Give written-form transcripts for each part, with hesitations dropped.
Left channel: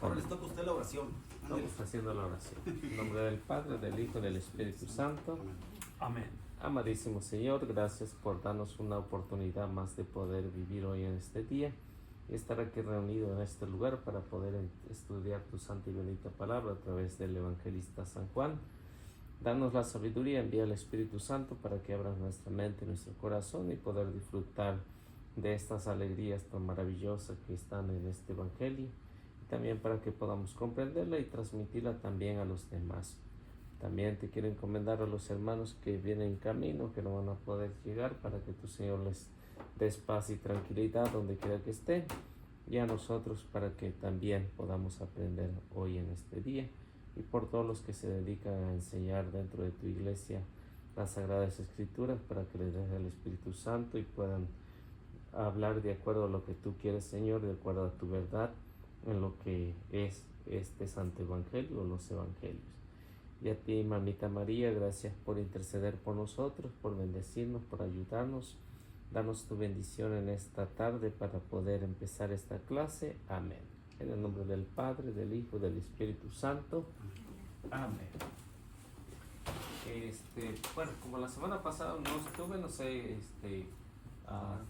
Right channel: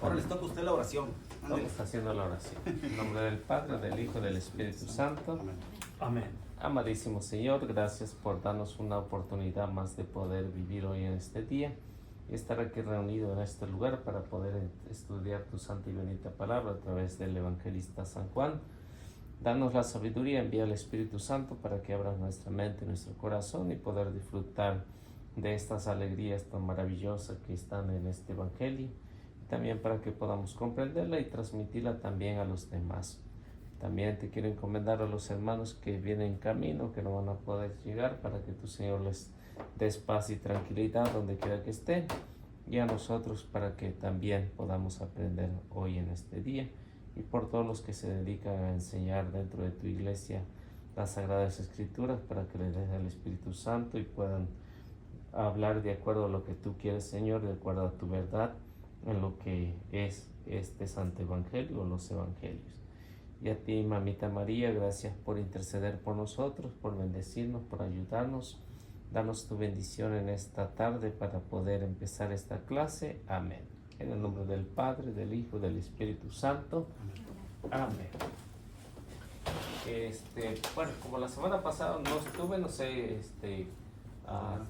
Ahora les toca a usted la oración. Ándale. Estamos haciendo la oración. En nombre del Padre, del Hijo y del Espíritu Santo. Amén. Amén. Amadísimo Señor, gracias por darnos una oportunidad más de poder vivir hoy en este día y estar aquí reunido en este lugar para poder estudiar tu santa y bendita palabra a través del evangelista San Juan. Danos la sabiduría, envía el Espíritu Santo para que abra nuestra mente y nuestro corazón y poder disfrutar de estas alegrías tan maravillosas que están en este evangelio, también para que podamos comprenderla y transmitirla también a los demás. También te quiero encomendar a los hermanos que vienen en camino, que no van a poder llegar, para que tu Señor les des paz y tranquilidad donde quiera que estén, y a nosotros para que también podamos aprender hoy en este día, y por todos los que se dedican a enseñar dentro de tu iglesia las Sagradas Escrituras, para que les des el Espíritu Santo y puedan hablar de acuerdo a lo que tú quieres, Señor, de acuerdo a tu verdad, en lo que es este Santo Evangelio o los Evangelios. Y a ti, Mamita María, gracias por interceder por nosotros, por bendecirnos, por ayudarnos. Danos tu bendición en esta tarde para poder empezar esta clase. Amén. En el nombre del Padre, del Hijo y del Espíritu Santo. Amén. Bueno, como la semana pasada no estuve, no sé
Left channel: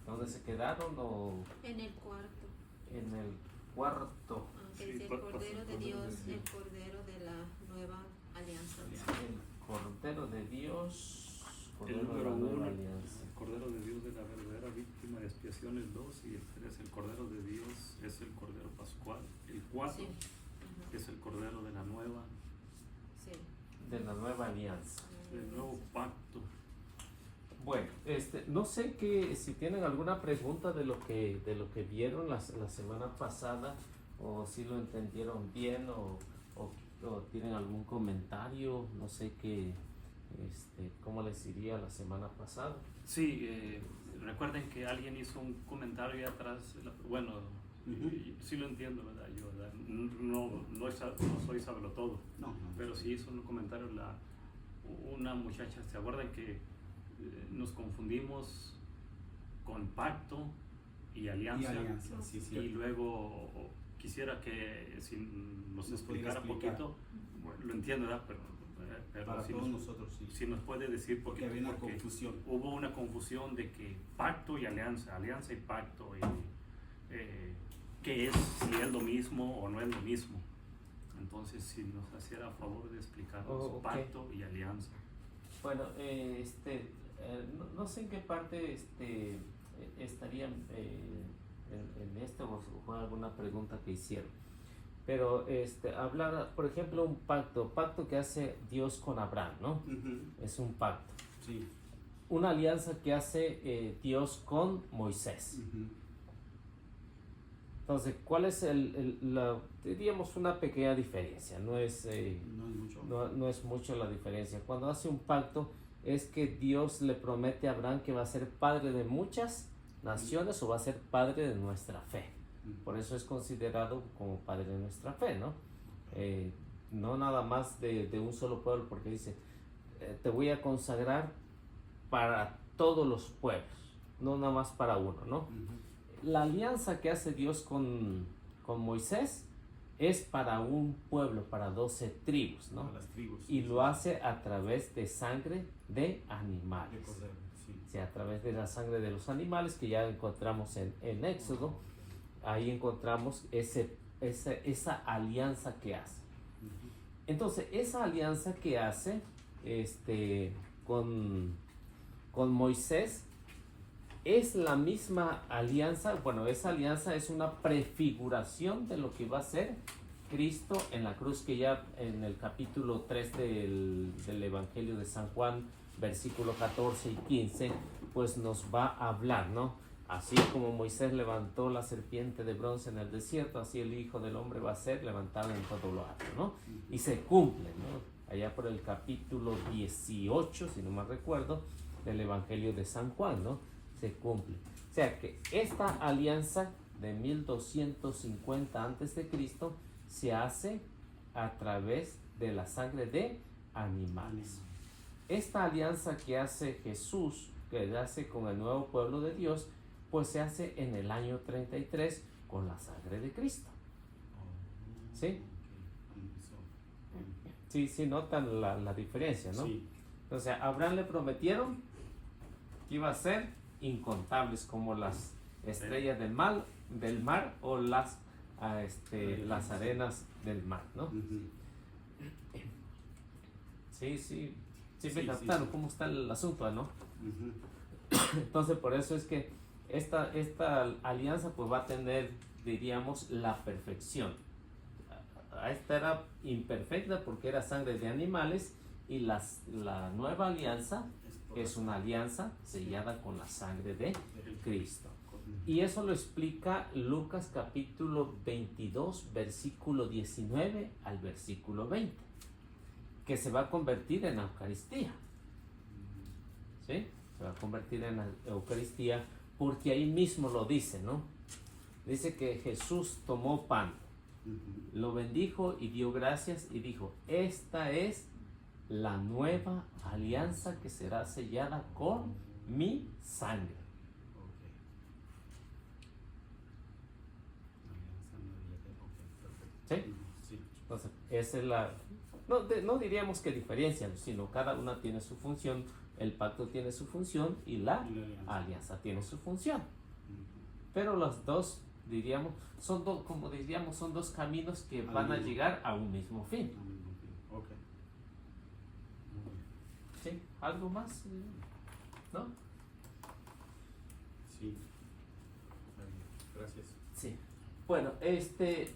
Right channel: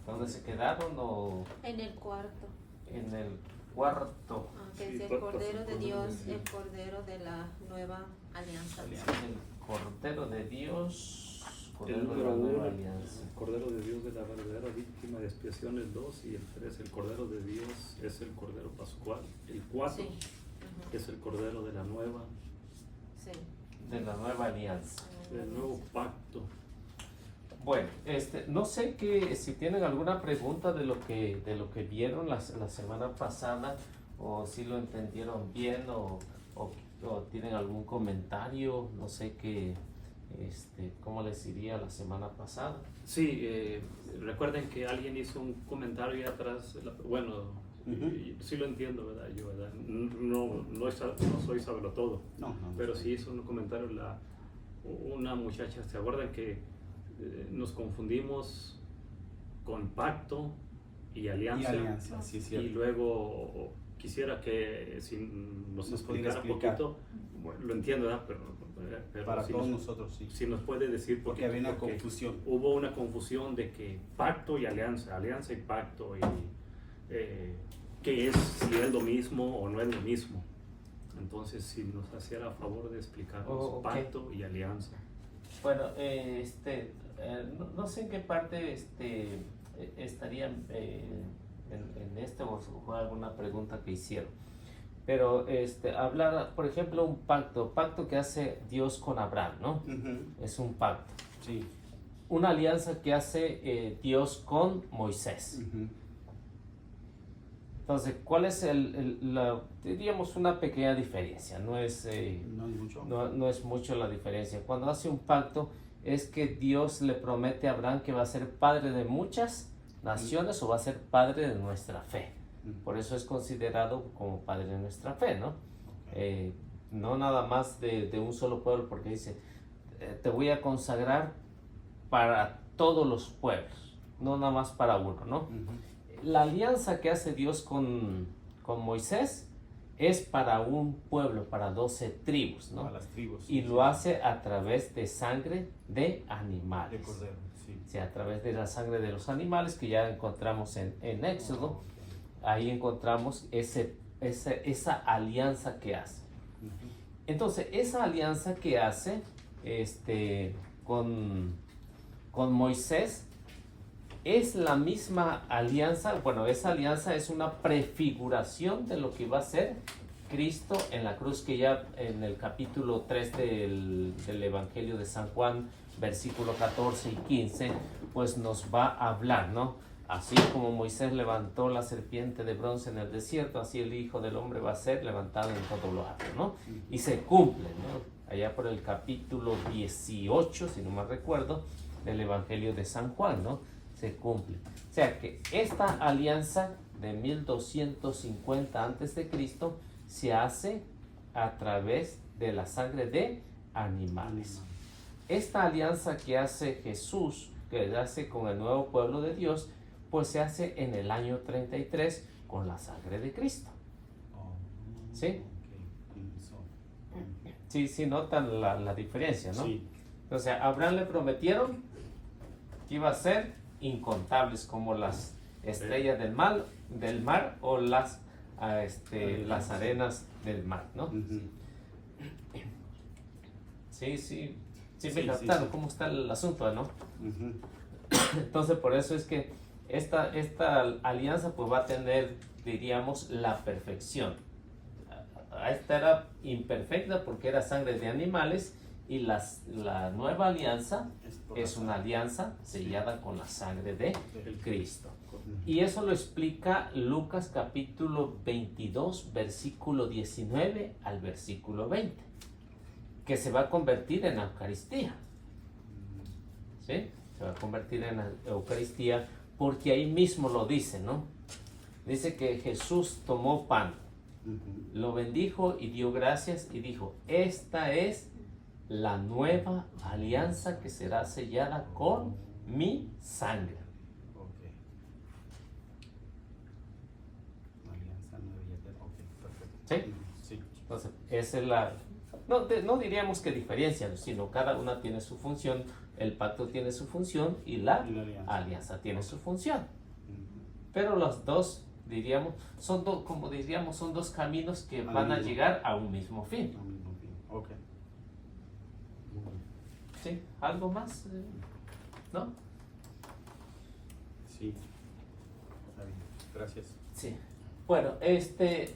dónde se quedaron o En el cuarto, en el cuarto. que es el Cordero de Dios, el Cordero de la Nueva Alianza. El Cordero de Dios, El Cordero de número la Nueva 1, Alianza. el Cordero de Dios de la verdadera víctima de expiación, el 2, y el 3, el Cordero de Dios es el Cordero Pascual. El 4 Sí, es el Cordero de la Nueva, sí. De la Nueva Alianza. el nuevo pacto. Bueno, no sé si tienen alguna pregunta de lo que vieron la semana pasada, o si lo entendieron bien, o tienen algún comentario, no sé cómo les iría la semana pasada. Sí, recuerden que alguien hizo un comentario ahí atrás, bueno, sí lo entiendo, ¿verdad? Yo, ¿verdad? No soy sabelotodo, No. pero sí hizo un comentario una muchacha. ¿Se acuerdan que nos confundimos con pacto y alianza? Y alianza, sí, Y cierto. luego quisiera que si nos pudiera explicara un explicar. poquito, bueno, lo entiendo, ¿verdad? Pero Para si todos nos, nosotros, sí. si nos puede decir, Porque había una confusión. hubo una confusión de que pacto y alianza y pacto, y qué es, si es lo mismo o no es lo mismo. Entonces, si nos hiciera favor de explicarnos Ok. pacto y alianza. Bueno, no sé en qué parte estarían en o alguna pregunta que hicieron, pero hablar, por ejemplo, un pacto que hace Dios con Abraham, ¿no? Ujú. Es un pacto. Sí. Una alianza que hace Dios con Moisés. Ujú. Entonces, ¿cuál es diríamos una pequeña diferencia? No es No hay mucho. no es mucho la diferencia. Cuando hace un pacto es que Dios le promete a Abraham que va a ser padre de muchas naciones o va a ser padre de nuestra fe. Por eso es considerado como padre de nuestra fe, ¿no? No nada más de un solo pueblo, porque dice, te voy a consagrar para todos los pueblos, no nada más para uno, ¿no? Ujú. La alianza que hace Dios con Moisés es para un pueblo, para 12 tribus, ¿no? A las tribus. Y lo hace a través de sangre de animales. De cordero, sí. Sí, a través de la sangre de los animales que ya encontramos en Éxodo. Ok. Ahí encontramos esa alianza que hace. Ujú. Entonces, esa alianza que hace con Moisés es la misma alianza. Bueno, esa alianza es una prefiguración de lo que va a ser Cristo en la cruz, que ya en el capítulo 3 del Evangelio de San Juan, versículo 14 y 15, pues nos va a hablar, ¿no? Así como Moisés levantó la serpiente de bronce en el desierto, así el Hijo del Hombre va a ser levantado en todo lo alto, ¿no? Y se cumple, ¿no? Allá por el capítulo 18, si no mal recuerdo, del Evangelio de San Juan, ¿no? Se cumple. O sea que esta alianza de 1250 a.C. se hace a través de la sangre de animales. Esta alianza que hace Jesús, que hace con el nuevo pueblo de Dios, pues se hace en el año 33 con la sangre de Cristo. ¿Sí? Ok. Sí, sí notan la diferencia, ¿no? Sí. Entonces, a Abraham le prometieron que iba a ser incontables como las estrellas del mar o las arenas del mar, ¿no? Ujú. Sí, sí, sí, Sí, me sí, captaron sí. cómo está el asunto, ¿no? Ujú. Entonces, por eso es que esta alianza pues va a tener, diríamos, la perfección. Esta era imperfecta porque era sangre de animales y la nueva alianza por es la una sangre. alianza sellada con la sangre de Del Cristo. Ujú. Y eso lo explica Lucas capítulo 22, versículo 19 al versículo 20, que se va a convertir en Eucaristía. ¿Sí? Se va a convertir en Eucaristía porque ahí mismo lo dice, ¿no? Dice que Jesús tomó pan, Ujú. lo bendijo y dio gracias y dijo, esta es la nueva alianza que será sellada con mi sangre. Ok. Alianza nueva y eterna. Ok, perfecto. ¿Sí? Ujú. Sí. Entonces, esa es la... No diríamos que diferencia, sino cada una tiene su función, el pacto tiene su función y la Y la alianza. alianza tiene su función. Ujú. Pero los dos, diríamos, como diríamos, son dos caminos que Al van a mismo. llegar a un mismo fin. Al mismo fin. Ok. Muy bien. ¿Sí? ¿Algo más? ¿No? Sí. Está bien. Gracias. Sí. Bueno,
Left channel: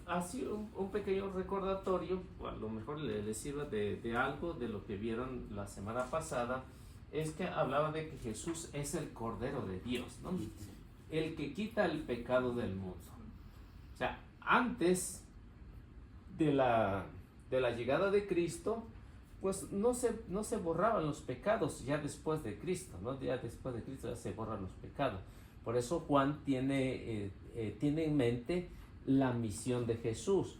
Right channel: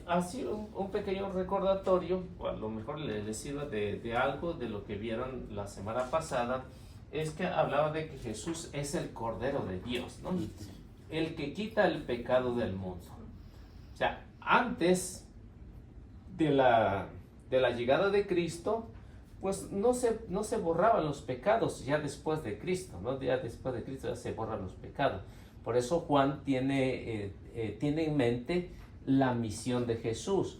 así un pequeño recordatorio, o a lo mejor les sirva de algo de lo que vieron la semana pasada, es que hablaba de que Jesús es el Cordero de Dios, ¿no? El que quita el pecado del mundo. O sea, antes de la llegada de Cristo, pues no se borraban los pecados ya después de Cristo, ¿no? Ya después de Cristo ya se borran los pecados. Por eso Juan tiene en mente la misión de Jesús.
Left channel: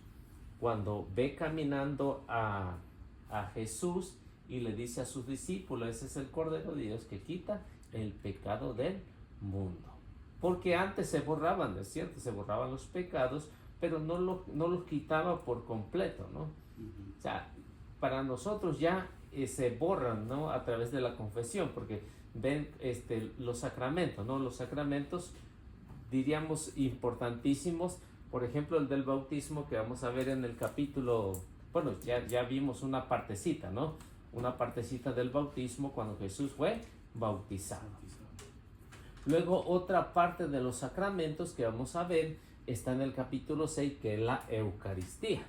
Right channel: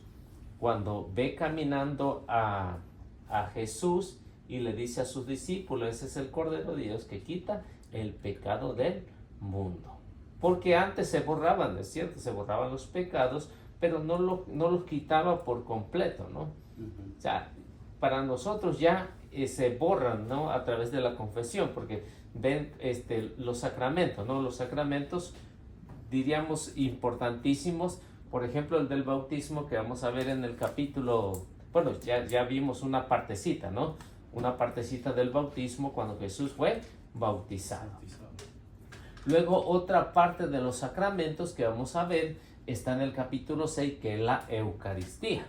Cuando ve caminando a Jesús y le dice a sus discípulos, ese es el Cordero de Dios que quita el pecado del mundo. Porque antes se borraban, es cierto, se borraban los pecados, pero no los quitaba por completo, ¿no? Ujú. O sea, para nosotros ya se borran, ¿no? A través de la confesión, porque ven los sacramentos, ¿no? Los sacramentos, diríamos, importantísimos. Por ejemplo, el del bautismo que vamos a ver en el capítulo, bueno, ya vimos una partecita, ¿no? Una partecita del bautismo cuando Jesús fue bautizado. Bautizado. Luego otra parte de los sacramentos que vamos a ver está en el capítulo 6, que es la Eucaristía.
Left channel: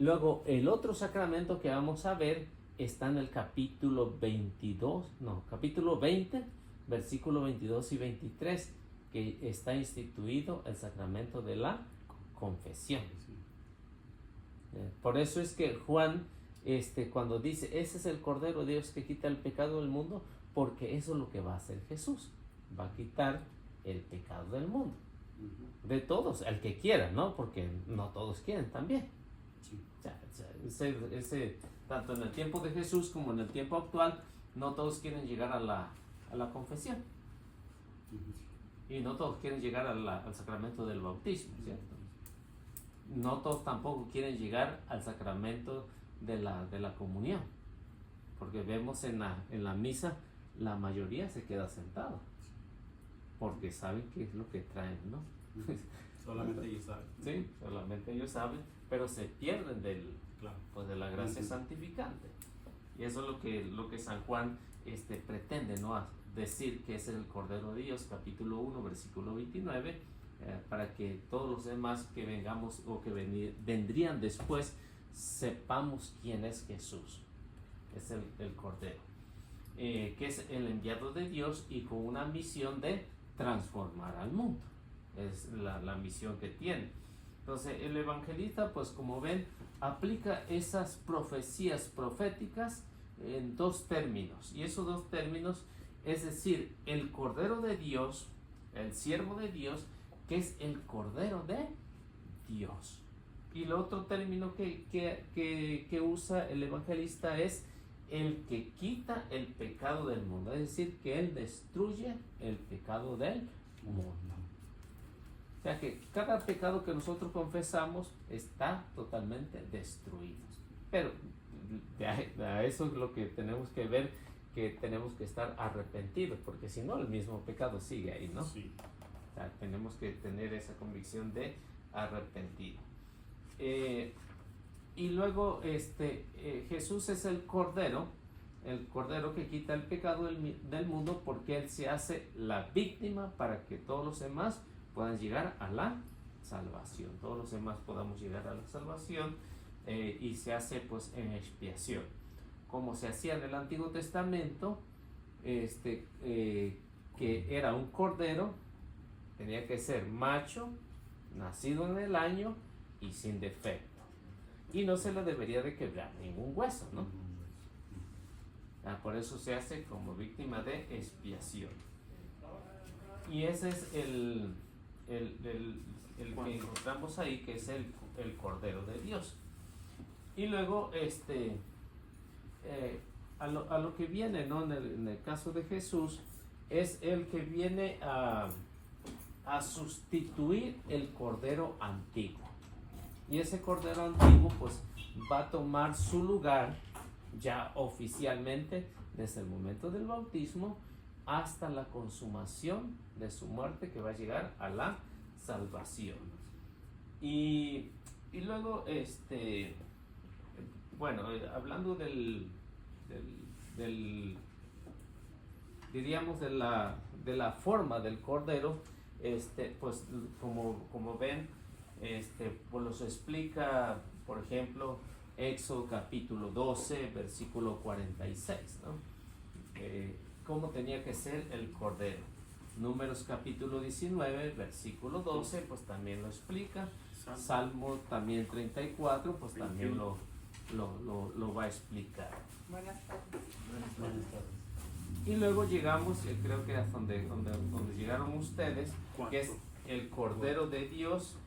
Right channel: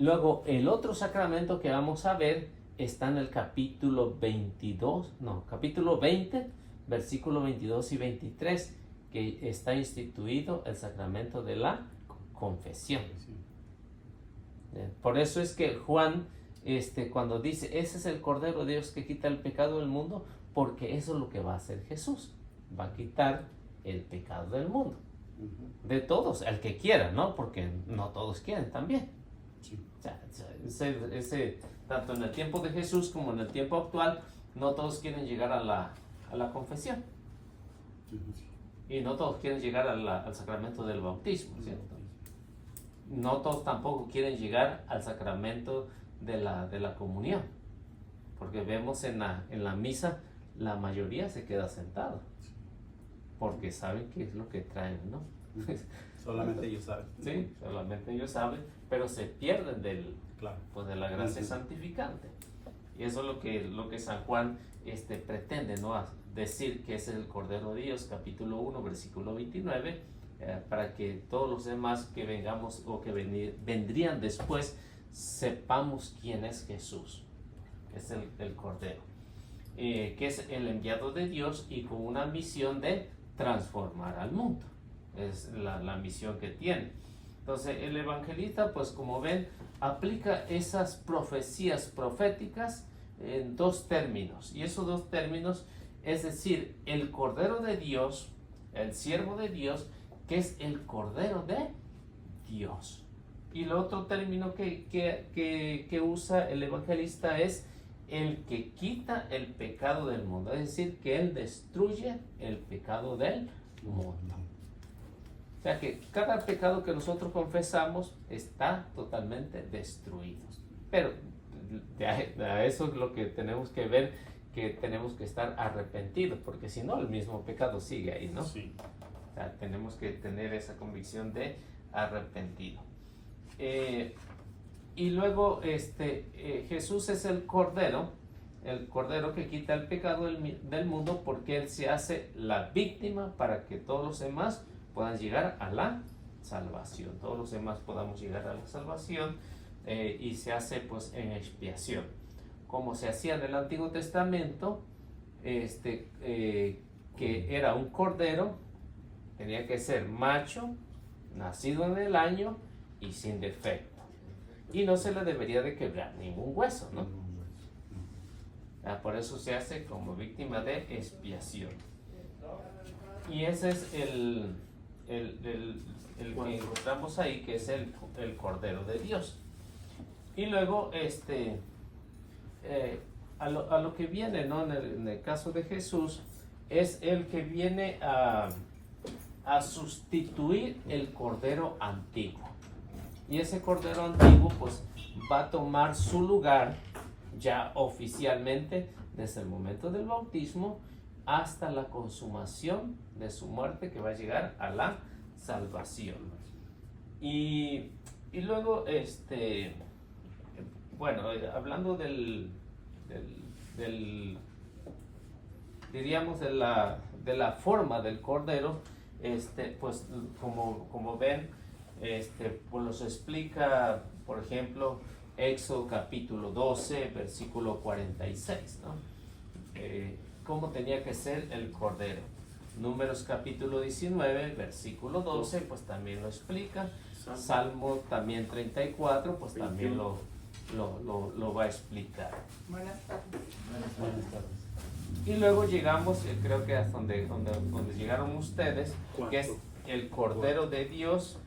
Luego el otro sacramento que vamos a ver está en el capítulo 20, versículo 22 y 23, que está instituido el sacramento de la confesión. Sí. Por eso es que Juan, cuando dice, ese es el Cordero de Dios que quita el pecado del mundo, porque eso es lo que va a hacer Jesús. Va a quitar el pecado del mundo. Ujú. De todos, el que quiera, ¿no? Porque no todos quieren también. Sí. O sea, tanto en el tiempo de Jesús como en el tiempo actual, no todos quieren llegar a la confesión. Ujú. Y no todos quieren llegar al sacramento del bautismo, ¿cierto? No todos tampoco quieren llegar al sacramento de la comunión. Porque vemos en la misa, la mayoría se queda sentado. Porque saben qué es lo que traen, ¿no? Solamente ellos saben. Sí, solamente ellos saben, pero se pierden Claro. de la gracia Ujú. santificante. Y eso es lo que San Juan pretende, ¿no? A decir que es el Cordero de Dios, capítulo 1, versículo 29, para que todos los demás que vengamos o que vendrían después sepamos quién es Jesús, que es el Cordero, que es el enviado de Dios y con una misión de transformar al mundo. Es la misión que tiene. Entonces el evangelista, pues como ven, aplica esas profecías proféticas en dos términos, y esos dos términos es decir, el Cordero de Dios, el siervo de Dios, que es el Cordero de Dios. Y el otro término que usa el evangelista es el que quita el pecado del mundo, es decir, que él destruye el pecado del mundo. O sea que cada pecado que nosotros confesamos está totalmente destruido. Pero a eso es lo que tenemos que ver, que tenemos que estar arrepentidos, porque si no el mismo pecado sigue ahí, ¿no? Sí. O sea, tenemos que tener esa convicción de arrepentido. Y luego Jesús es el cordero que quita el pecado del mundo, porque Él se hace la víctima para que todos los demás puedan llegar a la salvación. Todos los demás podamos llegar a la salvación, y se hace pues en expiación. Como se hacía en el Antiguo Testamento, que era un cordero, tenía que ser macho, nacido en el año y sin defecto. Y no se le debería de quebrar ningún hueso, ¿no? Por eso se hace como víctima de expiación. Y ese es el que encontramos ahí, que es el Cordero de Dios. Y luego a lo que viene, ¿no? En el caso de Jesús, es el que viene a sustituir el Cordero antiguo. Y ese Cordero antiguo pues va a tomar su lugar ya oficialmente desde el momento del bautismo hasta la consumación de su muerte, que va a llegar a la salvación. Y luego bueno, hablando diríamos de la forma del cordero, pues como ven, pues los explica, por ejemplo, Éxodo capítulo 12, versículo 46, ¿no? Cómo tenía que ser el cordero. Números capítulo 19, versículo 12, pues también lo explica. Salmo también 34, pues también lo va a explicar. Buenas tardes. Buenas tardes. Y luego llegamos, creo que hasta donde llegaron ustedes, que es el Cordero de Dios,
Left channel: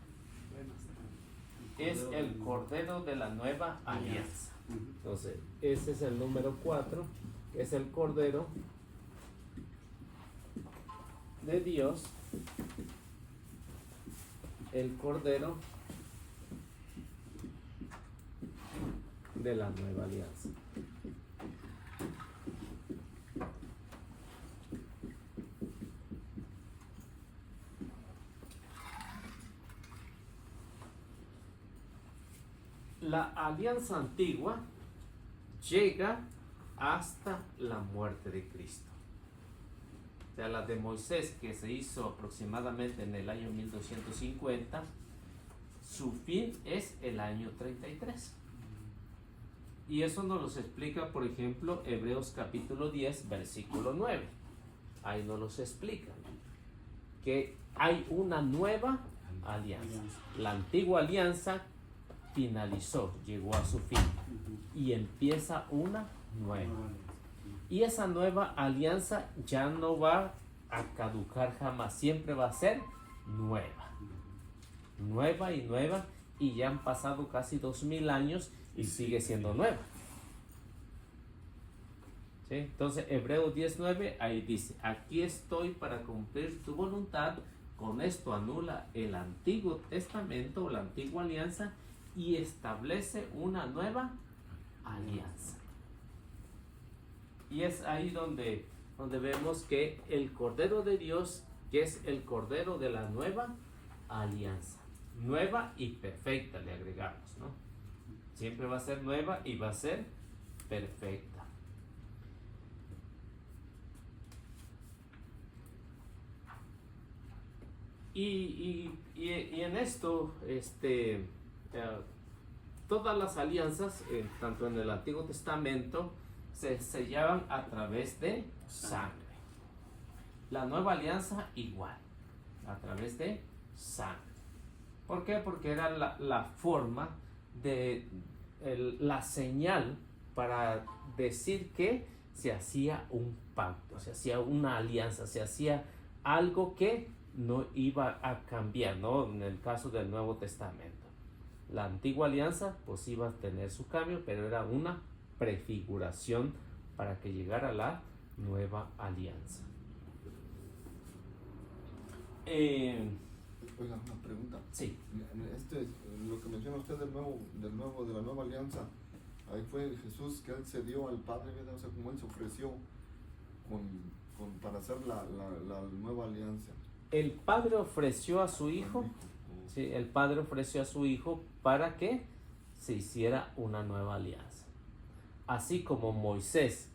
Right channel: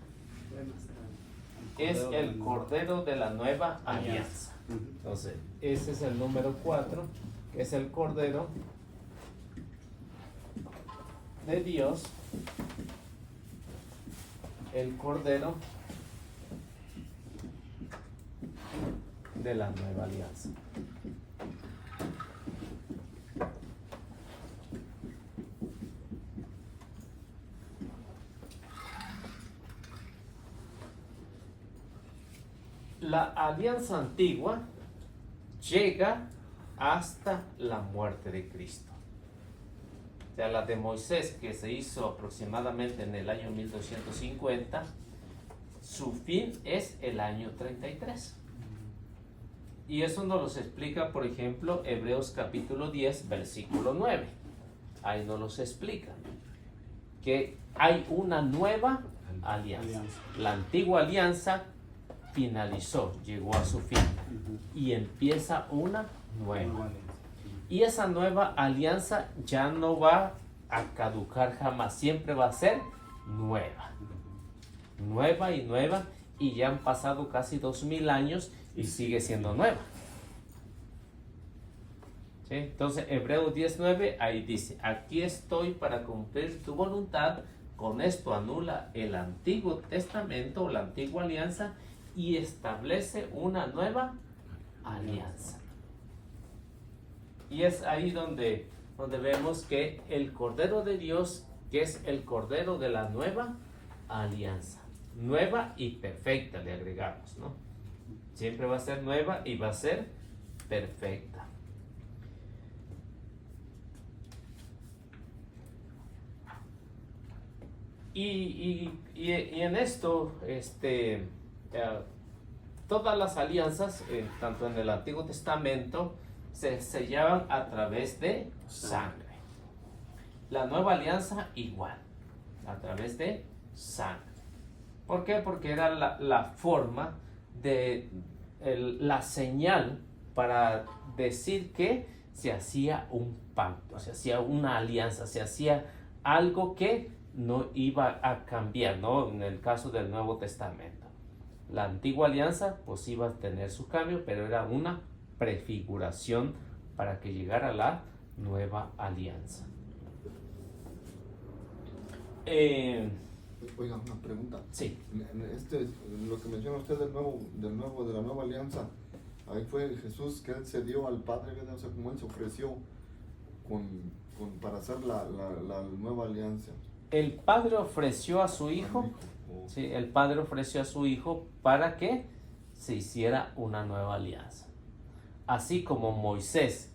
es el Cordero de la Nueva Alianza. Entonces, ese es el número 4, es el Cordero de Dios, el Cordero de la Nueva Alianza. La alianza antigua llega hasta la muerte de Cristo. O sea, la de Moisés, que se hizo aproximadamente en el año 1250, su fin es el año 33. Y eso nos los explica, por ejemplo, Hebreos capítulo 10, versículo 9. Ahí nos los explica que hay una nueva alianza. La antigua alianza finalizó, llegó a su fin, y empieza una nueva. Y esa nueva alianza ya no va a caducar jamás, siempre va a ser nueva. Nueva y nueva, y ya han pasado casi 2000 años y sigue siendo nueva. ¿Sí? Entonces, Hebreos 10:9, ahí dice: aquí estoy para cumplir tu voluntad. Con esto anula el Antiguo Testamento o la antigua alianza y establece una nueva alianza. Y es ahí donde vemos que el Cordero de Dios, que es el Cordero de la nueva alianza, nueva y perfecta, le agregamos, ¿no? Siempre va a ser nueva y va a ser perfecta. Y en esto, todas las alianzas, tanto en el Antiguo Testamento, se sellaban a través de sangre. La nueva alianza igual, a través de sangre. ¿Por qué? Porque era la forma de la señal para decir que se hacía un pacto, se hacía una alianza, se hacía algo que no iba a cambiar, ¿no? En el caso del Nuevo Testamento, la antigua alianza pues iba a tener su cambio, pero era una prefiguración para que llegara la nueva alianza. Oiga, una pregunta. Sí. Lo que menciona usted de la nueva alianza, ahí fue Jesús que él se dio al Padre, ¿verdad? O sea, como él se ofreció para hacer la nueva alianza. El Padre ofreció a su Hijo. Sí, el Padre ofreció a su Hijo para que se hiciera una nueva alianza. Así como Moisés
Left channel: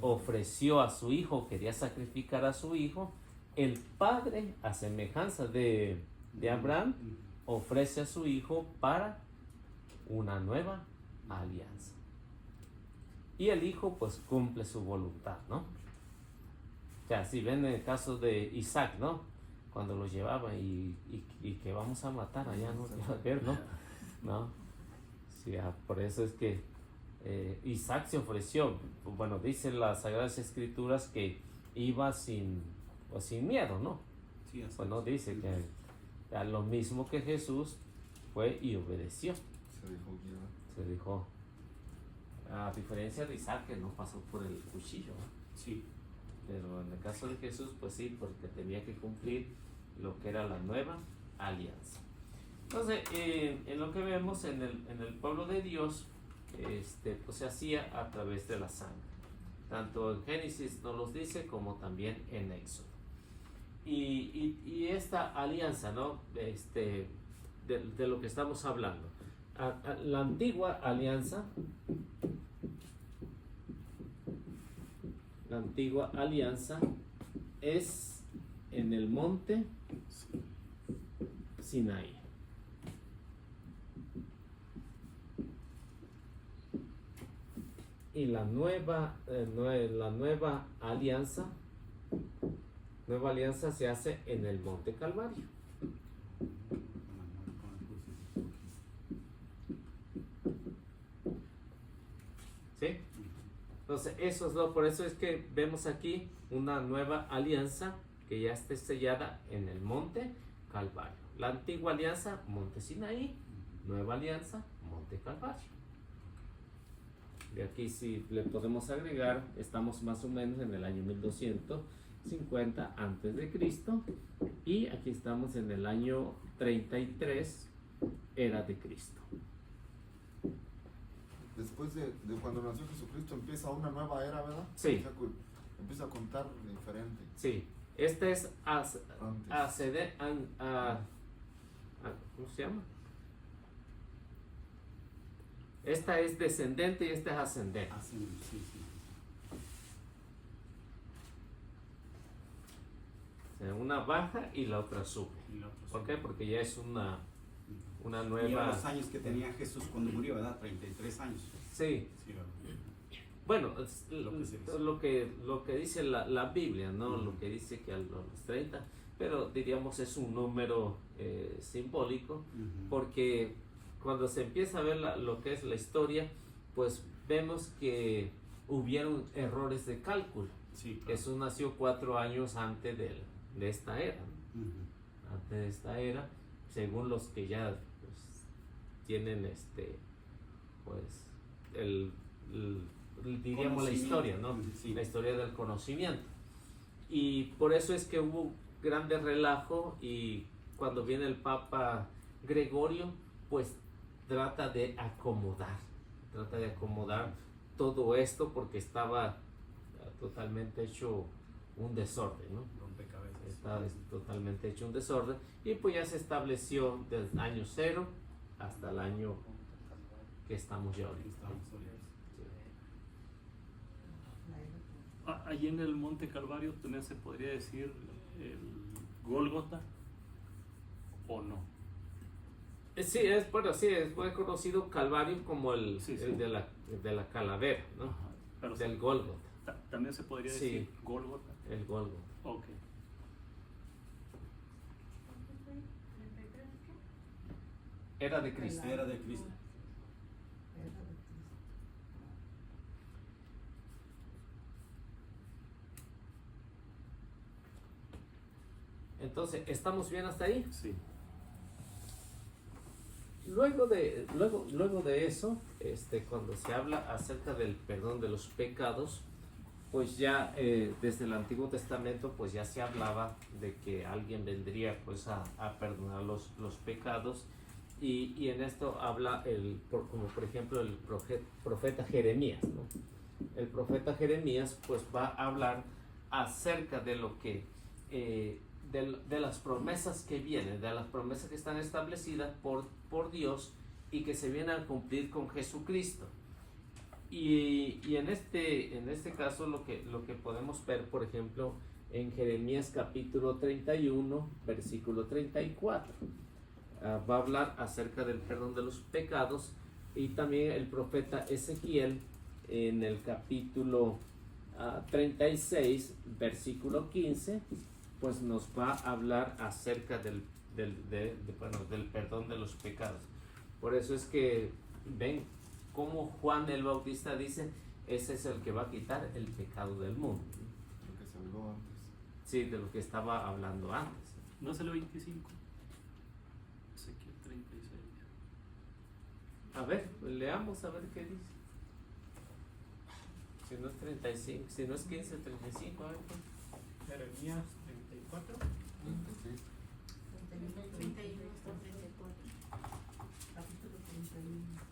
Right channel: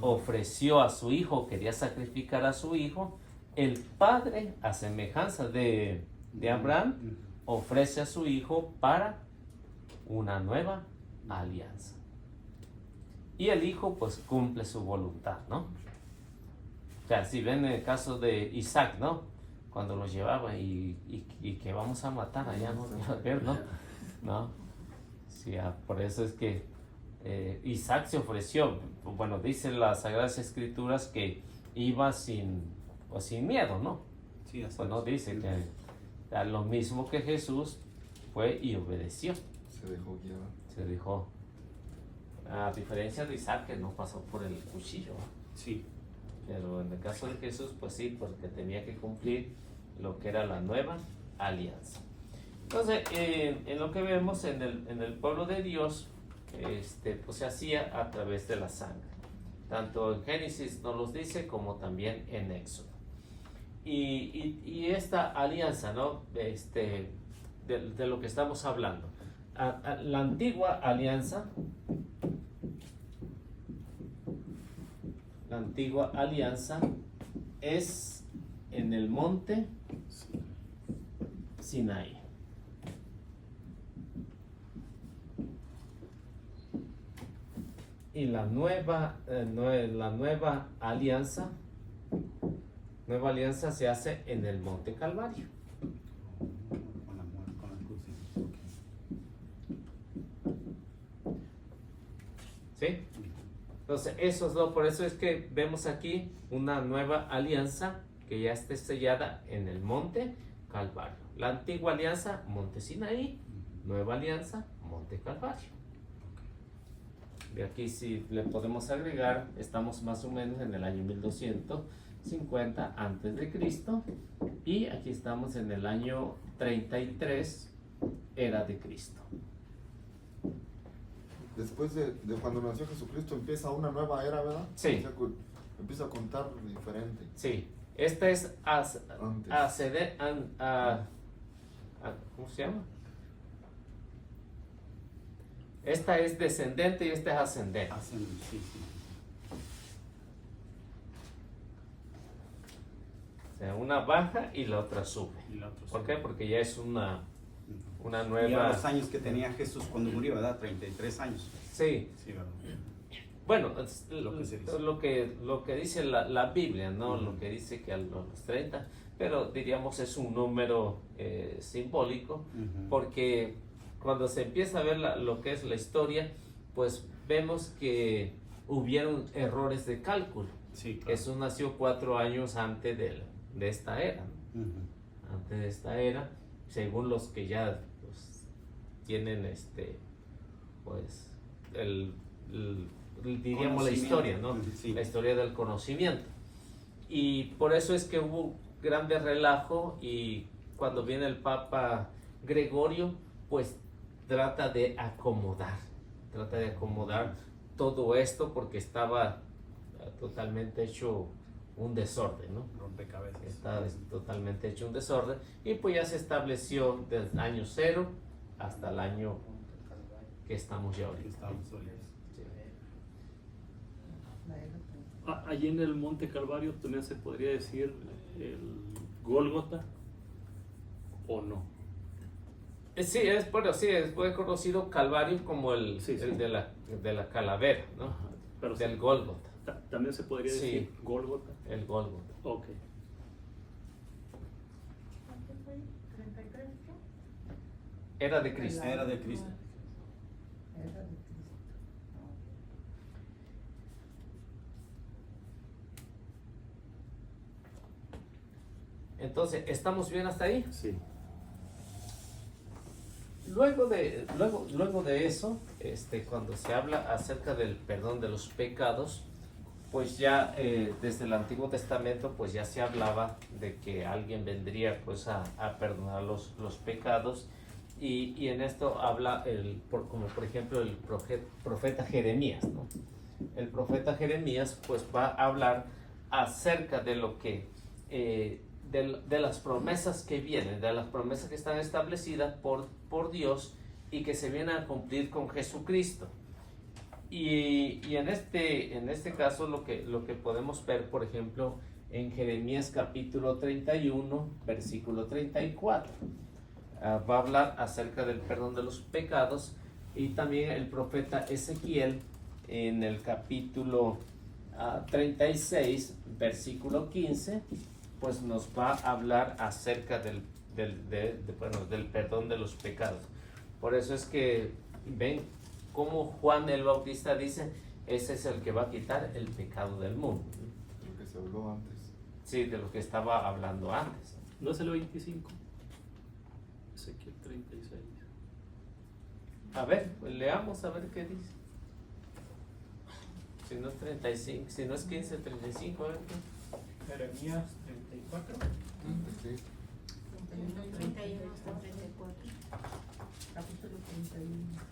ofreció a su hijo, quería sacrificar a su hijo, el Padre, a semejanza de Abraham, ofrece a su hijo para una nueva alianza. Y el hijo pues cumple su voluntad, ¿no? O sea, si ven el caso de Isaac, ¿no? Cuando lo llevaba y que vamos a matar allá, ¿no? ¿No? Sí, por eso es que Isaac se ofreció. Bueno, dice las Sagradas Escrituras que iba sin miedo, ¿no? Sí, así Pues no es. dice que lo mismo que Jesús fue y obedeció. Se dejó guiar. Se dijo, a diferencia de Isaac, que no pasó por el cuchillo, ¿no? Sí. Pero en el caso de Jesús, pues sí, porque tenía que cumplir lo que era la nueva alianza. Entonces, en lo que vemos en el pueblo de Dios, pues se hacía a través de la sangre. Tanto en Génesis nos los dice como también en Éxodo. Y esta alianza, ¿no? De lo que estamos hablando. La antigua alianza. La antigua alianza es en el monte Sinaí. Y la nueva alianza se hace en el monte Calvario. Con la cruz. ¿Sí? Entonces, por eso es que vemos aquí una nueva alianza que ya esté sellada en el monte Calvario. La antigua alianza, monte Sinaí, nueva alianza, monte Calvario. De aquí si le podemos agregar, estamos más o menos en el año 1250 antes de Cristo y aquí estamos en el año 33 era de Cristo. Después de cuando nació Jesucristo empieza una nueva era, ¿verdad? Sí. O sea, empieza a contar diferente. Sí, esta es ¿cómo se llama? Esta es descendente y esta es ascendente. Sí. O sea, una baja y la otra sube. Y la otra ¿Por sube. qué? Porque ya es una nueva... Y a los años que tenía Jesús cuando murió, ¿verdad? 33 años. Sí. Sí, ¿verdad? Bueno, Lo que se dice. lo que dice la Biblia, ¿no? Lo que dice que a los 30, pero diríamos es un número simbólico, porque cuando se empieza a ver lo que es la historia, pues vemos que hubieron errores de cálculo. Sí, claro. Jesús nació 4 años antes de esta era, ¿no? Antes de esta era, según los que ya pues, tienen pues diríamos la historia, ¿no? Sí. La historia del conocimiento. Y por eso es que hubo grande relajo y cuando viene el Papa Gregorio, pues trata de acomodar todo esto porque estaba totalmente hecho un desorden, ¿no? Rompecabezas. Está totalmente hecho un desorden y pues ya se estableció desde el año 0 hasta el año que estamos ya ahorita. Estamos ahorita. Allí en el Monte Calvario también se podría decir el Gólgota, ¿o no? Sí, fue conocido Calvario como el de la calavera, ¿no? Ajá, pero Del Gólgota. También se podría Sí. decir Gólgota. El Gólgota. Ok. ¿Cuánto fue? ¿33 qué? Era de Cristo. Era de Cristo. Era de Cristo. Entonces, ¿estamos bien hasta ahí? Sí. Luego de eso, cuando se habla acerca del perdón de los pecados, pues ya desde el Antiguo Testamento pues ya se hablaba de que alguien vendría pues a perdonar los pecados y en esto habla como por ejemplo el profeta Jeremías, ¿no? El profeta Jeremías pues va a hablar acerca de lo que de las promesas que vienen, de las promesas que están establecidas por Dios y que se vienen a cumplir con Jesucristo. Y en este caso lo que podemos ver, por ejemplo, en Jeremías capítulo 31, versículo 34, va a hablar acerca del perdón de los pecados, y también el profeta Ezequiel en el capítulo 36, versículo 15, pues nos va a hablar acerca del perdón de los pecados. Por eso es que ven como Juan el Bautista dice, ese es el que va a quitar el pecado del mundo. Lo que se habló antes. Sí, de lo que estaba hablando antes. ¿No es el 25? Ezequiel 36. A ver, leamos a ver qué dice. Si no es 35, si no es 15, 35, a ver qué. Jeremías 34. 36. 31 hasta 34. Capítulo 31.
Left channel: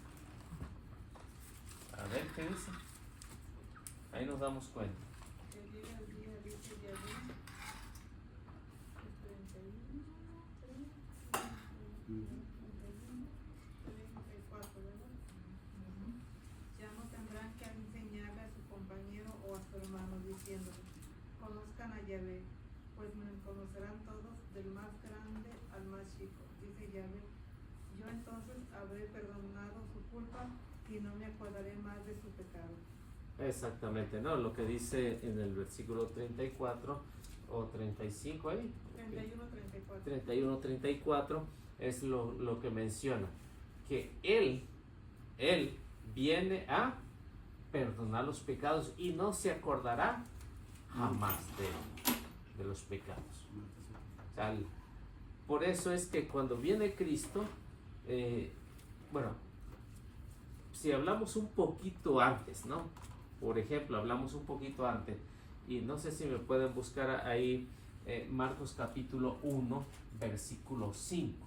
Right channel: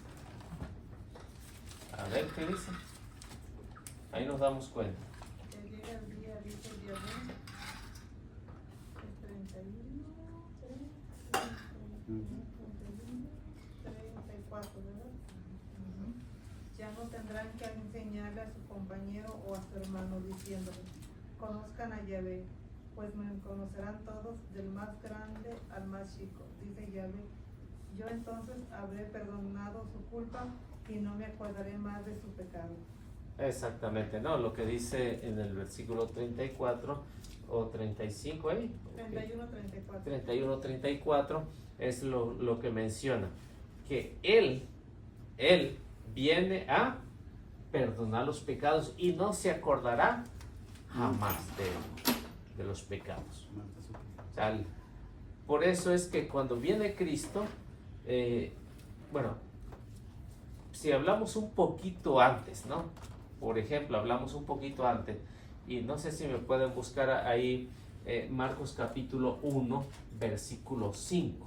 A ver qué dice. Ahí nos damos cuenta. Que llega el día, dice Yahvé, el 31, 34, ¿verdad? Ya no tendrán que enseñarle a su compañero o a su hermano diciéndole, conozcan a Yahvé, pues me conocerán todos del más grande al más chico, dice Yahvé. Yo entonces habré perdonado su culpa y no me acordaré más de su pecado. Exactamente, ¿no? Lo que dice en el versículo 34 o 35 ahí. 31, 34. 31, 34 es lo que menciona, que Él viene a perdonar los pecados y no se acordará jamás de los pecados. O sea, por eso es que cuando viene Cristo, bueno, si hablamos un poquito antes, ¿no? Por ejemplo, hablamos un poquito antes, y no sé si me pueden buscar ahí Marcos capítulo 1, versículo 5.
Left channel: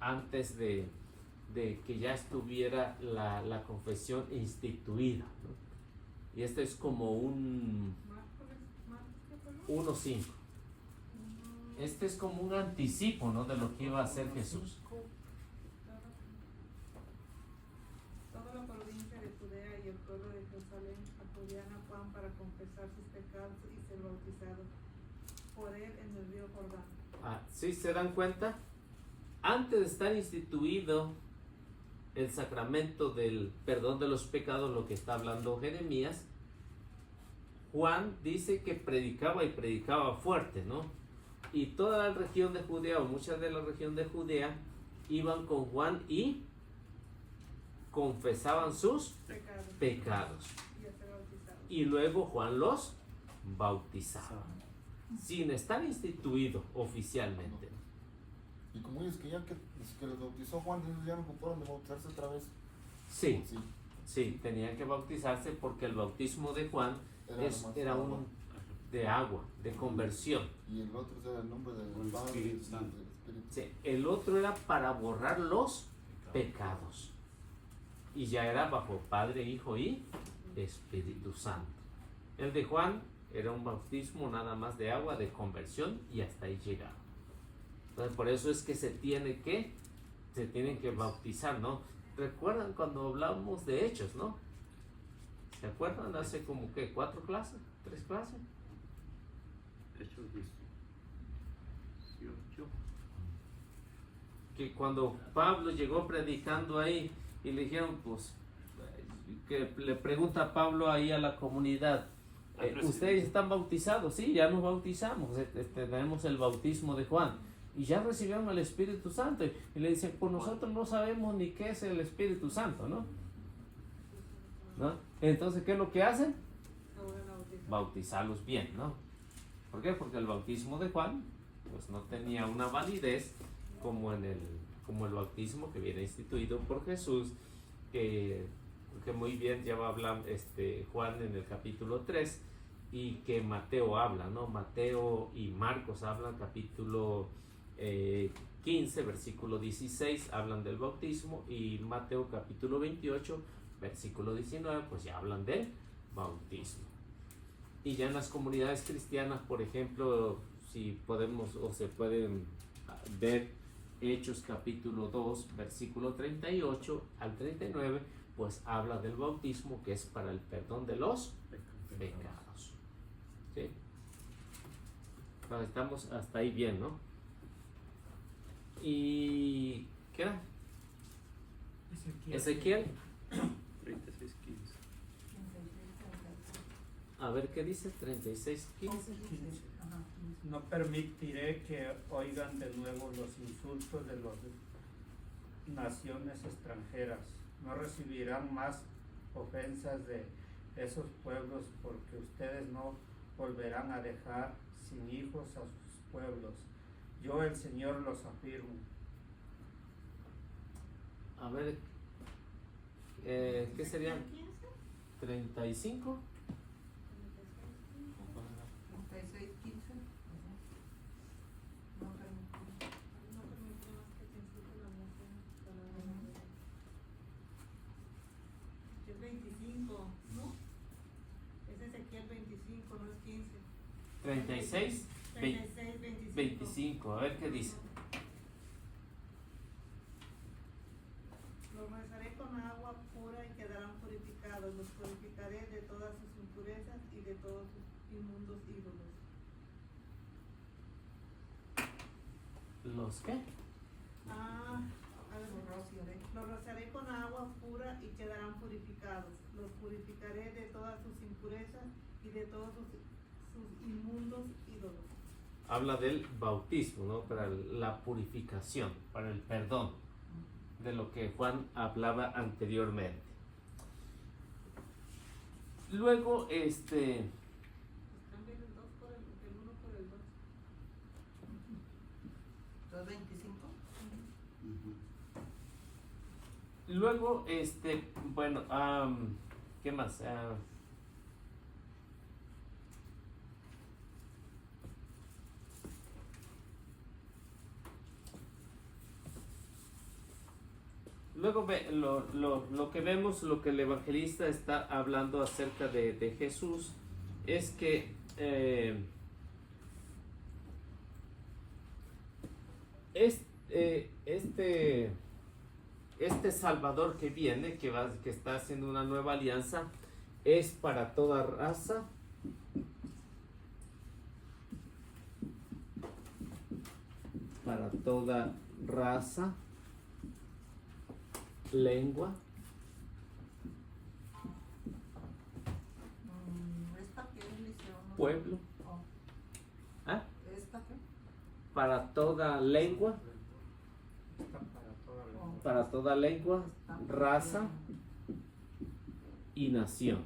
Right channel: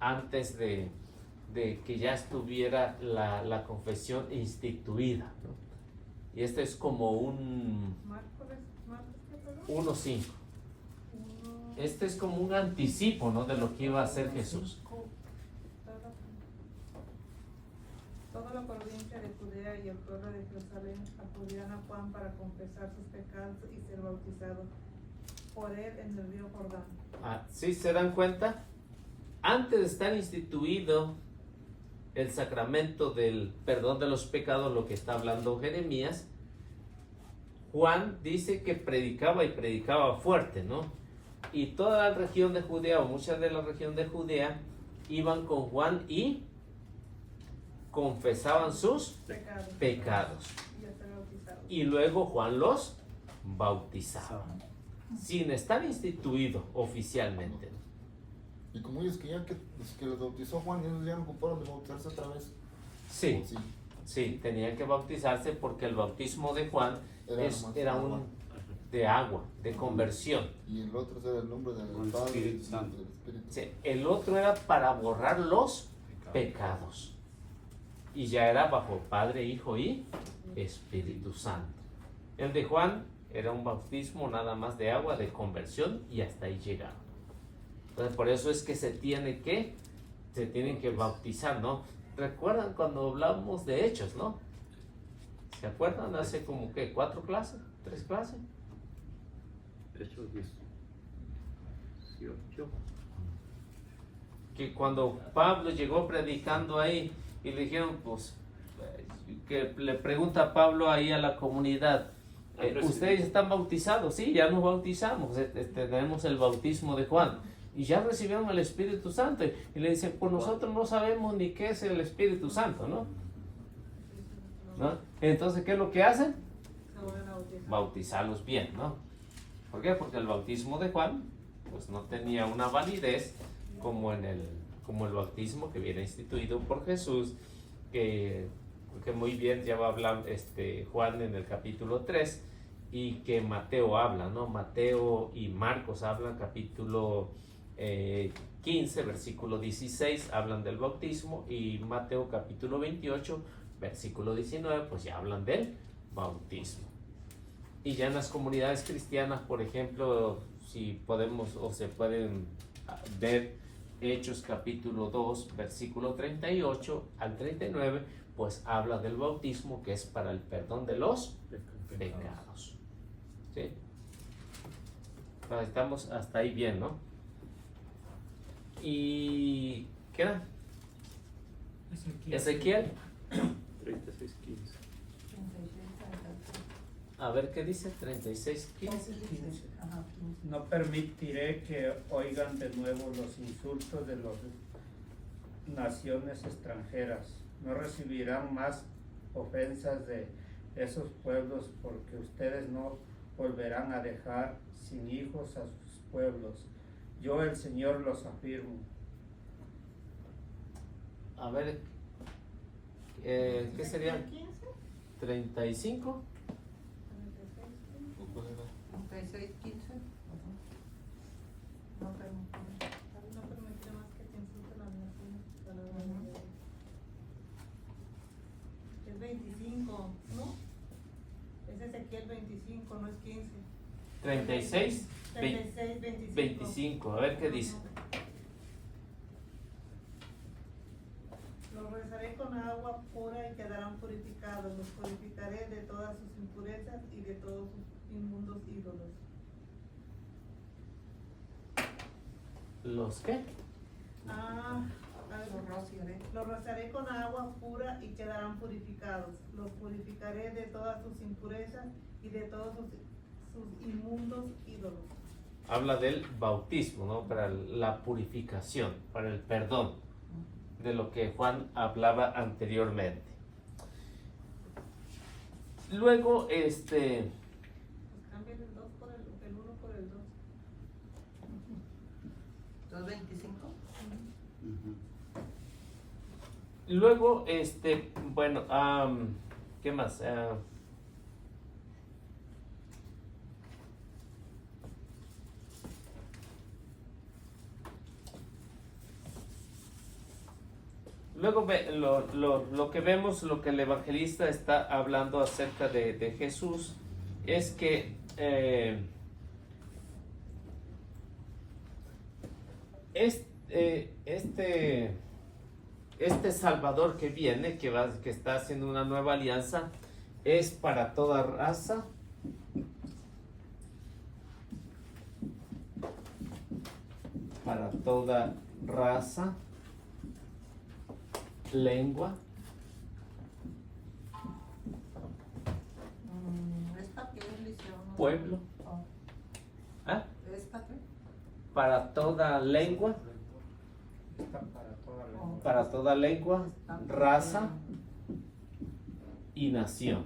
Antes de que ya estuviera la confesión instituida, ¿no? Y este es como un Marcos, ¿qué perdón? 1:5. Este es como un anticipo, ¿no? De lo que iba a hacer Jesús. Toda la provincia de Judea y el pueblo de Jerusalén acudían a Juan para confesar sus pecados y ser bautizados por él en el río Jordán. ¿Sí se dan cuenta? Antes de estar instituido el sacramento del perdón de los pecados, lo que está hablando Jeremías, Juan dice que predicaba y predicaba fuerte, ¿no? Y toda la región de Judea, o muchas de la región de Judea, iban con Juan y confesaban sus pecados. Y a ser bautizados. Y luego Juan los bautizaba, sin estar instituido oficialmente. Y como ellos que los bautizó Juan, ellos ya no ocuparon de bautizarse otra vez. Sí, ¿O sí? sí, tenían que bautizarse porque el bautismo de Juan era agua. un de agua, de conversión. Y el otro era el nombre del Con el Padre Espíritu y Santo. del Espíritu. Sí, el otro era para borrar los pecados. Y ya era bajo Padre, Hijo y Espíritu Santo. El de Juan era un bautismo nada más de agua, de conversión, y hasta ahí llegaba. Entonces por eso es que se tienen que bautizar, ¿no? ¿Recuerdan cuando hablamos de Hechos, no? ¿Se acuerdan? Hace como que 4 clases, 3 clases. Hechos 18. Que cuando Pablo llegó predicando ahí y le dijeron, pues, que le pregunta a Pablo ahí a la comunidad, ¿ustedes están bautizados? Sí, ya nos bautizamos, tenemos el bautismo de Juan. Y ya recibieron el Espíritu Santo. Y le dicen, pues nosotros no sabemos ni qué es el Espíritu Santo, ¿no? ¿No? Entonces, ¿qué es lo que hacen? Se vuelven a bautizar. Bautizarlos bien, ¿no? ¿Por qué? Porque el bautismo de Juan pues no tenía una validez como el bautismo que viene instituido por Jesús, que que muy bien ya va a hablar Juan en el capítulo 3 y que Mateo habla, ¿no? Mateo y Marcos hablan, capítulo 15, versículo 16, hablan del bautismo, y Mateo capítulo 28, versículo 19, pues ya hablan del bautismo. Y ya en las comunidades cristianas, por ejemplo, si podemos o se pueden ver Hechos capítulo 2, versículo 38 al 39, pues habla del bautismo, que es para el perdón de los pecados. ¿Sí? Pues estamos hasta ahí bien, ¿no? ¿Y qué era? Ezequiel. 36:15. A ver qué dice, 36:15. No permitiré que oigan de nuevo los insultos de las naciones extranjeras. No recibirán más ofensas de esos pueblos, porque ustedes no volverán a dejar sin hijos a sus pueblos. Yo, el Señor, los afirmo. A ver, ¿qué sería? 35. ¿O cuál era? 36:15. No permitiré más que te insulten las naciones. Es 25, ¿no? Es Ezequiel 25, no es 15. 36, 36, 25. 25. A ver qué dice. Los rezaré con agua pura y quedarán purificados. Los purificaré de todas sus impurezas y de todos sus inmundos ídolos. ¿Los qué? Los rociaré con agua pura y quedarán purificados. Los purificaré de todas sus impurezas y de todos sus inmundos ídolos. Habla del bautismo, ¿no? Para la purificación, para el perdón, de lo que Juan hablaba anteriormente. Luego, Pues cambien el 2 por el 1 por el 2. 2:25. luego, bueno, ¿qué más? Luego lo que vemos, lo que el evangelista está hablando acerca de Jesús, es que este Salvador que viene, que está haciendo una nueva alianza, es para toda raza, lengua, ¿Es para qué religión? pueblo. Oh. ¿Ah? ¿Es para qué? Para toda lengua, Está para toda la para toda lengua, raza y nación.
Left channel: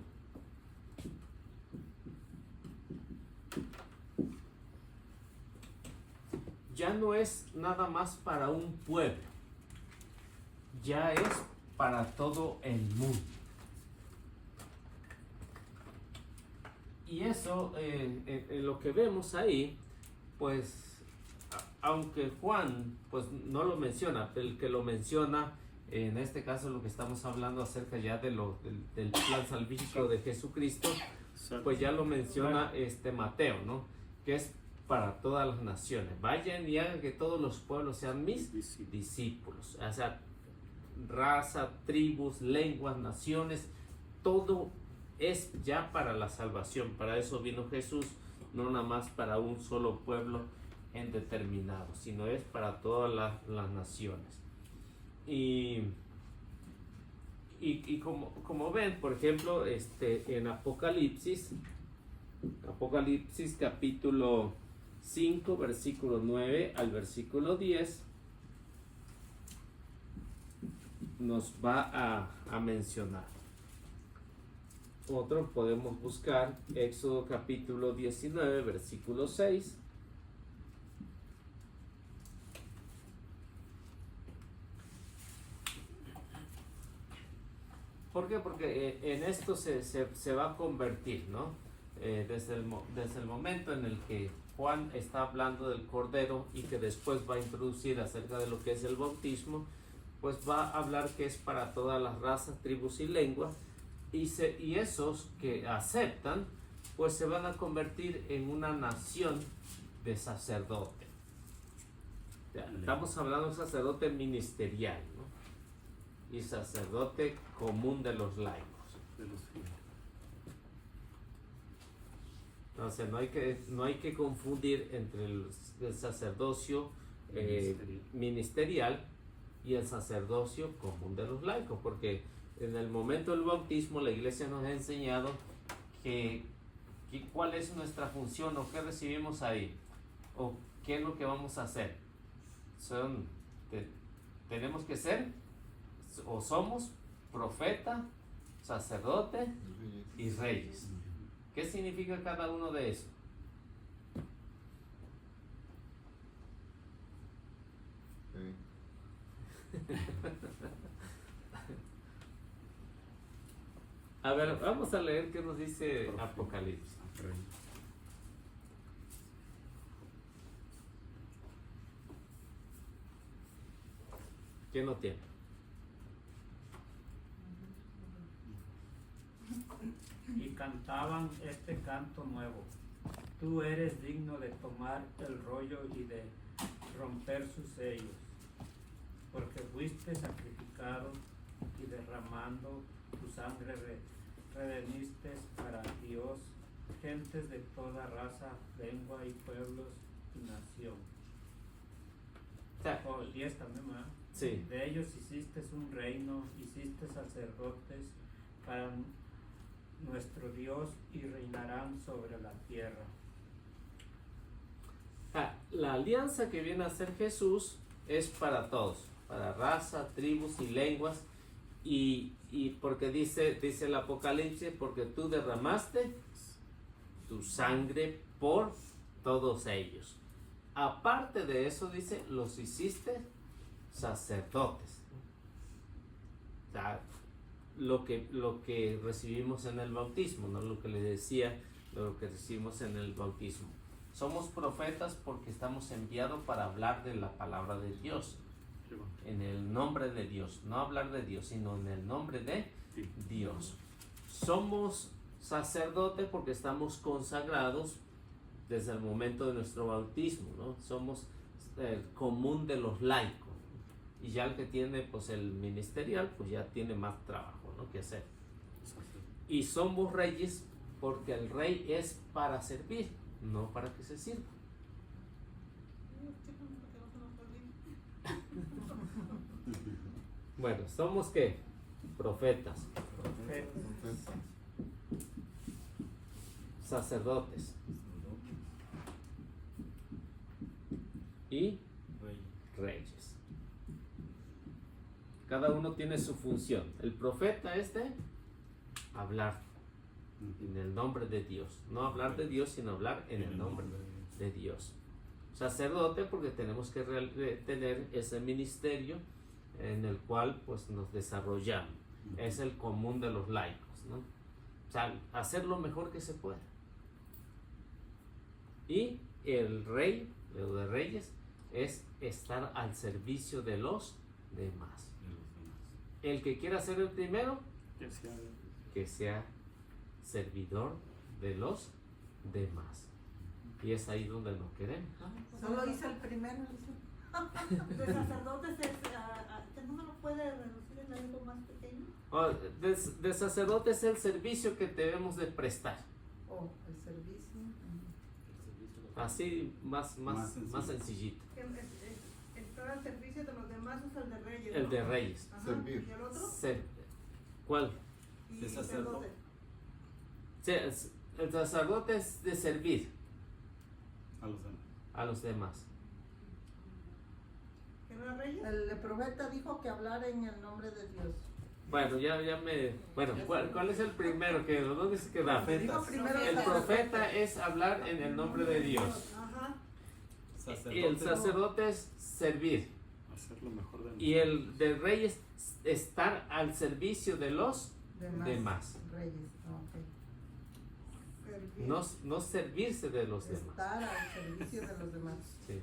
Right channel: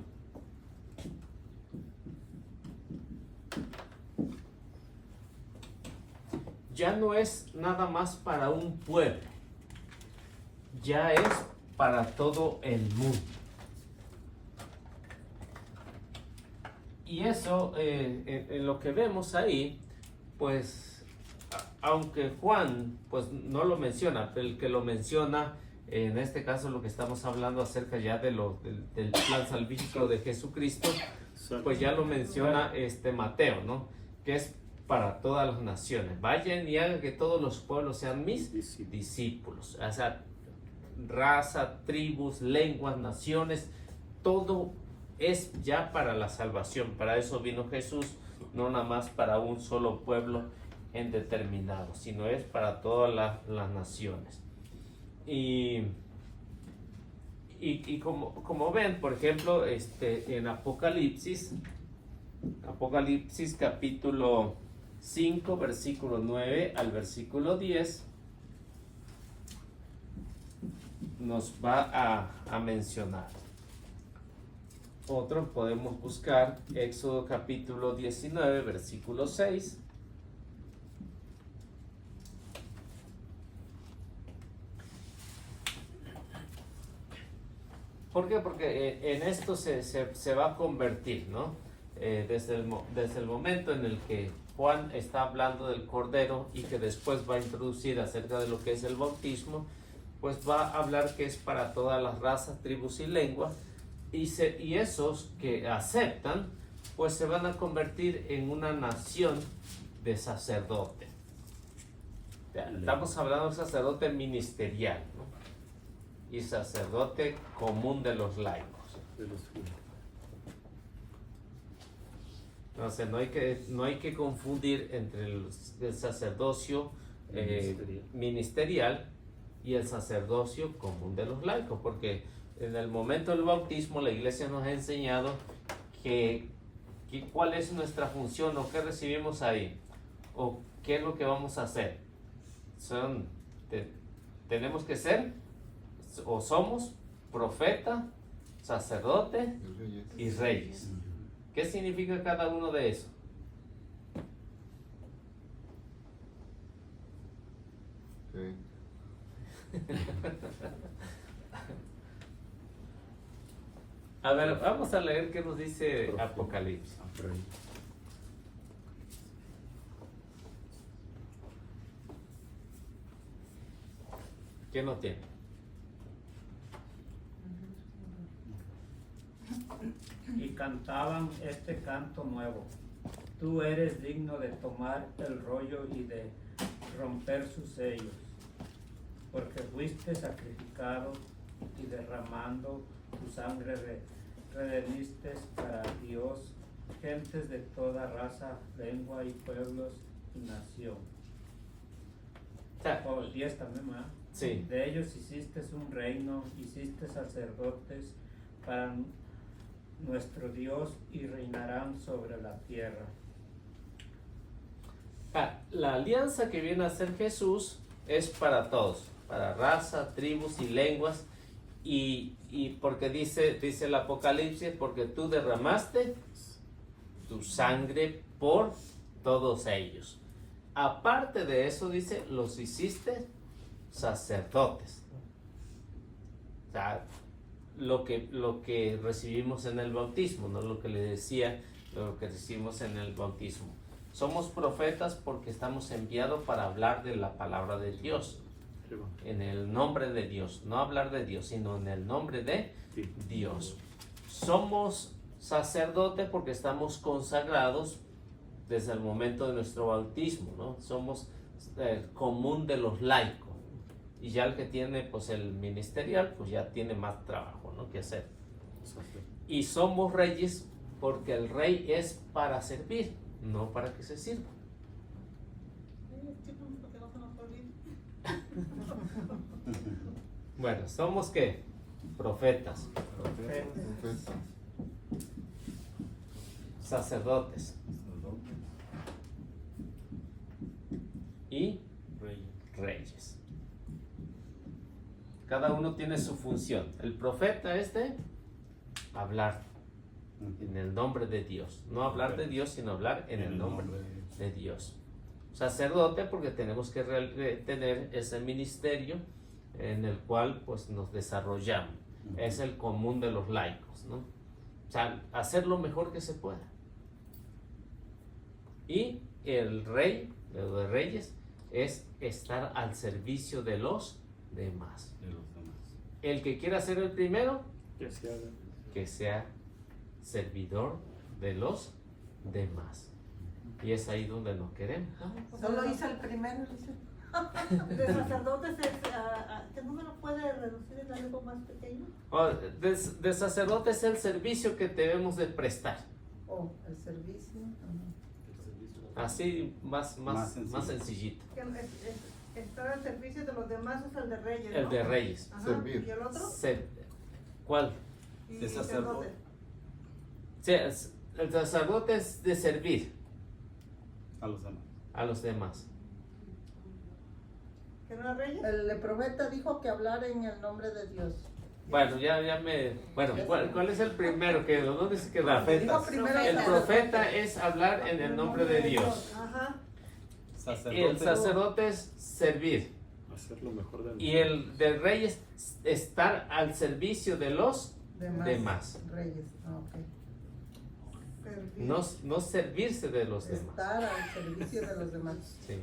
Ya no es nada más para un pueblo, ya es para todo el mundo. Y eso, en lo que vemos ahí, pues, aunque Juan pues no lo menciona, pero el que lo menciona, en este caso lo que estamos hablando acerca ya del plan salvífico de Jesucristo, pues ya lo menciona Mateo, ¿no? Que es para todas las naciones. Vayan y hagan que todos los pueblos sean mis discípulos. O sea, raza, tribus, lenguas, naciones, todo es ya para la salvación. Para eso vino Jesús, no nada más para un solo pueblo en determinado, sino es para todas las naciones. Y como ven, por ejemplo, en Apocalipsis capítulo 5, versículo 9 al versículo 10, nos va a mencionar. Otro podemos buscar Éxodo capítulo 19, versículo 6. ¿Por qué? Porque en esto se va a convertir, ¿no? Desde el momento en el que Juan está hablando del Cordero y que después va a introducir acerca de lo que es el bautismo, pues va a hablar que es para todas las razas, tribus y lenguas, y esos que aceptan, pues se van a convertir en una nación de sacerdote. Estamos hablando de sacerdote ministerial, ¿no? Y sacerdote común de los laicos. De los fieles. Entonces no hay que confundir entre el sacerdocio ministerial y el sacerdocio común de los laicos, porque en el momento del bautismo la iglesia nos ha enseñado cuál es nuestra función o qué recibimos ahí o qué es lo que vamos a hacer. Tenemos que ser o somos profeta, sacerdote y reyes. ¿Qué significa cada uno de esos? Sí. A ver, vamos a leer qué nos dice Apocalipsis. ¿Quién no tiene? Y cantaban este canto nuevo. Tú eres digno de tomar el rollo y de romper sus sellos, porque fuiste sacrificado y derramando tu sangre redimiste para Dios gentes de toda raza, lengua y pueblos y nación. O sea, 10 también, ¿verdad? sí. De ellos hiciste un reino, hiciste sacerdotes para nuestro Dios y reinarán sobre la tierra. La alianza que viene a ser Jesús es para todos, para raza, tribus y lenguas, y porque dice el Apocalipsis, porque tú derramaste tu sangre por todos ellos. Aparte de eso, dice, los hiciste sacerdotes. O sea, lo que recibimos en el bautismo, no lo que le decía, lo que recibimos en el bautismo. Somos profetas porque estamos enviados para hablar de la palabra de Dios, en el nombre de Dios, no hablar de Dios, sino en el nombre de Dios. Somos sacerdotes porque estamos consagrados desde el momento de nuestro bautismo, ¿no? Somos común de los laicos, y ya el que tiene pues el ministerial pues ya tiene más trabajo, ¿no?, que hacer. Y somos reyes porque el rey es para servir, no para que se sirva. Bueno, somos ¿qué? Profetas, sacerdotes y reyes. Cada uno tiene su función. El profeta es de hablar en el nombre de Dios, no hablar de Dios, sino hablar en el nombre de Dios. Sacerdote porque tenemos que tener ese ministerio en el cual pues nos desarrollamos. Es el común de los laicos, ¿no? O sea, hacer lo mejor que se pueda. Y el rey, de reyes, es estar al servicio de los demás. El que quiera ser el primero, que sea servidor de los demás. Y es ahí donde nos queremos. Solo hizo el primero, dice. De sacerdotes, ¿qué número puede reducir en algo más pequeño? De sacerdote es el servicio que debemos de prestar. Oh, el servicio. Así más sencillito. Estar al servicio de los demás es el de reyes, ¿no? El de reyes. Ajá. Servir. ¿Y el otro? ¿Cuál? Y El sacerdote. Sí, el sacerdote es de servir A los demás. a los demás. ¿Que no era reyes? El profeta dijo que hablara en el nombre de Dios. Bueno, bueno, ¿cuál es el primero? ¿Dónde se queda? Dijo primero El sacerdote. profeta es hablar en el nombre de Dios. Ajá. El sacerdote es servir. Hacer lo mejor de Y el del rey es estar al servicio de los de más. Reyes, ok. Servir. No servirse de los demás. Estar al servicio de los demás. Sí.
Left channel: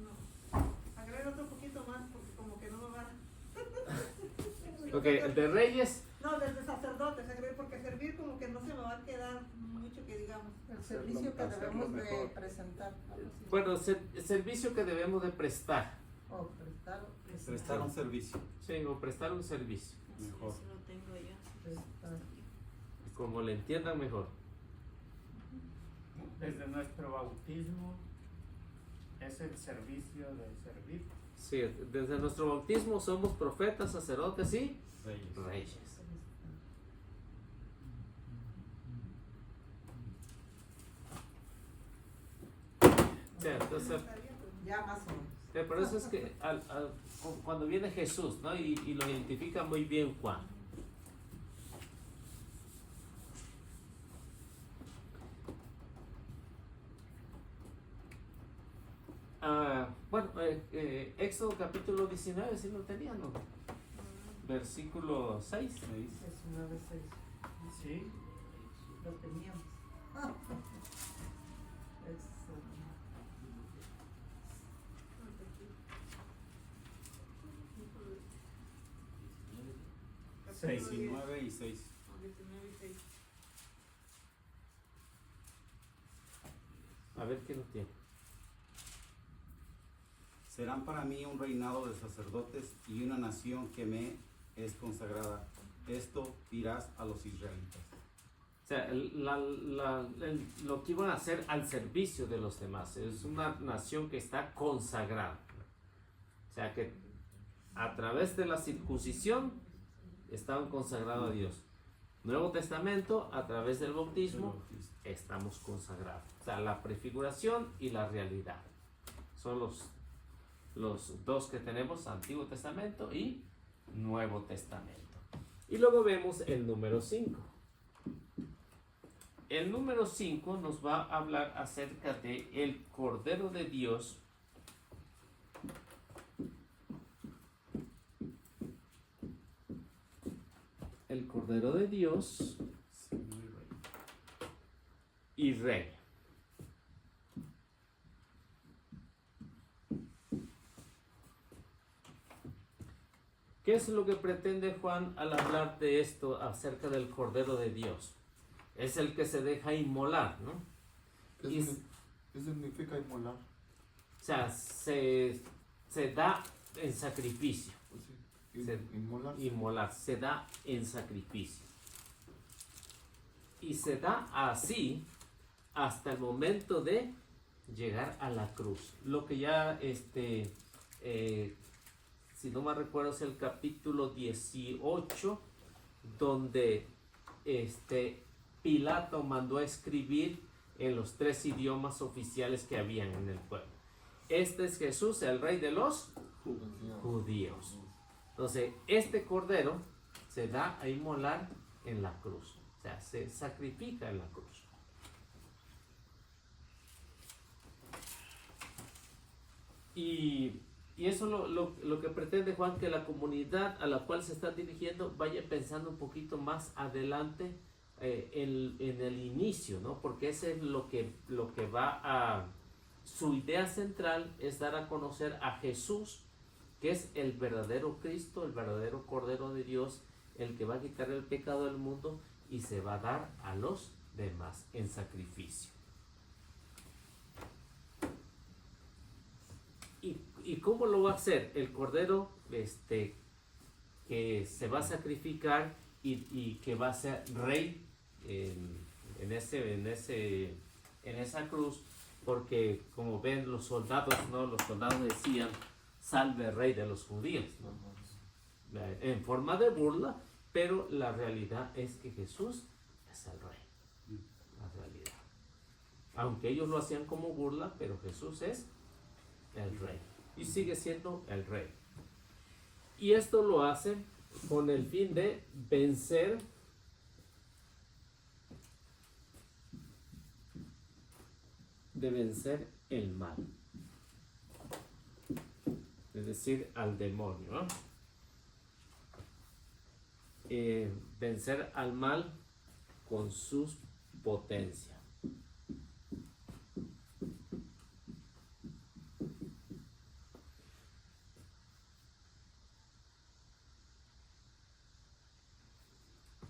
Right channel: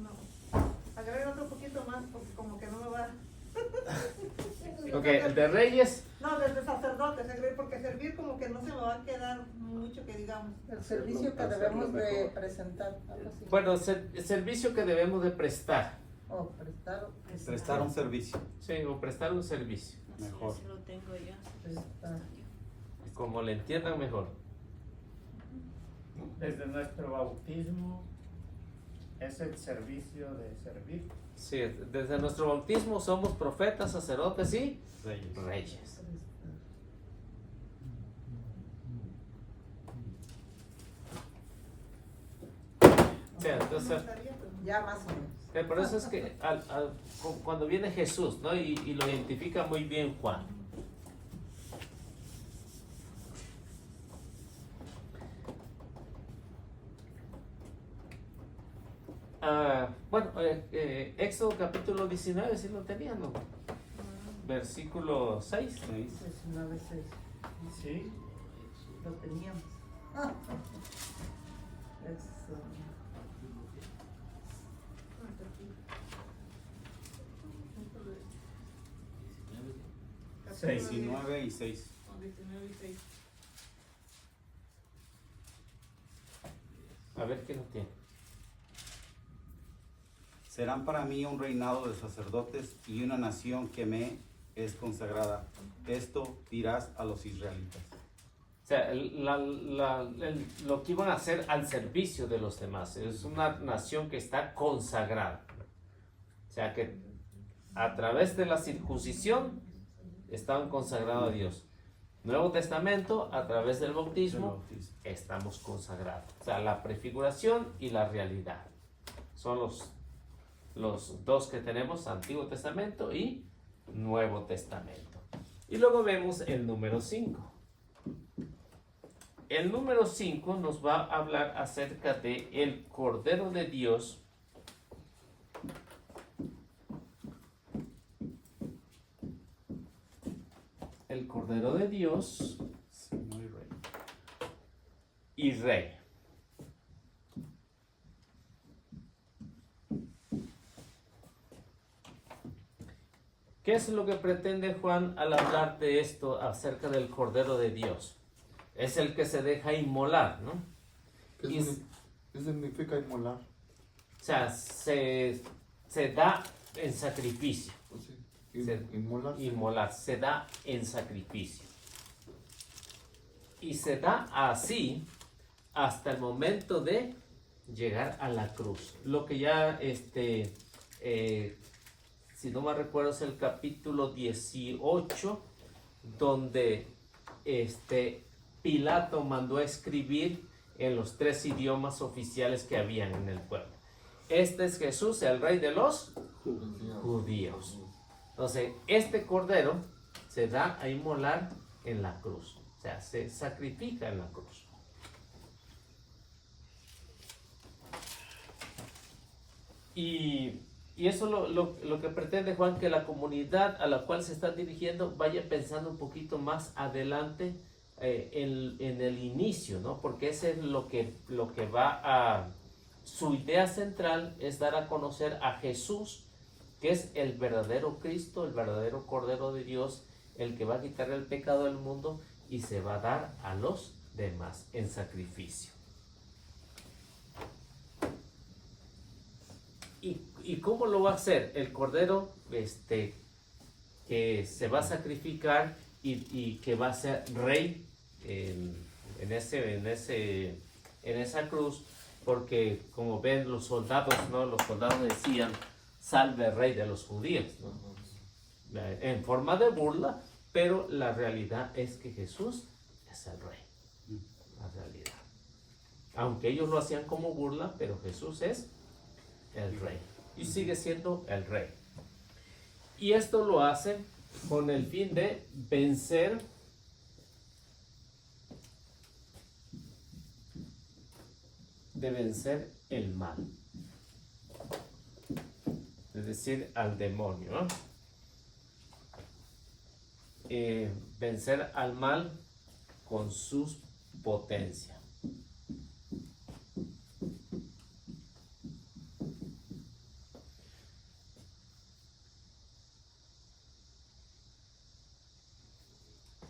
No. Agrega otro poquito más porque como que no me va. Ok, el de Reyes, No, desde sacerdotes, porque servir como que no se me va a quedar mucho que digamos. El servicio que Hacerlo debemos de mejor. presentar. Algo así. bueno, el servicio que debemos de prestar. O prestar. Prestar un servicio. Sí, o prestar un servicio. Así Mejor. es, lo tengo yo. Prestar. Como le entiendan mejor. Desde nuestro bautismo es el servicio de servir. Sí, desde nuestro bautismo somos profetas, sacerdotes y Reyes. reyes. Prestar. O sea, entonces, Ya más o menos. por eso es que cuando viene Jesús, ¿no? Y lo identifica muy bien Juan. Bueno, Éxodo capítulo 19, si lo tenían, ¿no? Versículo 6. 19:6. Sí, Lo teníamos. Eso. Seis. 19 y 6. 19 y 6. A ver qué lo tiene. Serán para mí un reinado de sacerdotes y una nación que me es consagrada. Esto dirás a los israelitas. O sea, lo que iban a hacer al servicio de los demás. Es una nación que está consagrada. O sea, que a través de la circuncisión estaban consagrados a Dios. Nuevo Testamento, a través del bautismo, estamos consagrados. O sea, la prefiguración y la realidad. Son los dos que tenemos, Antiguo Testamento y Nuevo Testamento. Y luego vemos el número 5. El número 5 nos va a hablar acerca de el Cordero de Dios. El Cordero de Dios Señor y Rey. y Rey. ¿Qué es lo que pretende Juan al hablar de esto acerca del Cordero de Dios? Es el que se deja inmolar, ¿no? ¿Qué significa inmolar? O sea, se da en sacrificio. Pues sí. Inmolar. Inmolar, se da en sacrificio. Y se da así hasta el momento de llegar a la cruz. Lo que ya, si no me recuerdo, es el capítulo 18, donde Pilato mandó a escribir en los 3 idiomas oficiales que habían en el pueblo. Este es Jesús, el Rey de los judíos. Entonces, este cordero se da a inmolar en la cruz. O sea, se sacrifica en la cruz. Y eso lo que pretende Juan, que la comunidad a la cual se está dirigiendo vaya pensando un poquito más adelante en el inicio, ¿no? Porque ese es lo que va a... Su idea central es dar a conocer a Jesús, que es el verdadero Cristo, el verdadero Cordero de Dios, el que va a quitar el pecado del mundo y se va a dar a los demás en sacrificio. ¿Y cómo lo va a hacer? El Cordero que se va a sacrificar y que va a ser rey en esa cruz, porque como ven los soldados, ¿no? Los soldados decían, salve rey de los judíos, ¿no? En forma de burla, pero la realidad es que Jesús es el rey, la realidad. Aunque ellos lo hacían como burla, pero Jesús es el rey y sigue siendo el rey. Y esto lo hace con el fin de vencer el mal, es decir, al demonio, ¿no? vencer al mal con su potencia.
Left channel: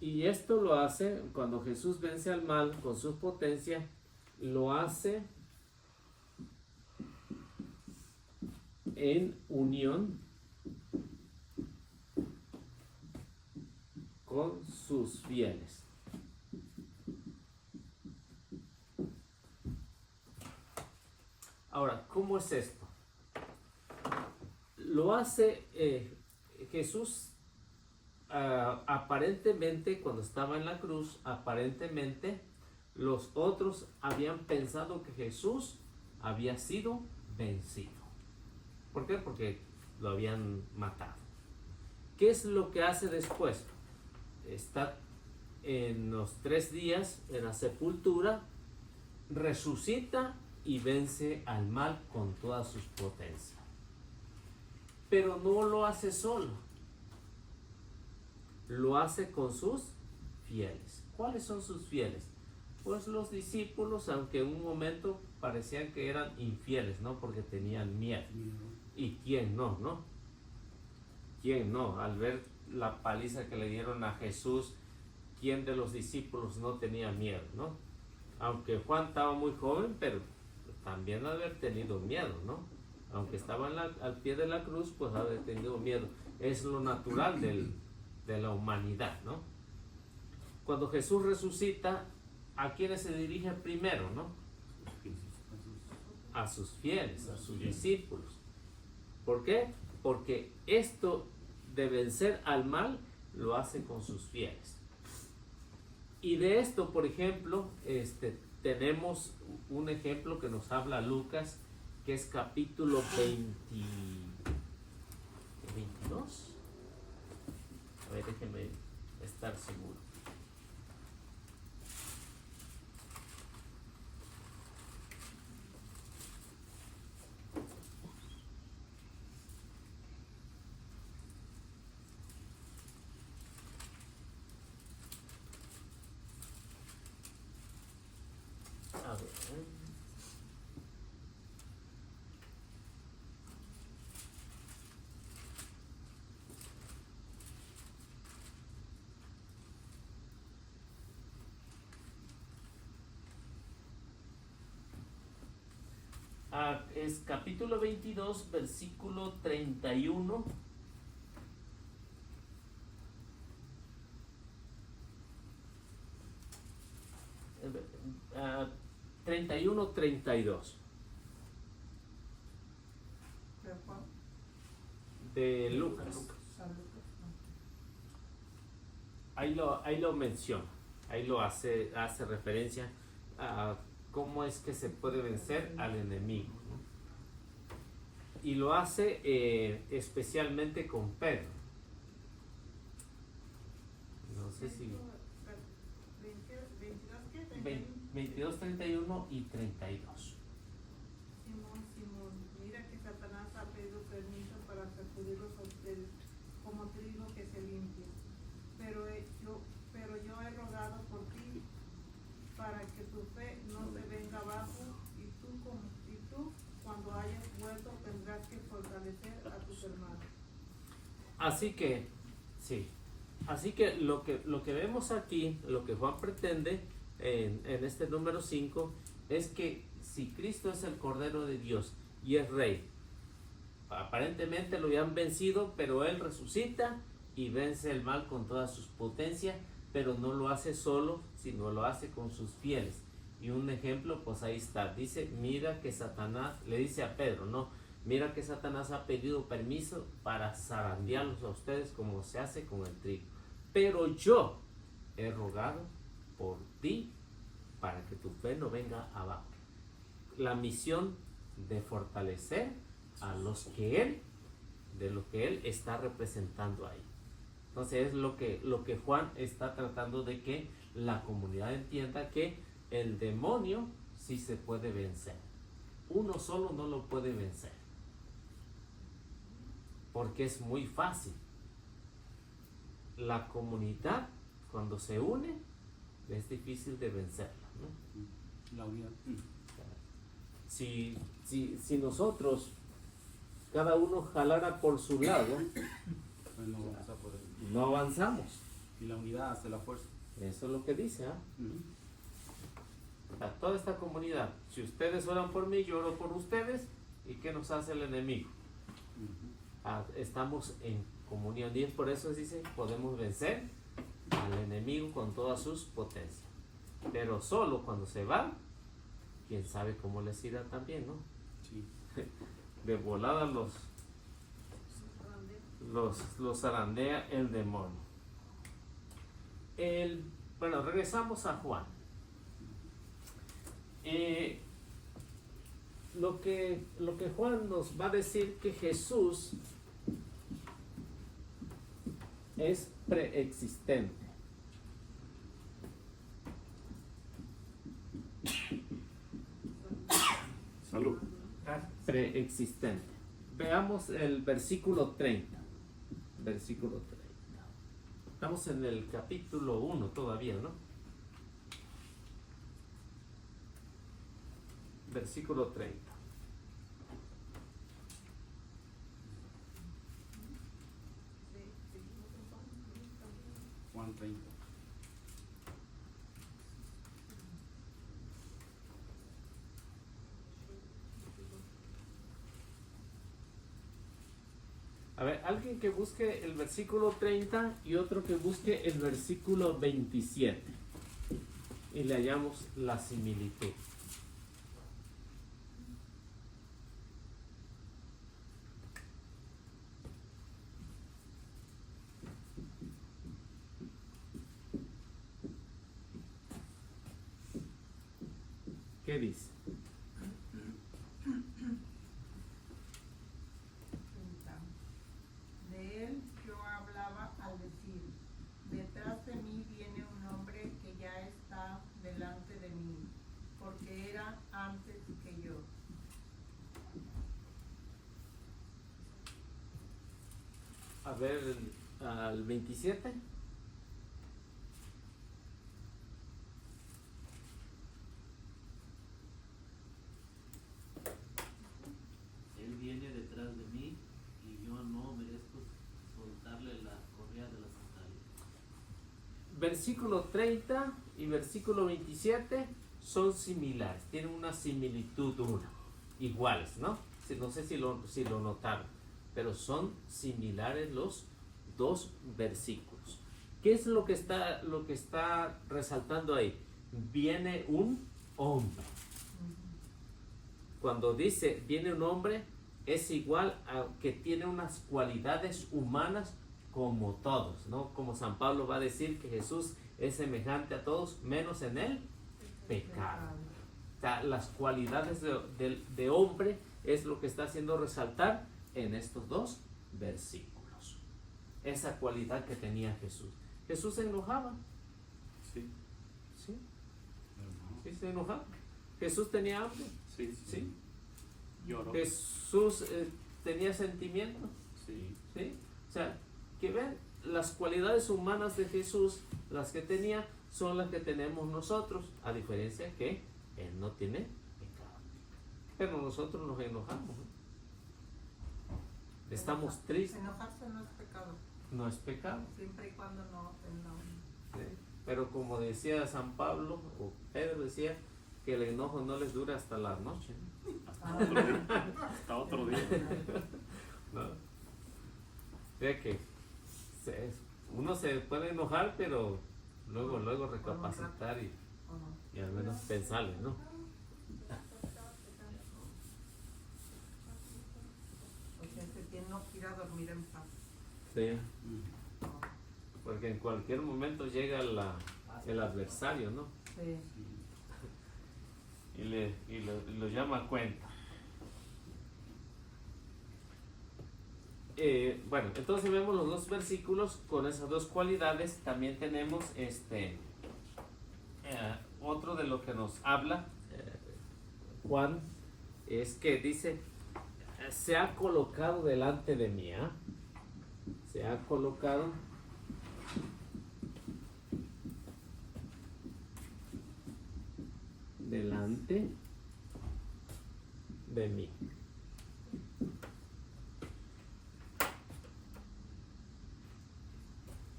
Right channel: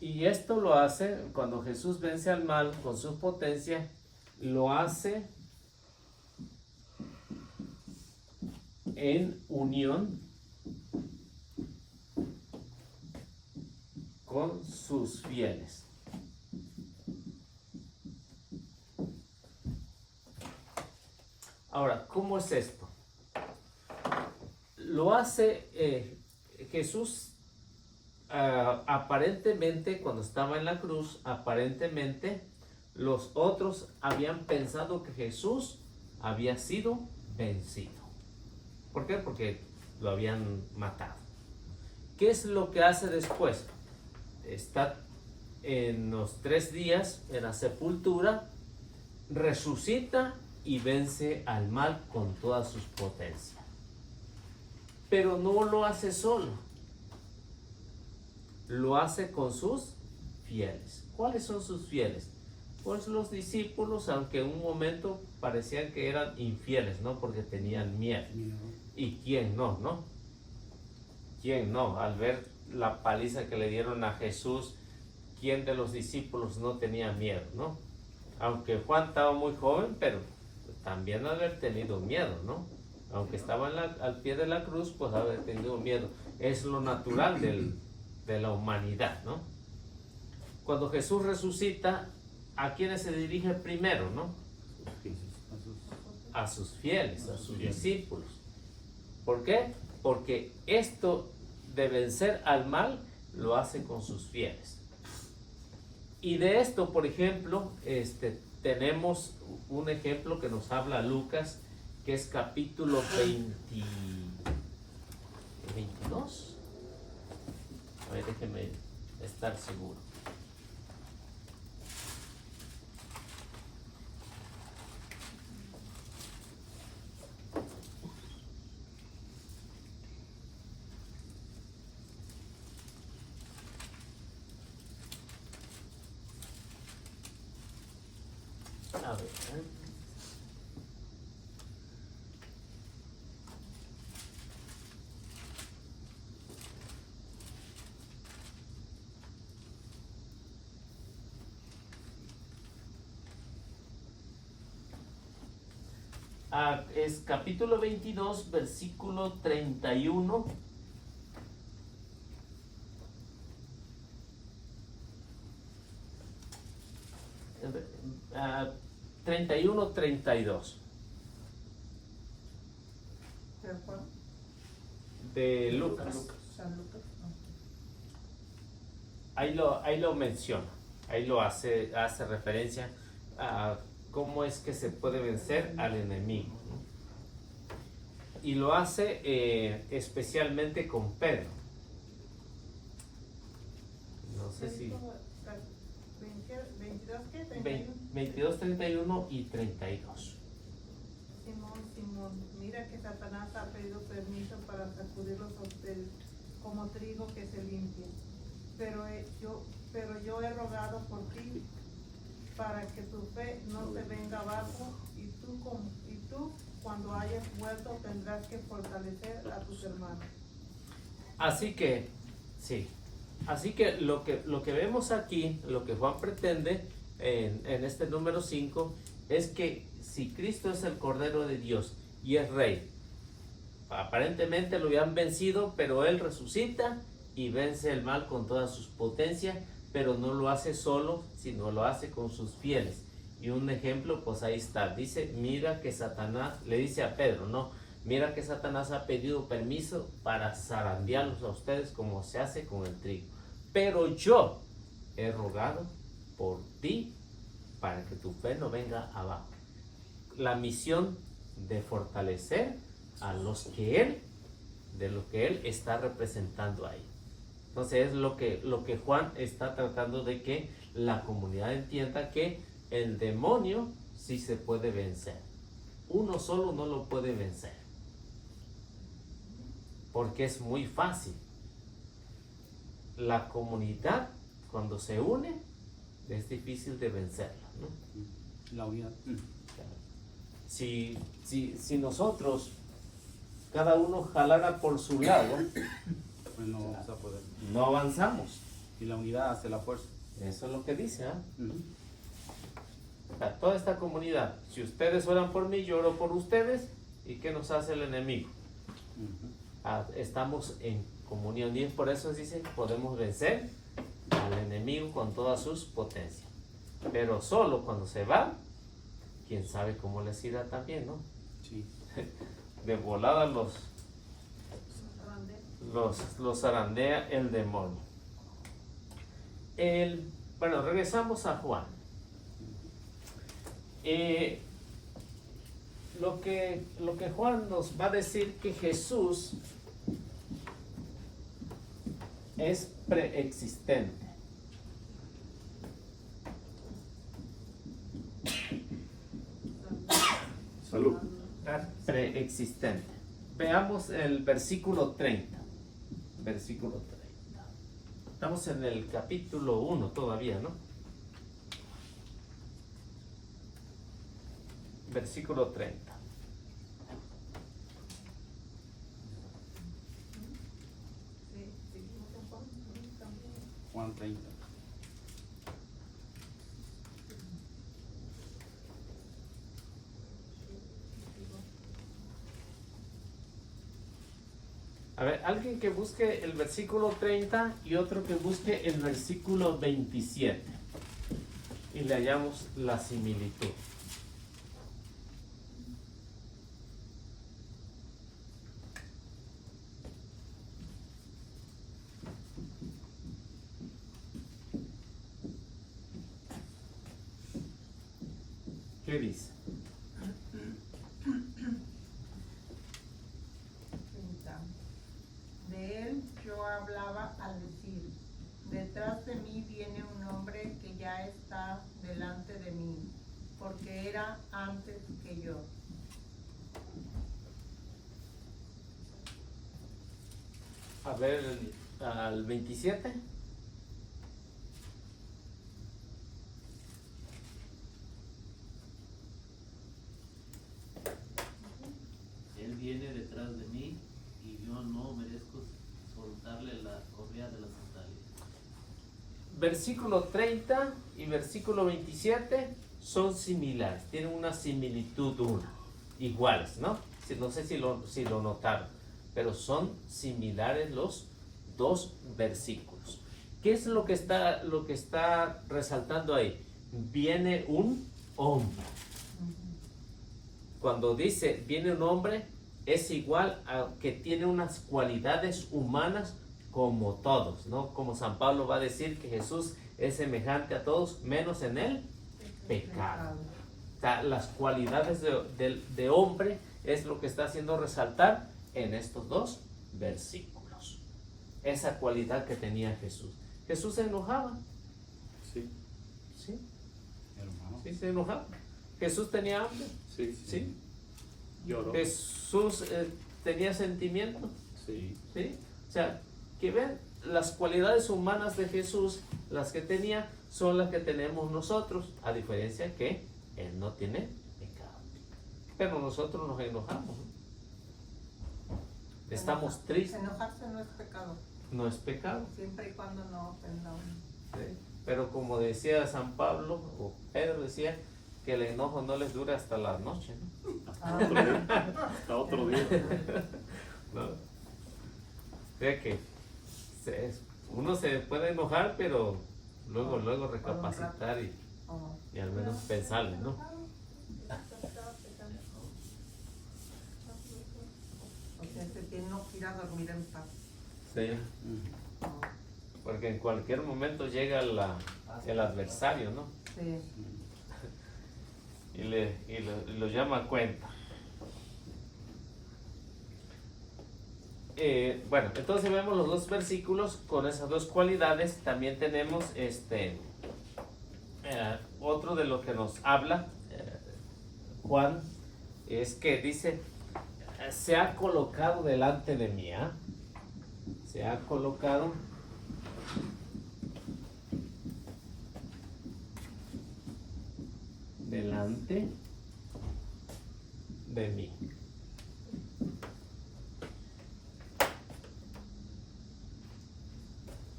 Y esto lo hace, cuando Jesús vence al mal con su potencia, lo hace en unión con sus fieles. Ahora, ¿cómo es esto? Lo hace Jesús. Aparentemente, cuando estaba en la cruz, aparentemente los otros habían pensado que Jesús había sido vencido. ¿Por qué? Porque lo habían matado. ¿Qué es lo que hace después? Está en los 3 días en la sepultura, resucita y vence al mal con todas sus potencias. Pero no lo hace solo. Lo hace con sus fieles. ¿Cuáles son sus fieles? Pues los discípulos, aunque en un momento parecían que eran infieles, ¿no? Porque tenían miedo. ¿Y quién no, no? ¿Quién no? Al ver la paliza que le dieron a Jesús, ¿quién de los discípulos no tenía miedo, no? Aunque Juan estaba muy joven, pero también haber tenido miedo, ¿no? Aunque estaba al pie de la cruz, pues haber tenido miedo. Es lo natural de la humanidad, ¿no? Cuando Jesús resucita, ¿a quiénes se dirige primero, no? A sus fieles, a sus discípulos. ¿Por qué? Porque esto de vencer al mal lo hace con sus fieles. Y de esto, por ejemplo, tenemos un ejemplo que nos habla Lucas, que es capítulo 22. A ver, déjenme estar seguro. A ver. Es capítulo 22, versículo 31. 31-32 ¿De Juan? de Lucas. San Lucas. Ahí lo menciona, ahí lo hace referencia a cómo es que se puede vencer al enemigo, ¿no? Y lo hace especialmente con Pedro. No sé si 22, ¿qué? 22, 31 y 32. Simón, mira que Satanás ha pedido permiso para sacudirlos a ustedes como trigo que se limpia. Pero yo he rogado por ti para que tu fe no se venga abajo y tú cuando hayas vuelto tendrás que fortalecer a tus hermanos. Así que, sí. Así que lo que vemos aquí, lo que Juan pretende en este número 5, es que si Cristo es el Cordero de Dios y es Rey, aparentemente lo habían vencido, pero Él resucita y vence el mal con todas sus potencias, pero no lo hace solo, sino lo hace con sus fieles. Y un ejemplo, pues ahí está. Dice, mira que Satanás, le dice a Pedro, no, mira que Satanás ha pedido permiso para zarandearlos a ustedes como se hace con el trigo. Pero yo he rogado por ti para que tu fe no venga abajo. La misión de fortalecer a los que Él está representando ahí. Entonces es lo que Juan está tratando de que la comunidad entienda, que el demonio sí se puede vencer. Uno solo no lo puede vencer, porque es muy fácil. la comunidad, cuando se une, es difícil de vencerla, ¿no? La unidad. Si nosotros, cada uno jalara por su lado, Pues no vamos a poder. no avanzamos. Y la unidad hace la fuerza. Eso es lo que dice, ¿ah? Ujú. O sea, toda esta comunidad, si ustedes oran por mí, yo oro por ustedes, ¿y qué nos hace el enemigo? Ujú. Estamos en comunión, y por eso dice, podemos vencer al enemigo con todas sus potencias. Pero solo cuando se va, quién sabe cómo les irá también, ¿no? Sí. De volada los zarandea el demonio. Bueno, regresamos a Juan. Lo que Juan nos va a decir que Jesús es preexistente. Salud. Preexistente. Veamos el versículo 30. Versículo 30. Estamos en el capítulo 1 todavía, ¿no? Versículo 30. Sí, seguimos en Juan, también. Juan 30. A ver, alguien que busque el versículo 30 y otro que busque el versículo 27. Y le hallamos la similitud. ¿Qué dice? 30. De él yo hablaba al decir, detrás de mí viene un hombre que ya está delante de mí, porque era antes que yo. A ver, al 27. Él viene detrás de mí y yo no merezco soltarle la correa de las sandalias. Versículo 30 y versículo 27 son similares, tienen una similitud iguales, ¿no? No sé si lo notaron, pero son similares los dos versículos. ¿Qué es lo que está resaltando ahí? Viene un hombre. Cuando dice viene un hombre, es igual a que tiene unas cualidades humanas como todos, ¿no? Como San Pablo va a decir que Jesús es semejante a todos, menos en el pecado. O sea, las cualidades de hombre es lo que está haciendo resaltar en estos dos versículos. Esa cualidad que tenía Jesús. Jesús se enojaba. Sí, ¿Sí? Hermano. Sí, se enojaba. Jesús tenía hambre. sí, ¿Sí? Lloró. Jesús tenía sentimientos. Sí. ¿Sí? O sea, que ven, las cualidades humanas de Jesús, las que tenía, son las que tenemos nosotros, a diferencia que Él no tiene pecado. Pero nosotros nos enojamos, ¿no? Estamos tristes, Enojarse no es pecado, no es pecado. siempre y cuando no ofenda a uno. ¿Sí? Pero como decía San Pablo, o Pedro decía, que el enojo no les dura hasta la noche, ¿no? Hasta otro día. ¿No? O sea que uno se puede enojar, pero luego recapacitar y al menos pensarle, ¿no? O sea, se tiene que ir a dormir en paz. Sí. Porque en cualquier momento llega el adversario, ¿no? Sí. Y lo llama a cuenta. Bueno, entonces vemos los dos versículos con esas dos cualidades. También tenemos otro de lo que nos habla Juan, es que dice, se ha colocado delante de mí, ¿ah? Se ha colocado delante de mí.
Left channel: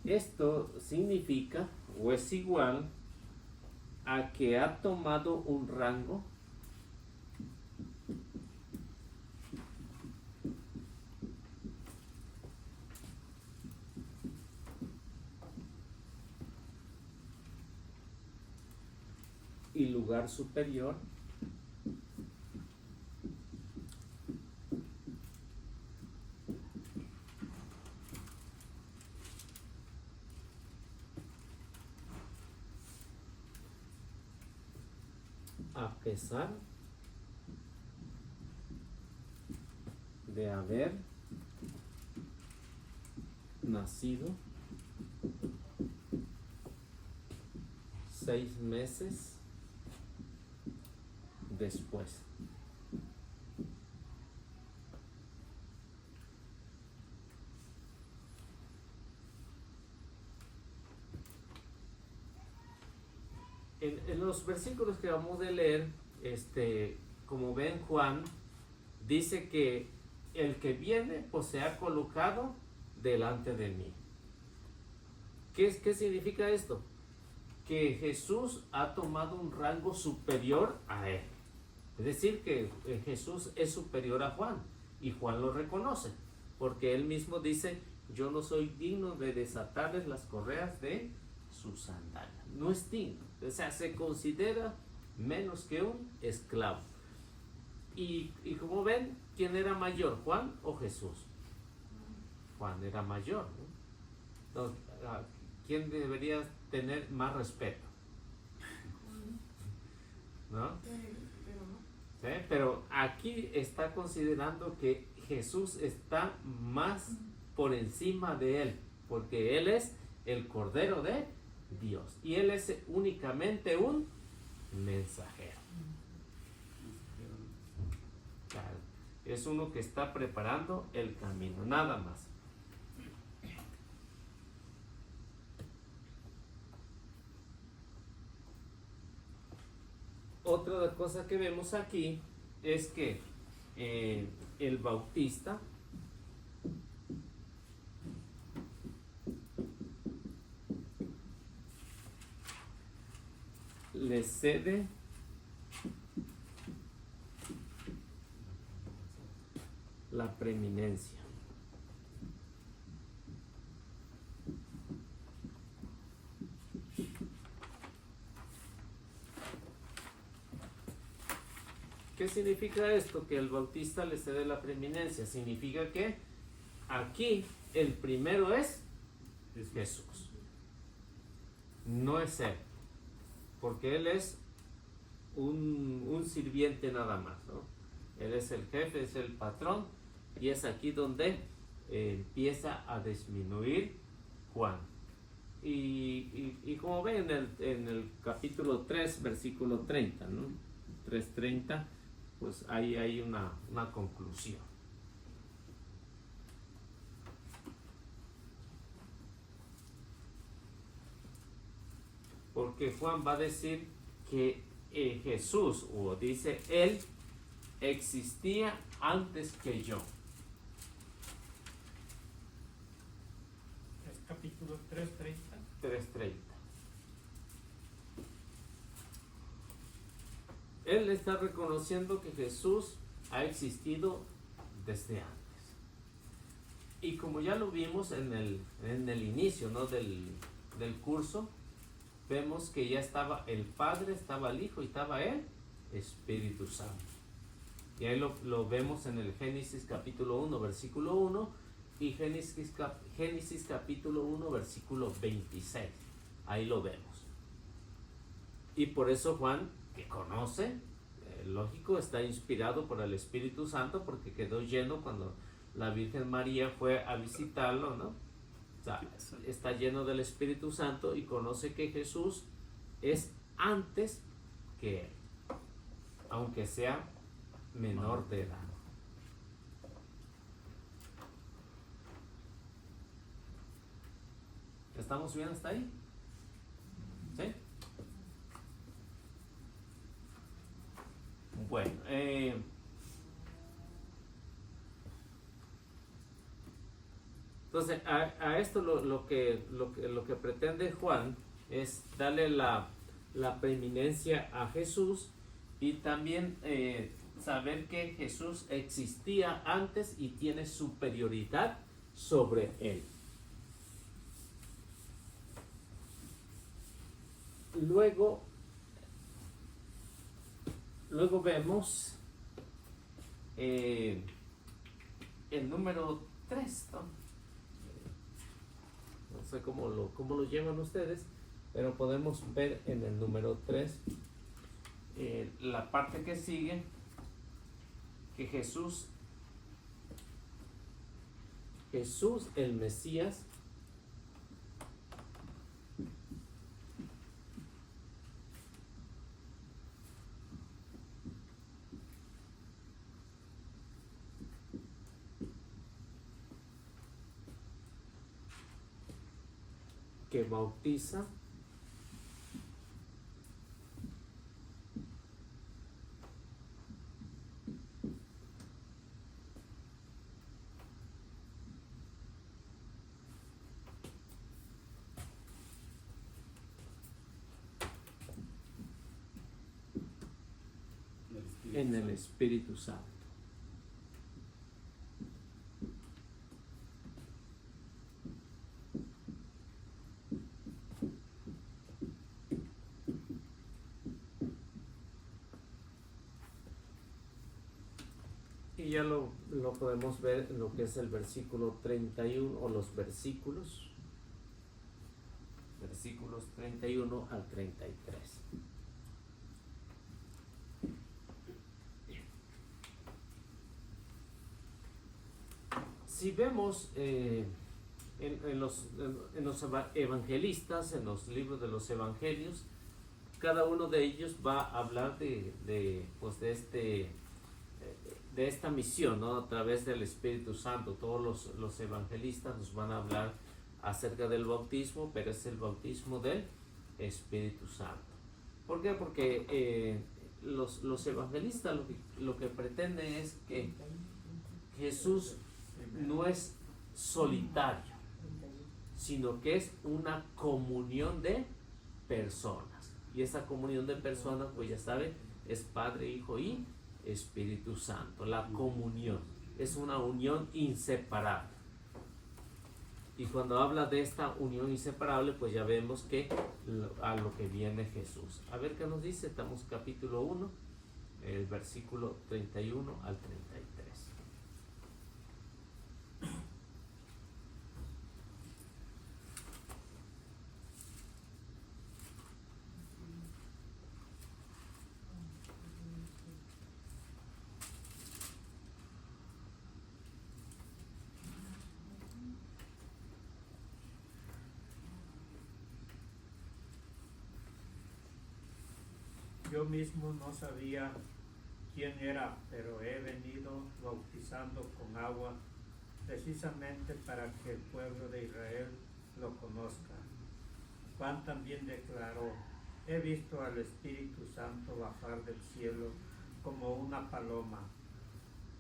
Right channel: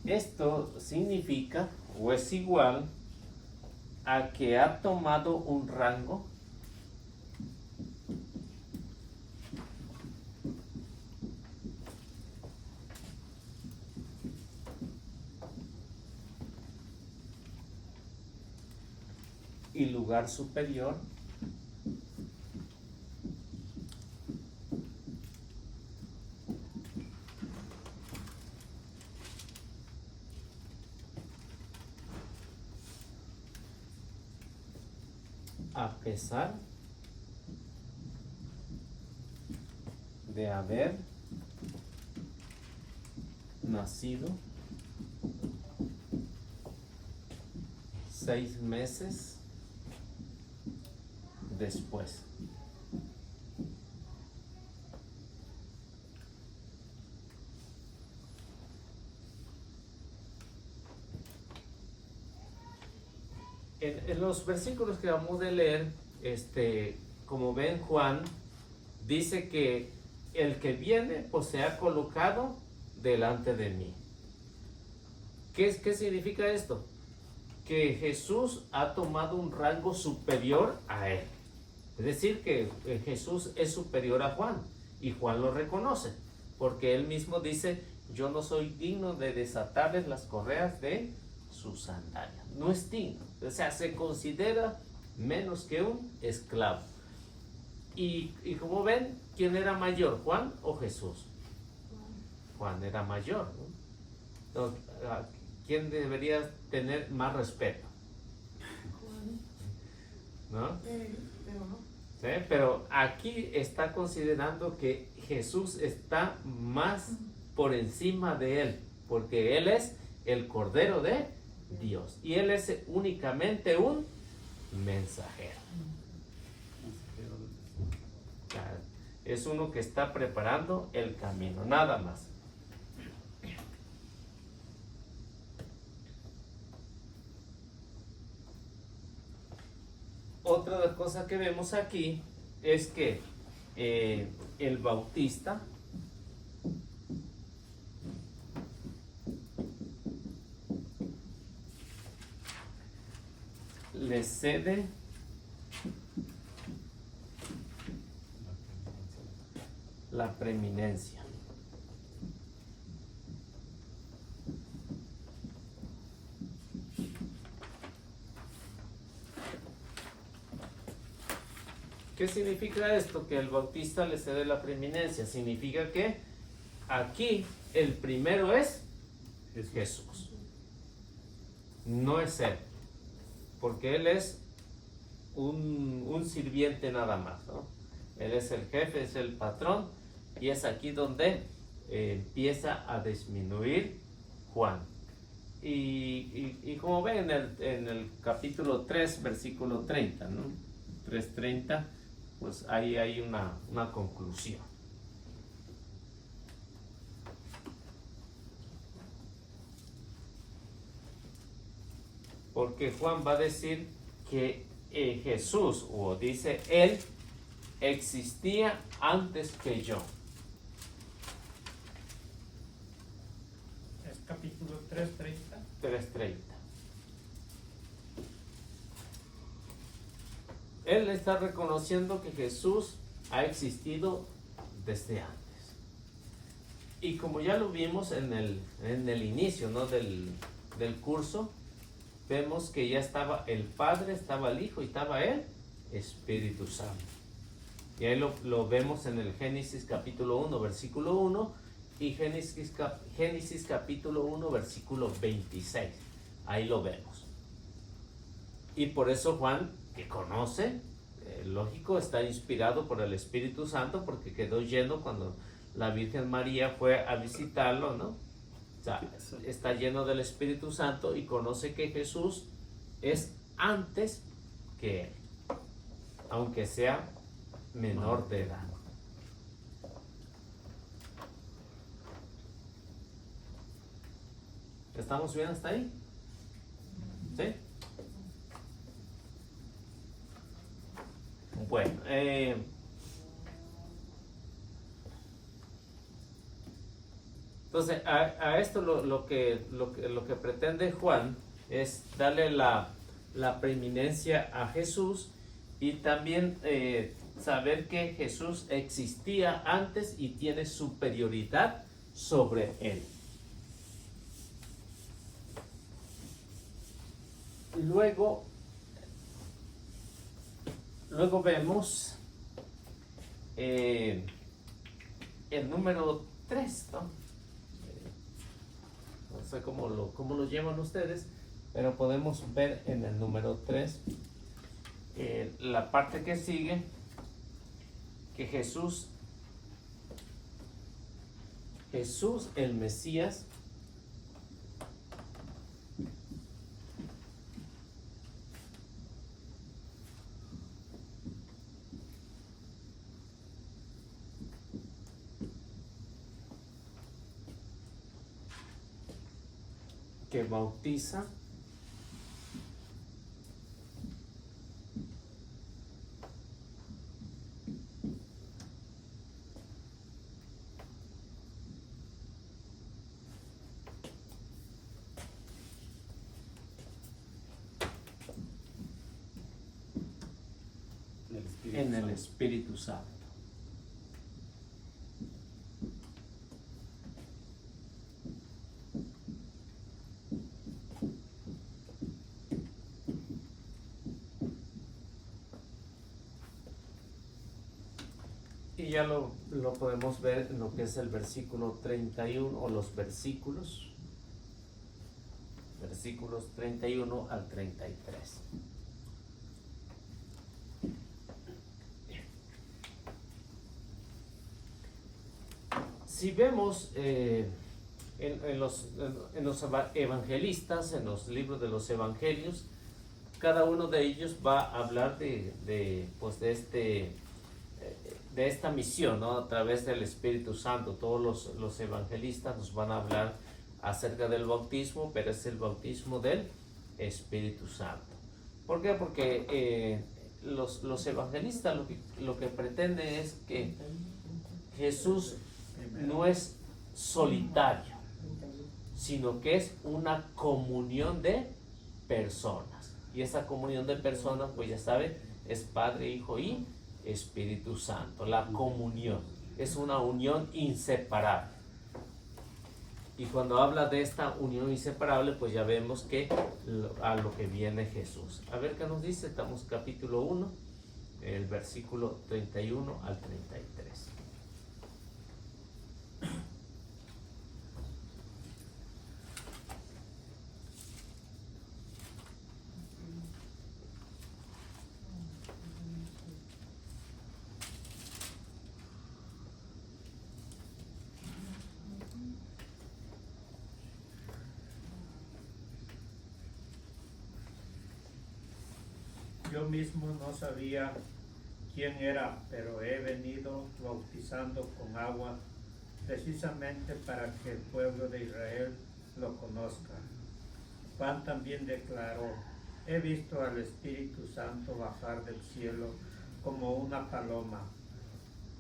Esto significa o es igual a que ha tomado un rango y lugar superior a pesar de haber nacido 6 meses después. En los versículos que vamos a leer, como ven, Juan dice que el que viene pues se ha colocado delante de mí. ¿Qué significa esto? Que Jesús ha tomado un rango superior a él. Es decir, que Jesús es superior a Juan y Juan lo reconoce, porque él mismo dice: yo no soy digno de desatarles las correas de sus sandalias. No es digno, o sea, se considera menos que un esclavo. Y como ven, ¿quién era mayor, Juan o Jesús? Juan era mayor, ¿no? Entonces, ¿quién debería tener más respeto? ¿No? ¿Sí? Pero aquí está considerando que Jesús está más por encima de él, porque él es el Cordero de Dios y él es únicamente un mensajero. Es uno que está preparando el camino, nada más. Otra cosa que vemos aquí es que el Bautista le cede la preeminencia. ¿Qué significa esto? Que el Bautista le cede la preeminencia. Significa que aquí el primero es Jesús. No es él. Porque él es un sirviente nada más, ¿no? Él es el jefe, es el patrón, y es aquí donde empieza a disminuir Juan. Y como ven en el capítulo 3, versículo 30, ¿no? 3:30, pues ahí hay una conclusión. Porque Juan va a decir que Jesús, o dice él, existía antes que yo. Es capítulo 3:30. 3:30. Él está reconociendo que Jesús ha existido desde antes. Y como ya lo vimos en el inicio, ¿no? del curso, vemos que ya estaba el Padre, estaba el Hijo y estaba el Espíritu Santo. Y ahí lo vemos en el Génesis capítulo 1, versículo 1 y Génesis capítulo 1, versículo 26. Ahí lo vemos. Y por eso Juan, que conoce, lógico, está inspirado por el Espíritu Santo, porque quedó lleno cuando la Virgen María fue a visitarlo, ¿no? O sea, está lleno del Espíritu Santo y conoce que Jesús es antes que él, aunque sea menor de edad. ¿Estamos bien hasta ahí? ¿Sí? Entonces, a esto lo que pretende Juan es darle la preeminencia a Jesús y también saber que Jesús existía antes y tiene superioridad sobre él. Luego vemos el número 3, ¿no? No sé cómo lo llaman ustedes, pero podemos ver en el número 3 la parte que sigue, que Jesús el Mesías que bautiza en el Espíritu Santo. Y ya lo podemos ver en lo que es el versículo 31 o los versículos 31 al 33. Si vemos en los evangelistas, en los libros de los evangelios, cada uno de ellos va a hablar de esta misión, ¿no? A través del Espíritu Santo. Todos los evangelistas nos van a hablar acerca del bautismo, pero es el bautismo del Espíritu Santo. ¿Por qué? Porque los evangelistas lo que pretenden es que Jesús no es solitario, sino que es una comunión de personas. Y esa comunión de personas, pues ya sabe, es Padre, Hijo y Espíritu Santo. La comunión es una unión inseparable. Y cuando habla de esta unión inseparable, pues ya vemos que a lo que viene Jesús. A ver qué nos dice. Estamos capítulo 1, el versículo 31 al 33. Yo mismo no sabía quién era, pero he venido bautizando con agua precisamente para que el pueblo de Israel lo conozca. Juan también declaró: he visto al Espíritu Santo bajar del cielo como una paloma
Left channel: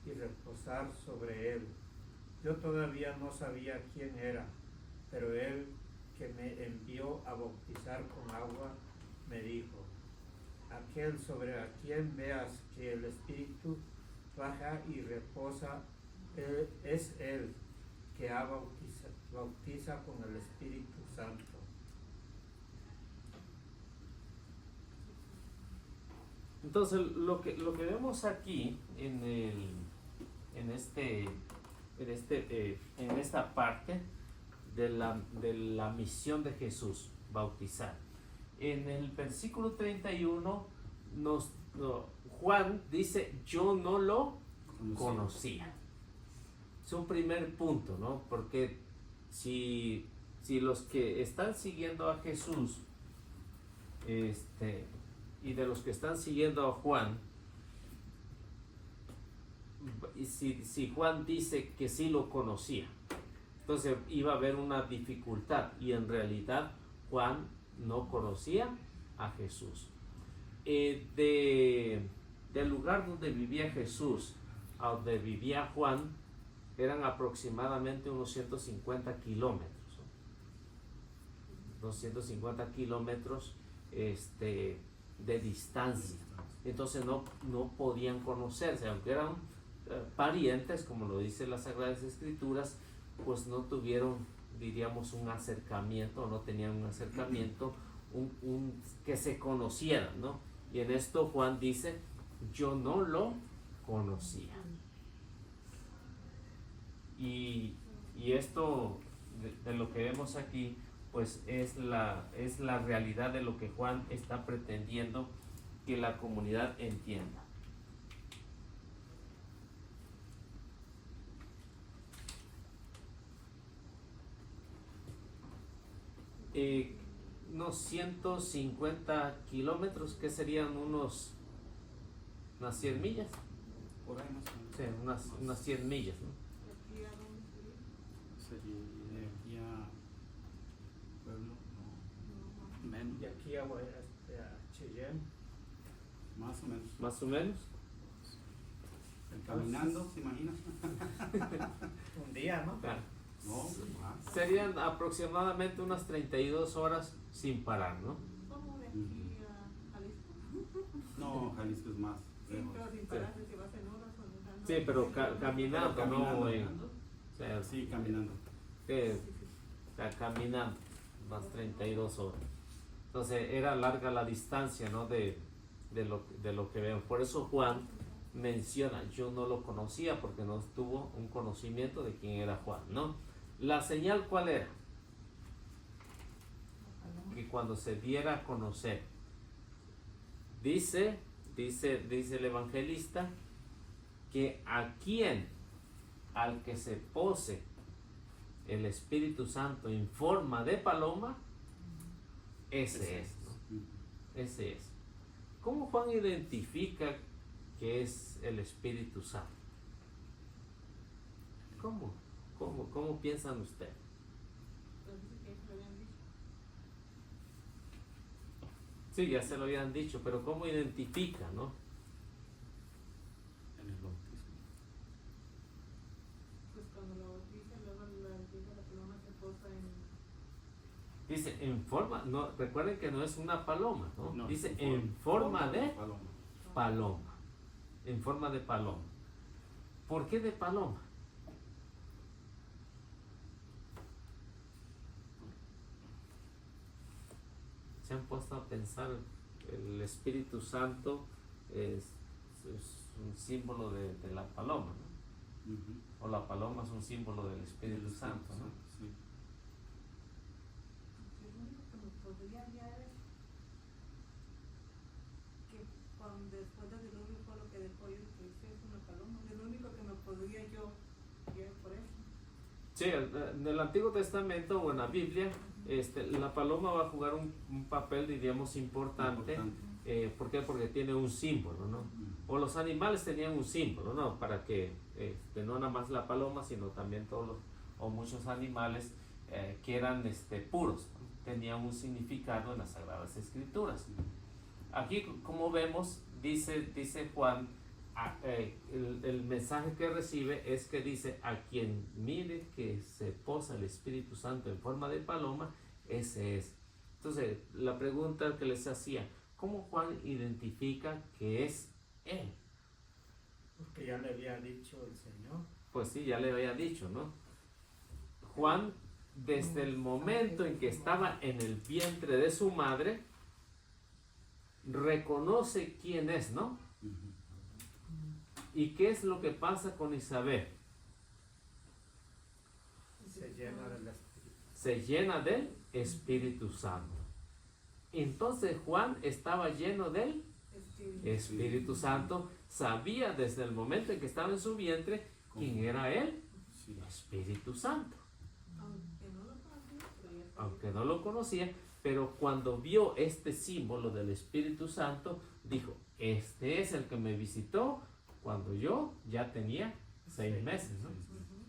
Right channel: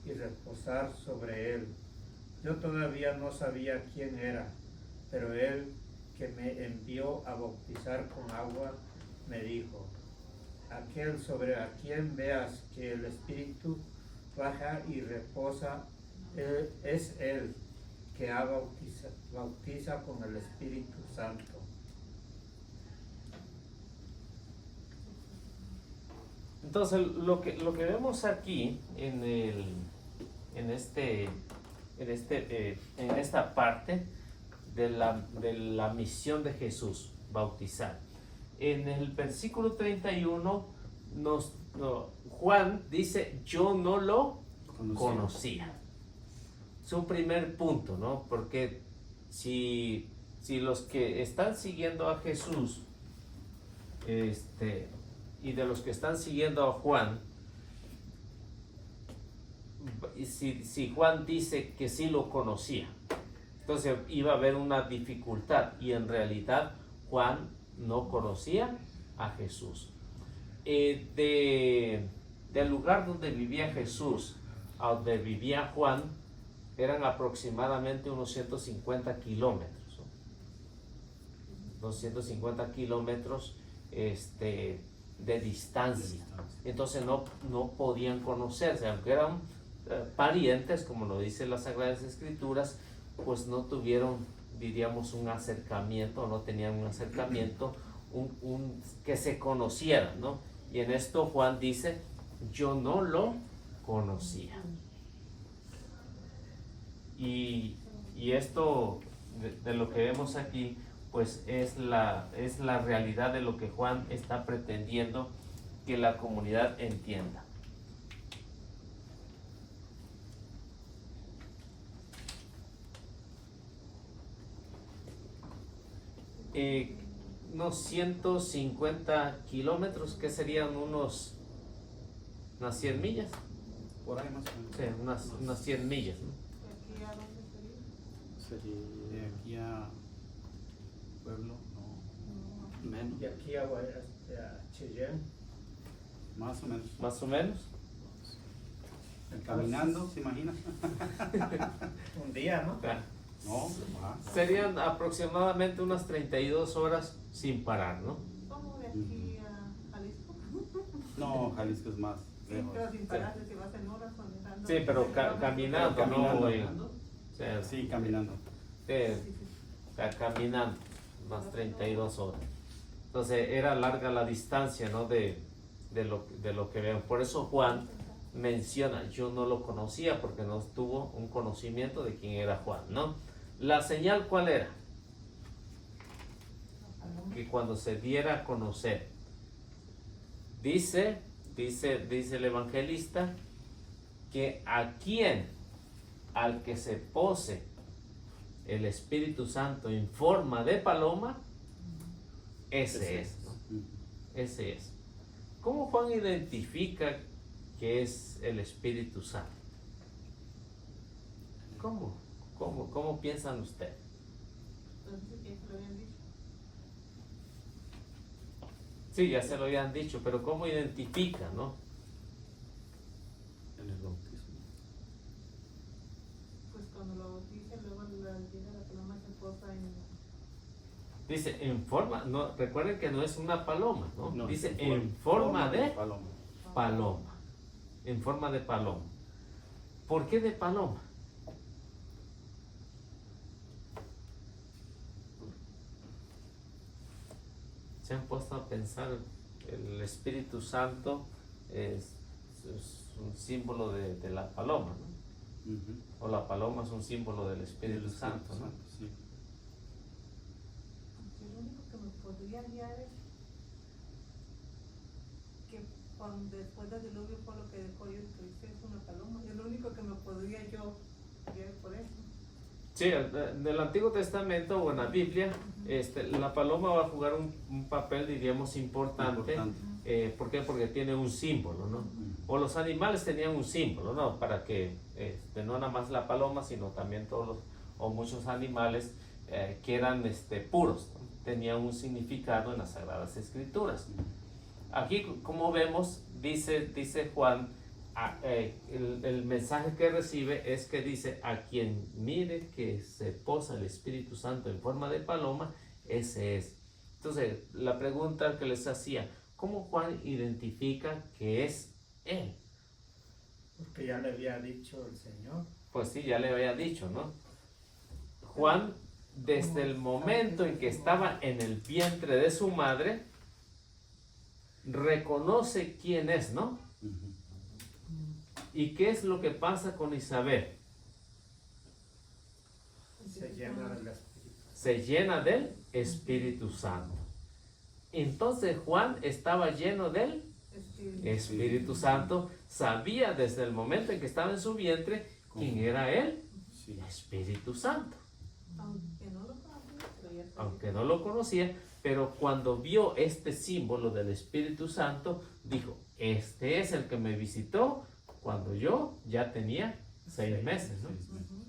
y reposar sobre él. Yo todavía no sabía quién era, pero él que me envió a bautizar con agua me dijo: aquel sobre a quien veas que el Espíritu baja y reposa, es él que bautiza con el Espíritu Santo. Entonces, lo que vemos aquí en esta parte de la misión de Jesús, bautizar. En el versículo 31 Juan dice: yo no lo conocía. Es un primer punto, ¿no? Porque si los que están siguiendo a Jesús y de los que están siguiendo a Juan, si Juan dice que sí lo conocía, entonces iba a haber una dificultad, y en realidad Juan no conocía a Jesús. Del lugar donde vivía Jesús a donde vivía Juan eran aproximadamente unos 150 kilómetros, ¿no? 250 kilómetros de distancia. Entonces no podían conocerse, aunque eran parientes, como lo dicen las Sagradas Escrituras, pues no tuvieron, diríamos, un acercamiento, no tenían un acercamiento, que se conocieran, ¿no? Y en esto Juan dice, yo no lo conocía. Y esto de lo que vemos aquí, pues es la realidad de lo que Juan está pretendiendo que la comunidad entienda. Unos 150 kilómetros, que serían unas 100 millas. Por ahí más o menos. Sí, unas 100 millas, ¿no? ¿Y aquí a dónde sería? De aquí a Pueblo, no. Menos. Y aquí a Cheyenne. Más o menos. Más o menos. Caminando, ¿se imagina? Un día, ¿no? No, más. Serían aproximadamente unas 32 horas sin parar, ¿no? ¿Cómo de aquí a Jalisco? No, Jalisco es más Sí, lejos. pero sin pararse, si vas en horas o en Sí, pero caminando. Caminando. ¿no? O sea, Sí, caminando. caminando, unas 32 horas. Entonces era larga la distancia, ¿no? de lo que veo. Por eso Juan menciona, yo no lo conocía porque no tuvo un conocimiento de quién era Juan, ¿no? La señal, ¿cuál era? Que cuando se diera a conocer, dice el evangelista, que al que se pose el Espíritu Santo en forma de paloma, ese es, ¿no? Ese es. ¿Cómo Juan identifica que es el Espíritu Santo? ¿Cómo piensan ustedes? Sí, ya se lo habían dicho, pero ¿cómo identifican, no? En el bautismo. Pues cuando lo bautizan, luego llega la paloma, se posa en... Dice en forma, no, recuerden que no es una paloma, ¿no? No, Dice en forma de paloma. paloma. En forma de paloma. ¿Por qué de paloma? Se han puesto a pensar, el Espíritu Santo es un símbolo de la paloma, ¿no? Ujú. O la paloma es un símbolo del Espíritu Santo, ¿no? Sí. Lo único que me podría guiar es que después del diluvio fue lo que dejó yo que es una paloma. Es lo único que me podría yo guiar por eso. Sí, en el Antiguo Testamento o en la Biblia, la paloma va a jugar un papel, diríamos, importante. ¿Por qué? Porque tiene un símbolo, ¿no? O los animales tenían un símbolo, ¿no? Para que no nada más la paloma, sino también todos o muchos animales que eran puros, ¿no? Tenían un significado en las Sagradas Escrituras. Aquí, como vemos, dice Juan, el mensaje que recibe es que dice, a quien mire que se posa el Espíritu Santo en forma de paloma, ese es. Entonces, la pregunta que les hacía, ¿cómo Juan identifica que es él? Porque ya le había dicho el Señor. Pues sí, ya le había dicho, ¿no? Juan, desde el momento en que estaba en el vientre de su madre, reconoce quién es, ¿no? Ujú. ¿Y qué es lo que pasa con Isabel? Se llena del Espíritu. Se llena del Espíritu Santo. Entonces Juan estaba lleno del Espíritu Santo, sabía desde el momento en que estaba en su vientre quién era él, Sí. Espíritu Santo. Aunque no lo conocía, pero ya sabía. Aunque no lo conocía, pero cuando vio este símbolo del Espíritu Santo, dijo, este es el que me visitó cuando yo ya tenía 6 meses, ¿no? 6 meses.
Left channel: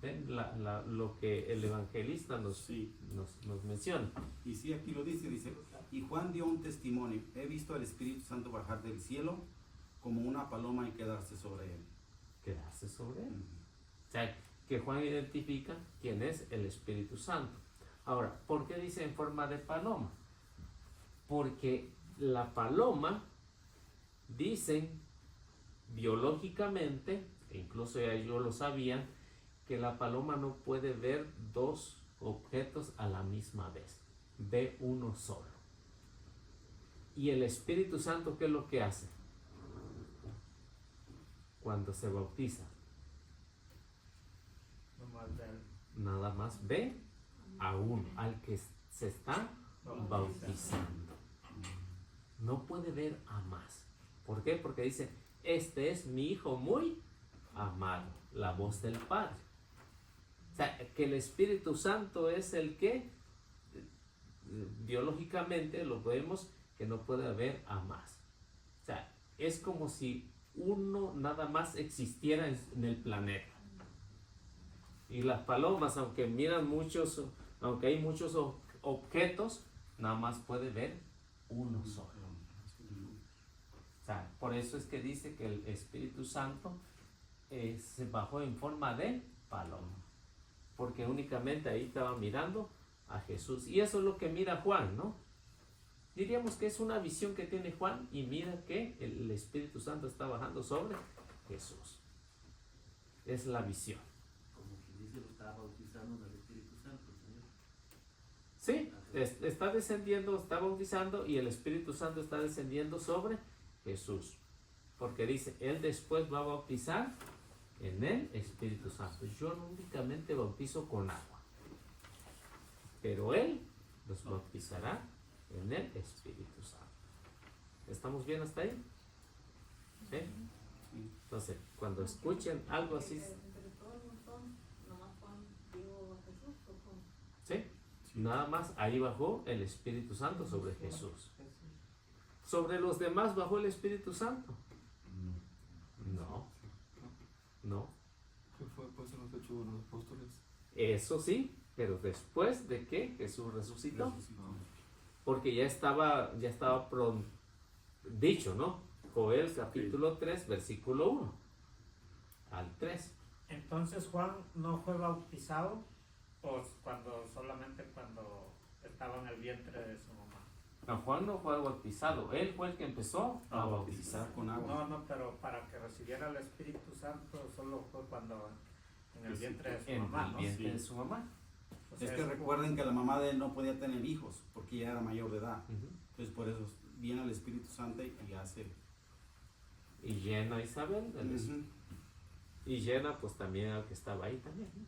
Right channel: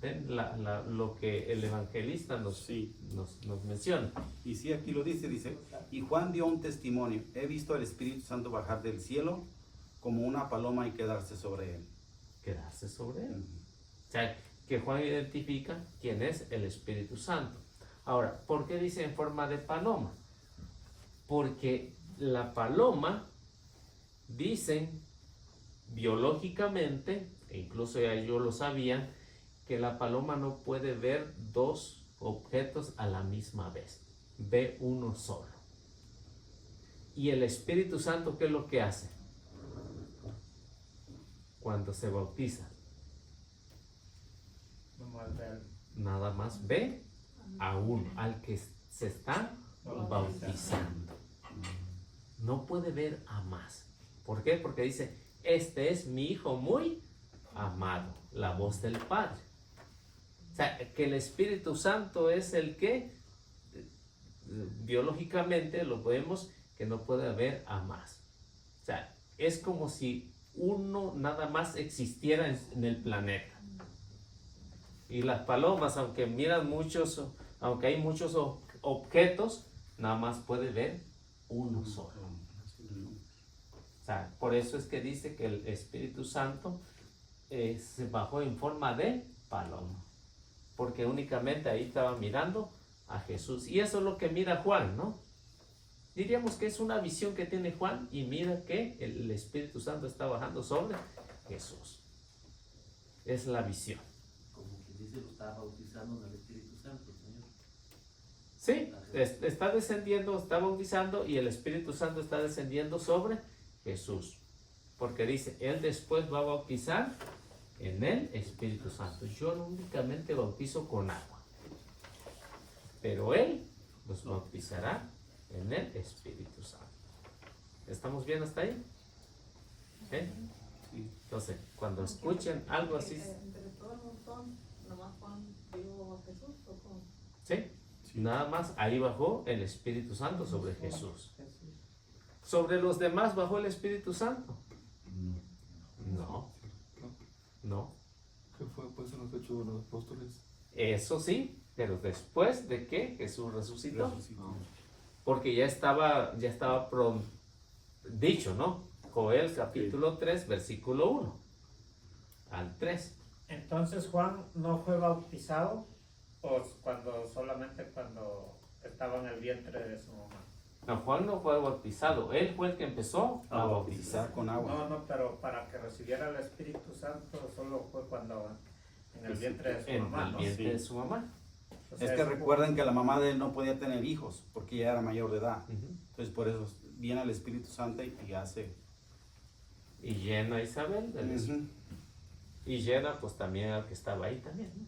Ven lo que el evangelista nos menciona. Y sí, aquí lo dice, y Juan dio un testimonio, he visto al Espíritu Santo bajar del cielo como una paloma y quedarse sobre él. Quedarse sobre él. O sea, que Juan identifica quién es el Espíritu Santo. Ahora, ¿por qué dice en forma de paloma? Porque la paloma, dicen biológicamente, e incluso ya ellos lo sabían, que la paloma no puede ver dos objetos a la misma vez, ve uno solo. Y el Espíritu Santo, ¿qué es lo que hace? Cuando se bautiza, nada más ve a uno, al que se está bautizando. No puede ver a más. ¿Por qué? Porque dice, este es mi hijo muy amado, la voz del Padre. O sea, que el Espíritu Santo es el que biológicamente lo podemos, que no puede haber a más. O sea, es como si uno nada más existiera en el planeta. Y las palomas, aunque miran muchos, aunque hay muchos objetos, nada más puede ver uno solo. O sea, por eso es que dice que el Espíritu Santo se bajó en forma de paloma, porque únicamente ahí estaba mirando a Jesús. Y eso es lo que mira Juan, ¿no? Diríamos que es una visión que tiene Juan y mira que el Espíritu Santo está bajando sobre Jesús. Es la visión. Como quien dice, lo está bautizando en el Espíritu Santo, Señor. Sí, está descendiendo, está bautizando y el Espíritu Santo está descendiendo sobre Jesús. Porque dice, Él después va a bautizar en el Espíritu Santo. Yo no únicamente bautizo con agua, pero Él los bautizará en el Espíritu Santo. ¿Estamos bien hasta ahí? ¿Eh? Entonces, cuando escuchen algo así... Entre todo el montón, nomás Juan vio a Jesús, ¿o cómo? ¿Sí? Nada más ahí bajó el Espíritu Santo sobre Jesús. ¿Sobre los demás bajó el Espíritu Santo? No. No. ¿Qué fue pues en los Hechos de los Apóstoles? Eso sí, pero después de que Jesús resucitó. Porque ya estaba dicho, ¿no? Joel capítulo 3, versículo 1 al 3. Entonces Juan no fue bautizado, o solamente cuando estaba en el vientre de su mamá. No, Juan no fue bautizado, él fue el que empezó a bautizar con agua. No, pero para que recibiera el Espíritu Santo solo fue cuando en el vientre de su en mamá, el ¿no? vientre Sí. de su mamá. O sea, Es que es recuerden que la mamá de él no podía tener hijos porque ya era mayor de edad. Ujú. Entonces por eso viene el Espíritu Santo y hace. Y llena a Isabel del Espíritu. Ujú. Y llena pues también al que estaba ahí también, ¿no?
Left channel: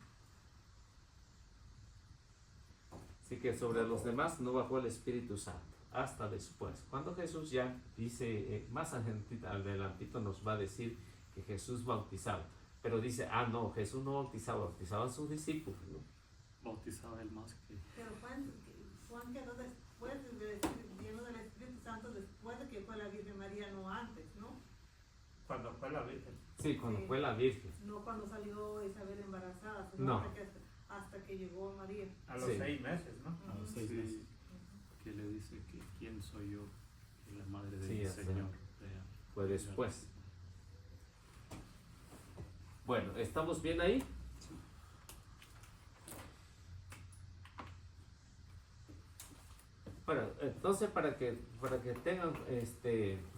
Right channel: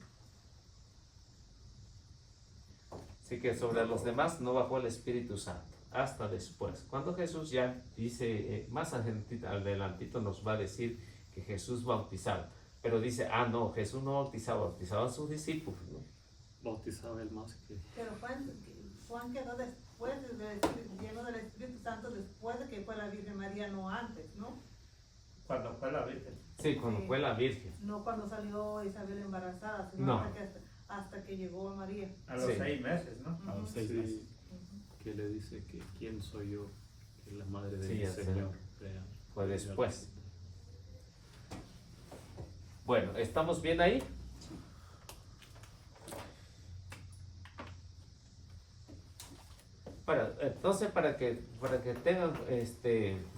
Así que sobre los demás no bajó el Espíritu Santo hasta después, cuando Jesús ya dice, más adelantito nos va a decir que Jesús bautizaba, pero dice, no, Jesús no bautizaba a sus discípulos, ¿no? Bautizaba él más que... Pero Juan quedó después lleno del Espíritu Santo después de que fue la Virgen María, no antes, ¿no? cuando fue la Virgen. Sí, cuando Sí. fue la Virgen. No cuando salió Isabel embarazada, sino No. hasta que llegó María. A los Sí. 6 meses, ¿no? A los 6 Sí, meses. que le dice que quién soy yo, que es la madre de Sí, mi ya sé. Señor. Fue después. Bueno, ¿estamos bien ahí? Entonces, para que tengan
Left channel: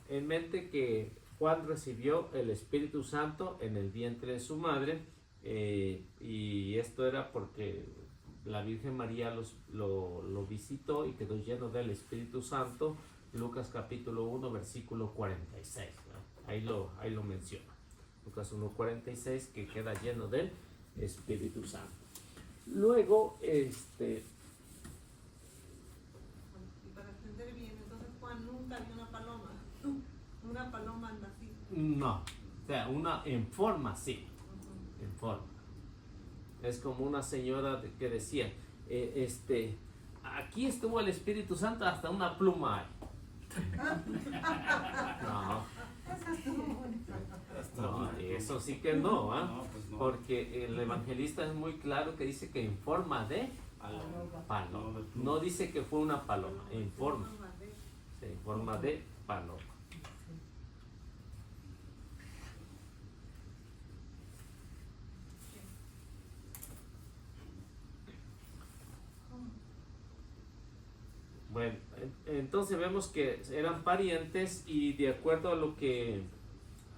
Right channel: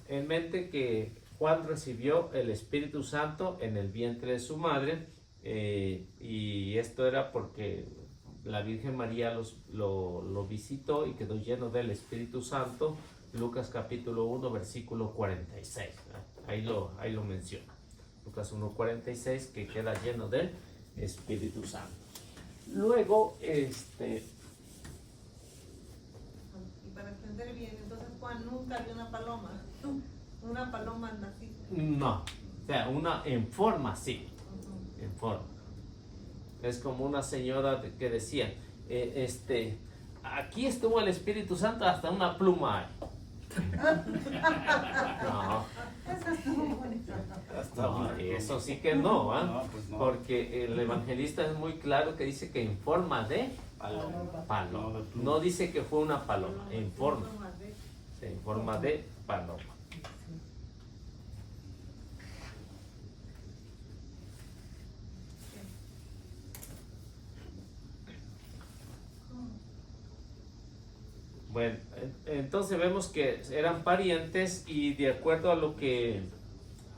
en mente que Juan recibió el Espíritu Santo en el vientre de su madre, y esto era porque la Virgen María lo visitó y quedó lleno del Espíritu Santo. Lucas capítulo 1 versículo 46, ¿no? ahí lo menciona. Lucas 1:46, que queda lleno del Espíritu Santo. Luego, Y para entender bien, entonces Juan nunca vio una paloma. Una paloma así. no, o sea, una en forma, sí, en forma. Es como una señora que decía, aquí estuvo el Espíritu Santo, hasta una pluma hay. No, no, eso sí que no, ¿ah? No, pues no. Porque el evangelista es muy claro que dice que en forma de paloma. No, de pluma. No dice que fue una paloma, en forma de- de paloma. entonces vemos que eran parientes y de acuerdo a lo que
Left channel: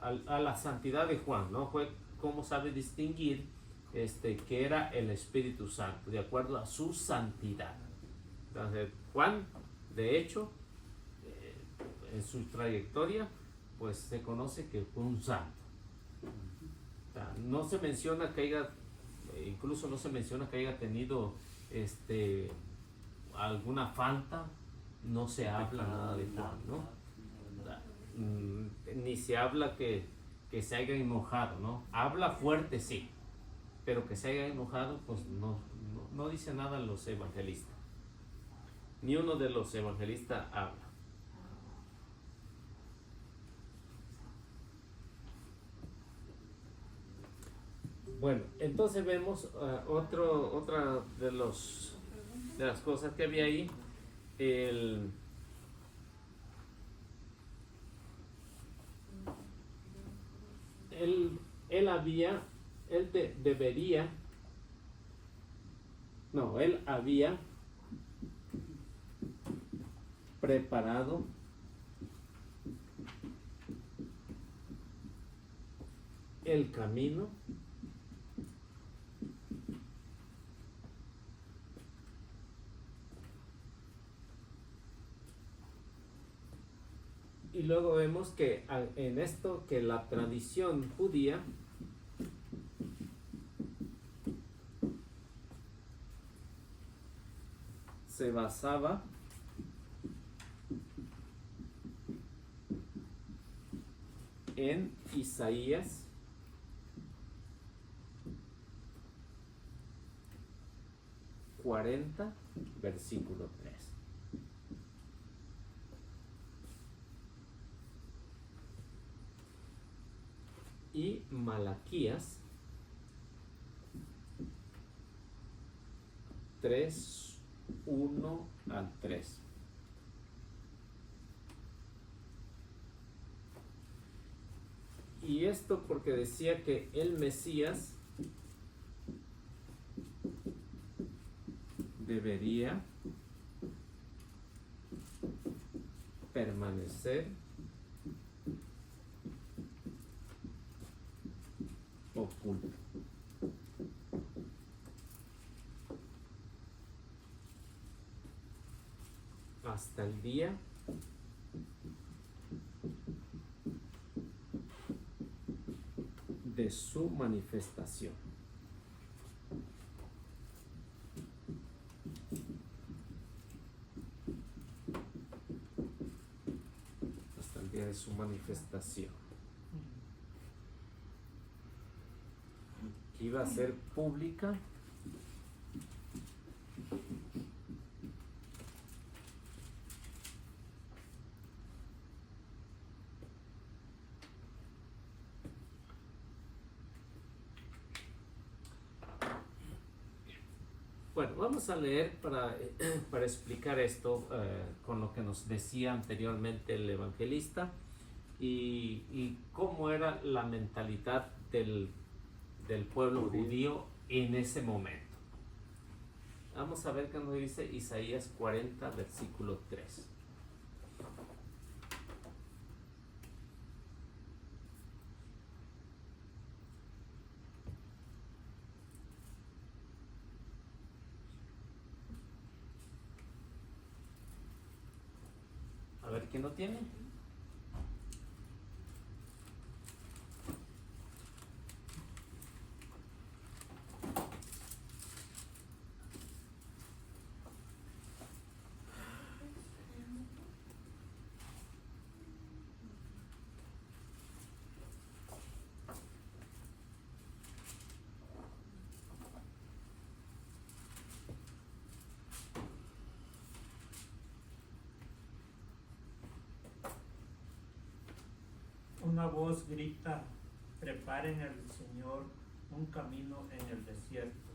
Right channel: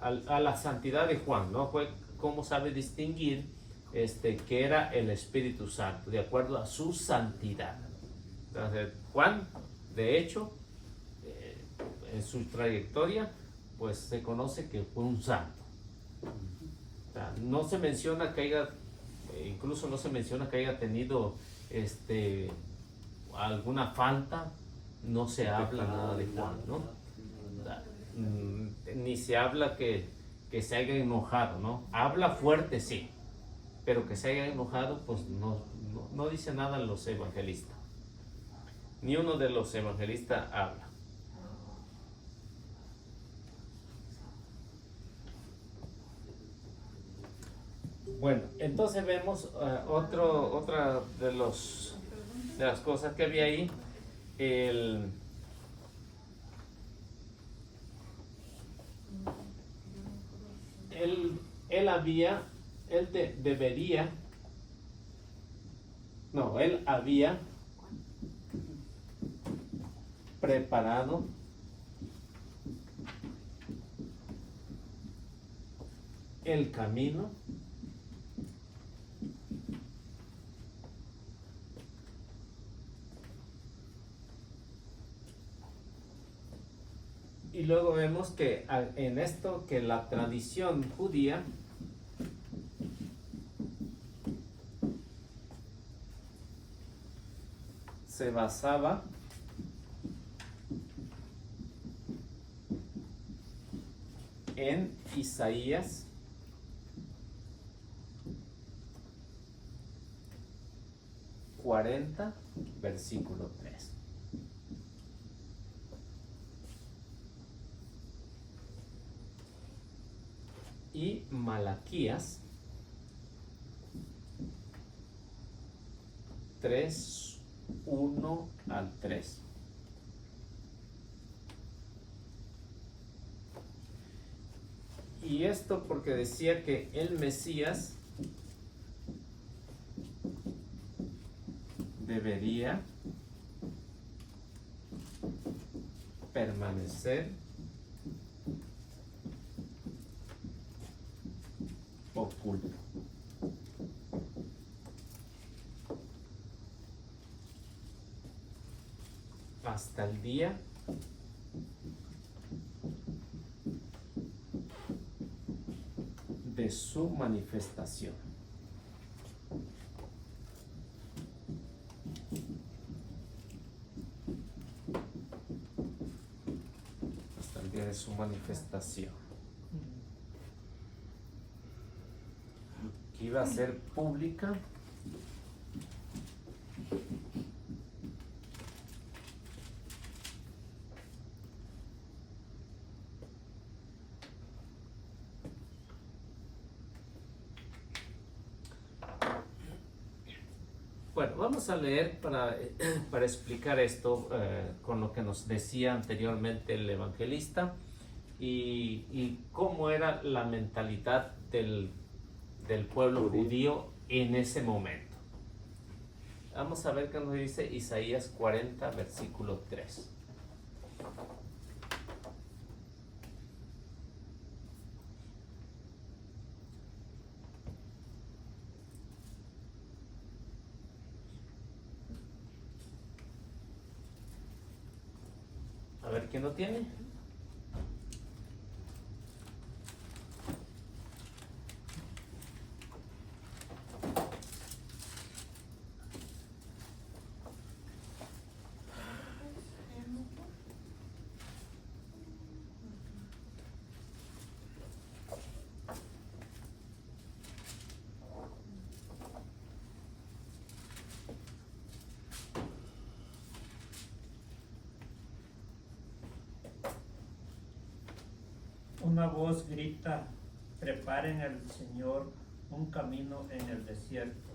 a la santidad de Juan, ¿no? Fue cómo sabe distinguir que era el Espíritu Santo, de acuerdo a su santidad. Entonces, Juan, de hecho, en su trayectoria, pues se conoce que fue un santo. O sea, no se menciona que haya, incluso no se menciona que haya tenido alguna falta, no se habla nada de Juan, ¿no? O sea, ni se habla que se haya enojado, ¿no? Habla fuerte, sí, pero que se haya enojado, pues no dice nada los evangelistas. Ni uno de los evangelistas habla. Bueno, entonces vemos otra de las cosas que había ahí. Él había preparado el camino y luego vemos que en esto que la tradición judía se basaba en Isaías 40, versículo 3. Y Malaquías 3, 1 al 3. Y esto porque decía que el Mesías debería permanecer oculto. Hasta el día de su manifestación. Hasta el día de su manifestación. Que iba a ser pública. Bueno, vamos a leer para explicar esto con lo que nos decía anteriormente el evangelista y cómo era la mentalidad del pueblo judío en ese momento. Vamos a ver qué nos dice Isaías 40, versículo 3. A ver quién lo tiene. Una voz grita: preparen al Señor un camino en el desierto,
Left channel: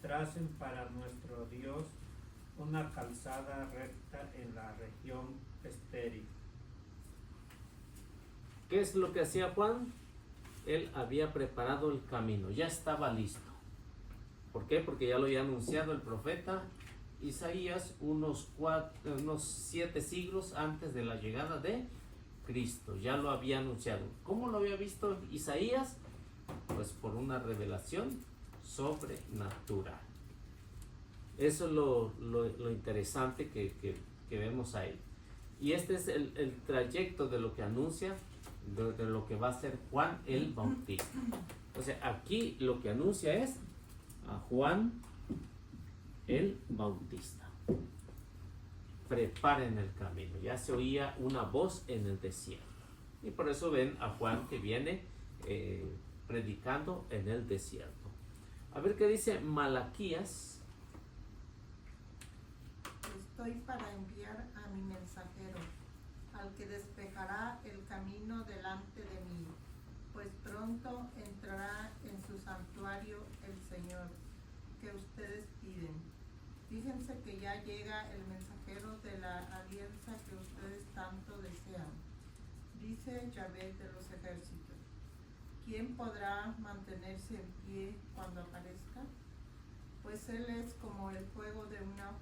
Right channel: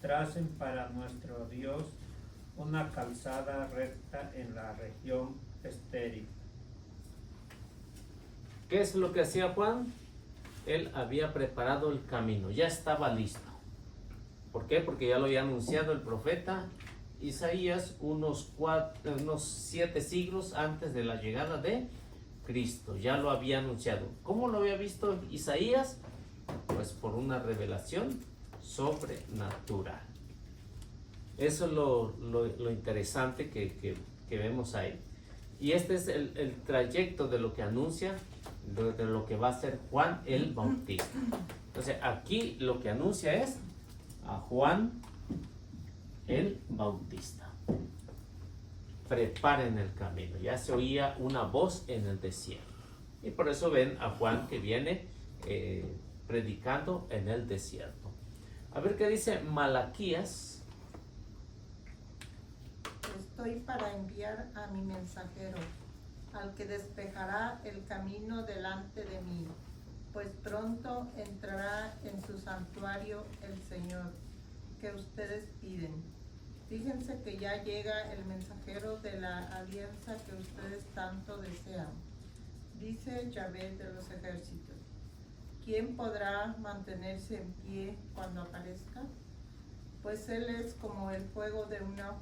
tracen para nuestro Dios una calzada recta en la región estéril. ¿Qué es lo que hacía Juan? Él había preparado el camino, ya estaba listo. ¿Por qué? Porque ya lo había anunciado el profeta Isaías unos 7 siglos antes de la llegada de Cristo. Ya lo había anunciado. ¿Cómo lo había visto Isaías? Pues por una revelación sobrenatural. Eso es lo interesante que vemos ahí. Y este es el trayecto de lo que anuncia, de lo que va a ser Juan el Bautista. Entonces aquí lo que anuncia es a Juan el Bautista. Preparen el camino. Ya se oía una voz en el desierto. Y por eso ven a Juan que viene predicando en el desierto. A ver qué dice Malaquías. Estoy para enviar a mi mensajero, al que despejará el camino delante de mí, pues pronto entrará en su santuario el Señor, que ustedes piden. Fíjense que ya llega el mensajero de la alianza que ustedes tanto desean, dice Yahvé de los ejércitos. ¿Quién podrá mantenerse en pie cuando aparezca? Pues él es como el fuego de una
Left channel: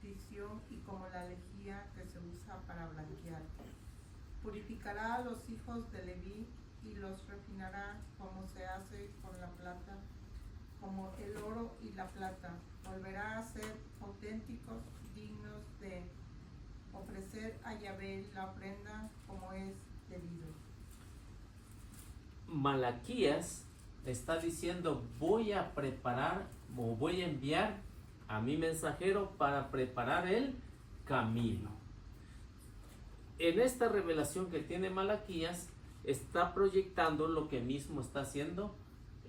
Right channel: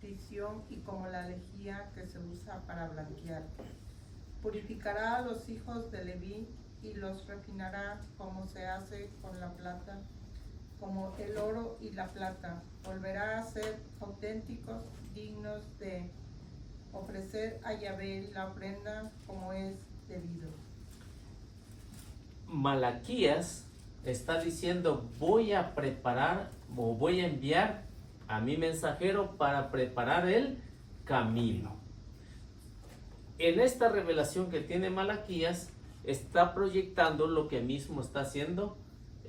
fundición y como la lejía que se usa para blanquear. Purificará a los hijos de Leví y los refinará como se hace con la plata, como el oro y la plata. Volverá a ser auténticos, dignos de ofrecer a Yahvé la ofrenda como es debido. Malaquías está diciendo: voy a preparar o voy a enviar a mi mensajero para preparar el camino. En esta revelación que tiene Malaquías está proyectando lo que mismo está haciendo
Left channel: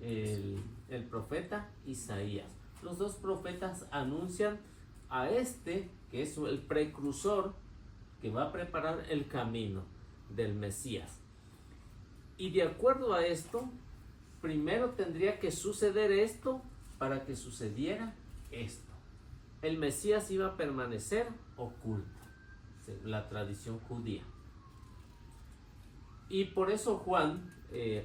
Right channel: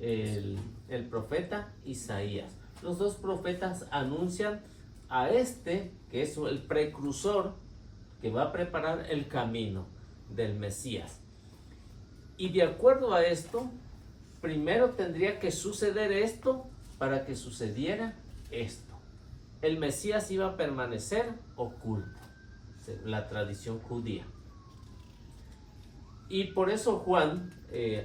el profeta Isaías. Los dos profetas anuncian a este que es el precursor que va a preparar el camino del Mesías. Y de acuerdo a esto, primero tendría que suceder esto para que sucediera esto. El Mesías iba a permanecer oculto, según la tradición judía. Y por eso Juan,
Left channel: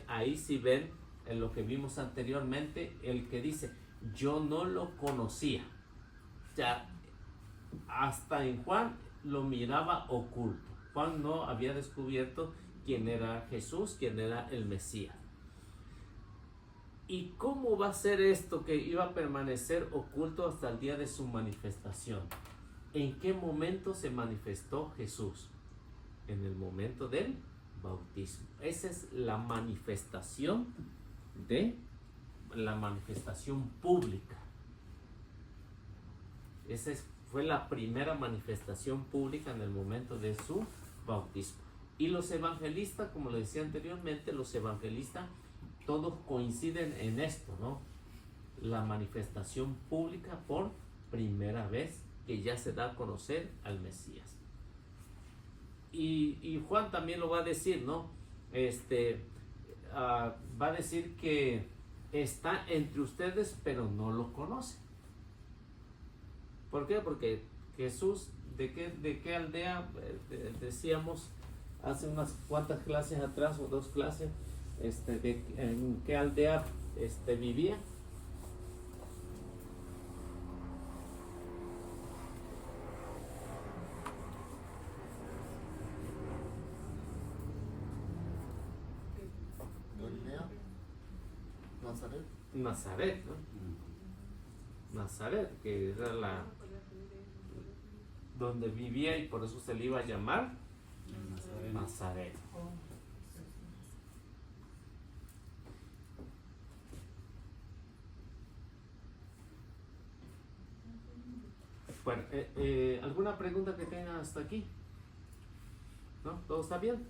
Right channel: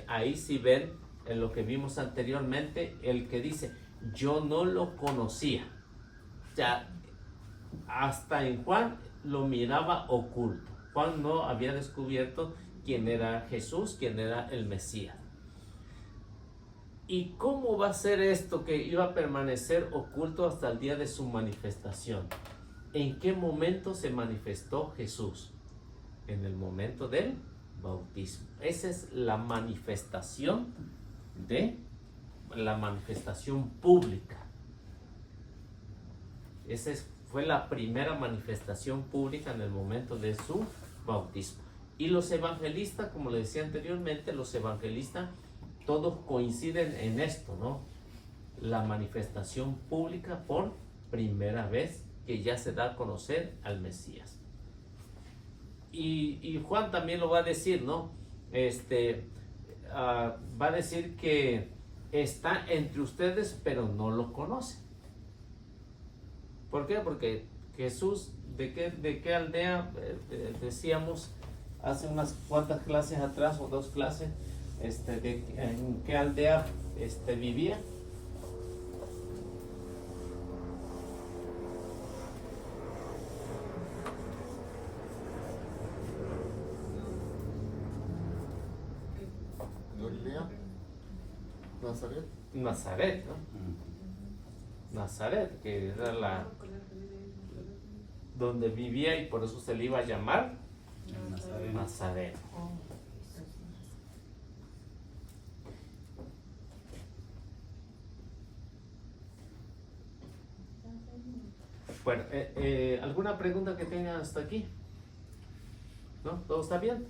ahí sí ven en lo que vimos anteriormente, el que dice: yo no lo conocía. O sea, hasta en Juan lo miraba oculto. Juan no había descubierto quién era Jesús, quién era el Mesías. ¿Y cómo va a ser esto que iba a permanecer oculto hasta el día de su manifestación? ¿En qué momento se manifestó Jesús? En el momento del bautismo. Esa es la manifestación pública. Esa fue la primera manifestación pública en el momento de su bautismo. Y los evangelistas, como les decía anteriormente, los evangelistas todos coinciden en esto, ¿no? La manifestación pública por primera vez que ya se da a conocer al Mesías. Y Juan también lo va a decir, ¿no? Va a decir que está entre ustedes, pero no lo conocen. ¿Por qué? Porque Jesús, ¿de qué aldea decíamos hace unas cuantas clases atrás o 2 clases? ¿En qué aldea vivía? Galilea, Nazaret. Nazaret, ¿no? Nazaret, que era donde vivía, y por eso se le iba a llamar Nazaret. Bueno, ¿alguna pregunta que tengan hasta aquí? ¿No? ¿Todo está bien?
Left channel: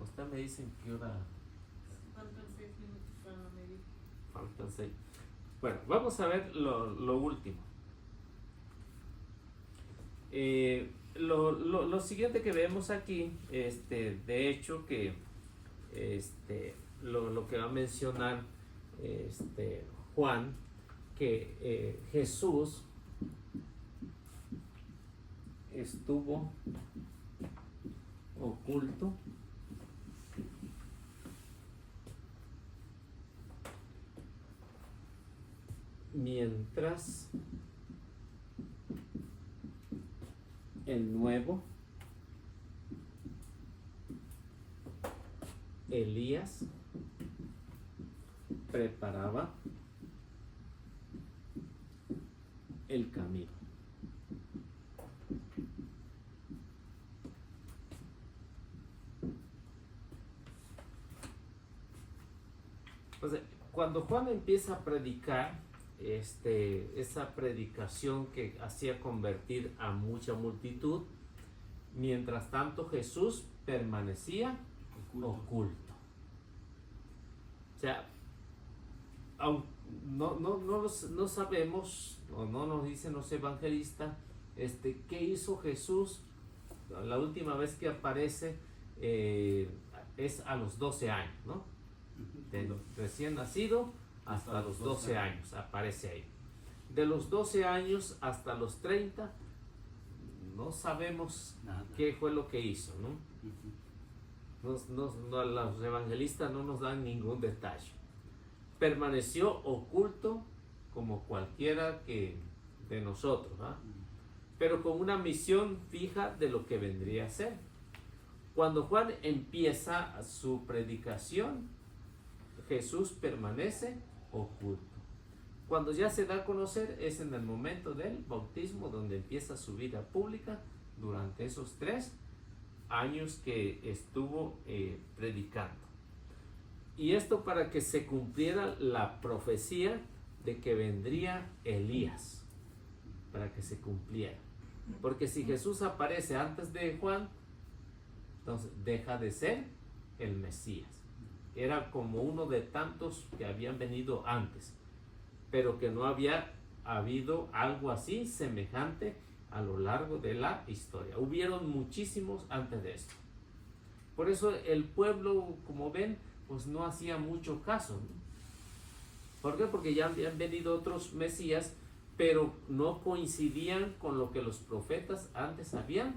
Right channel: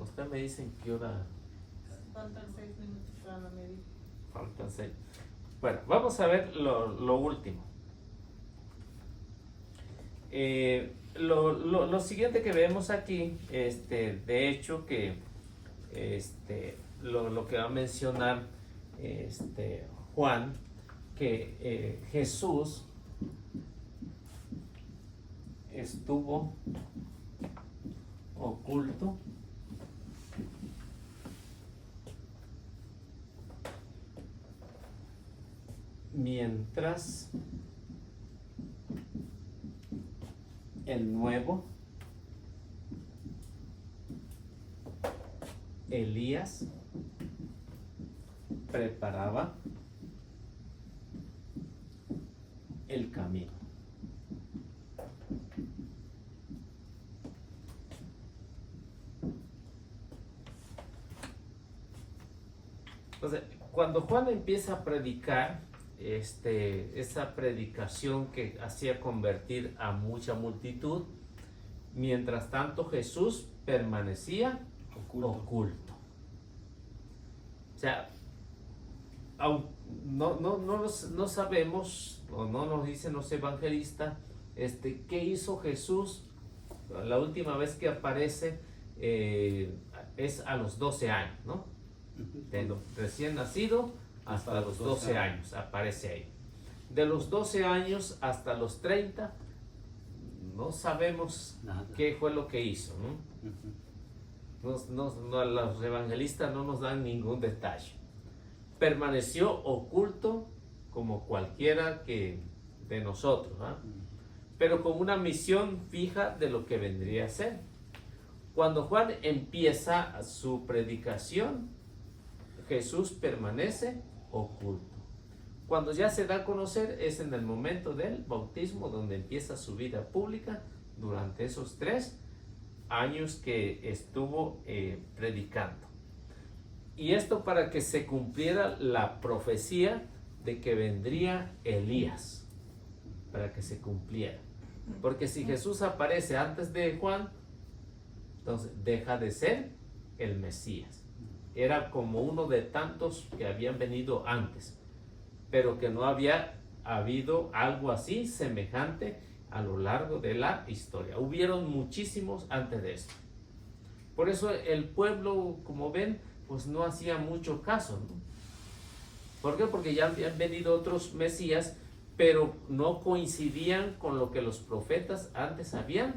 Usted me dice en qué hora. Faltan 6 minutos para la media. Faltan 6. Bueno, vamos a ver lo último. Lo siguiente que vemos aquí, de hecho, que lo que va a mencionar Juan, que Jesús estuvo oculto mientras el nuevo Elías preparaba el camino. Entonces, cuando Juan empieza a predicar, esa predicación que hacía convertir a mucha multitud, mientras tanto Jesús permanecía oculto. O sea, no sabemos, o no nos dicen los evangelistas, qué hizo Jesús. La última vez que aparece es a los 12 años, ¿no? De recién nacido hasta los 12 años aparece ahí. De los 12 años hasta los 30 no sabemos Nada. qué fue lo que hizo, ¿no? Los evangelistas no nos dan ningún detalle. Permaneció oculto como cualquiera de nosotros, ¿ah? Pero con una misión fija de lo que vendría a ser. Cuando Juan empieza su predicación, Jesús permanece oculto. Cuando ya se da a conocer es en el momento del bautismo, donde empieza su vida pública durante esos 3 años que estuvo predicando. Y esto para que se cumpliera la profecía de que vendría Elías, para que se cumpliera. Porque si Jesús aparece antes de Juan, entonces deja de ser el Mesías. Era como uno de tantos que habían venido antes, pero que no había habido algo así semejante a lo largo de la historia. Hubieron muchísimos antes de eso. Por eso el pueblo, como ven, pues no hacía mucho caso, ¿no? ¿Por qué? Porque ya habían venido otros Mesías, pero no coincidían con lo que los profetas antes habían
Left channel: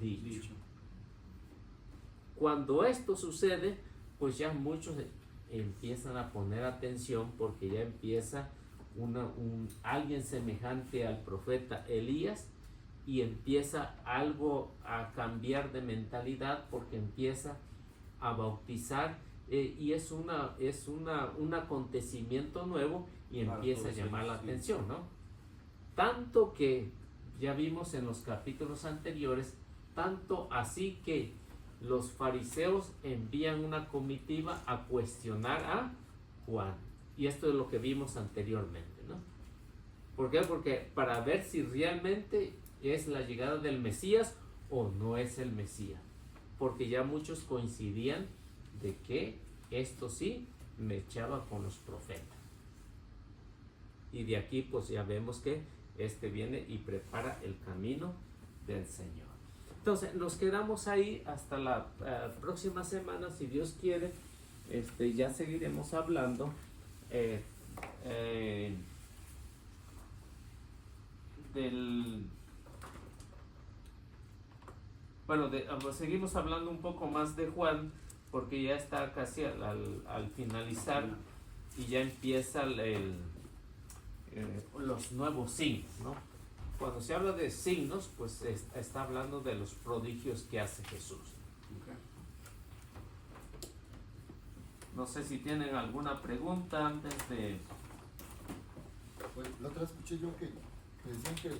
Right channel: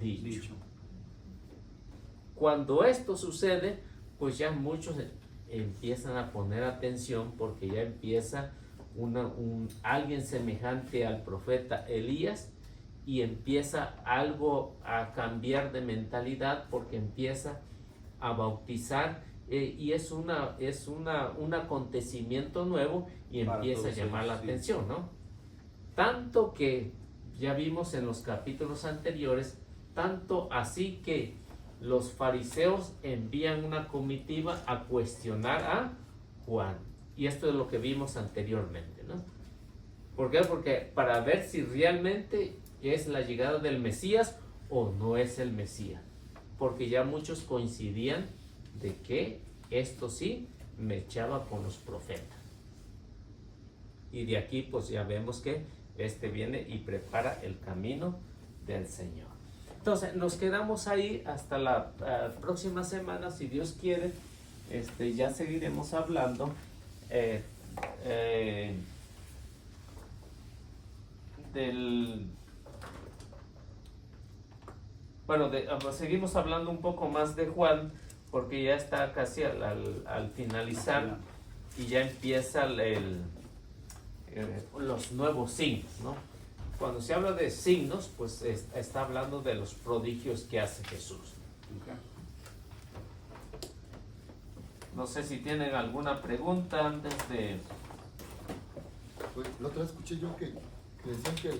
dicho. Cuando esto sucede, pues ya muchos empiezan a poner atención, porque ya empieza alguien semejante al profeta Elías, y empieza algo a cambiar de mentalidad, porque empieza a bautizar, y es un acontecimiento nuevo, y empieza a llamar la atención, ¿no? Tanto que ya vimos en los capítulos anteriores, tanto así que los fariseos envían una comitiva a cuestionar a Juan. Y esto es lo que vimos anteriormente, ¿no? ¿Por qué? Porque para ver si realmente es la llegada del Mesías o no es el Mesías. Porque ya muchos coincidían de que esto sí me echaba con los profetas. Y de aquí pues ya vemos que viene y prepara el camino del Señor. Entonces nos quedamos ahí hasta la próxima semana, si Dios quiere. Ya seguiremos hablando seguimos hablando un poco más de Juan, porque ya está casi al finalizar, y ya empieza los nuevos signos, ¿no? Cuando se habla de signos, pues está hablando de los prodigios que hace Jesús. Okay. No sé si tienen alguna pregunta antes de... Pues la otra vez escuché yo que decían que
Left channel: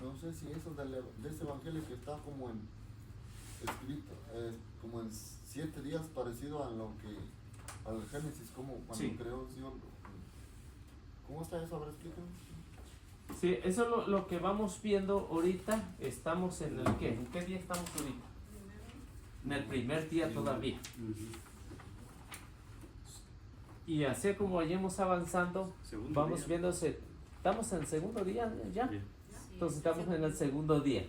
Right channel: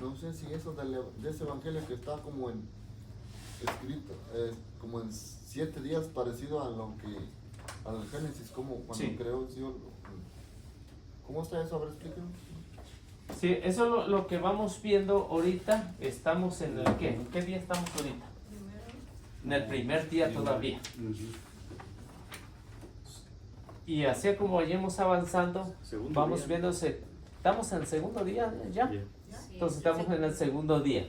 no sé si eso de ese evangelio que está como escrito, como en 7 días, parecido al Génesis, como cuando Sí. creó el Señor. ¿Cómo está eso? A ver, explícanos. Sí, eso es lo que vamos viendo ahorita. Estamos en el ¿qué? ¿En qué día estamos ahorita? En el primer día todavía. Y así como vayamos avanzando, Segundo vamos día. viéndose. ¿Estamos en el segundo día ya? Yeah. Entonces estamos en el segundo día,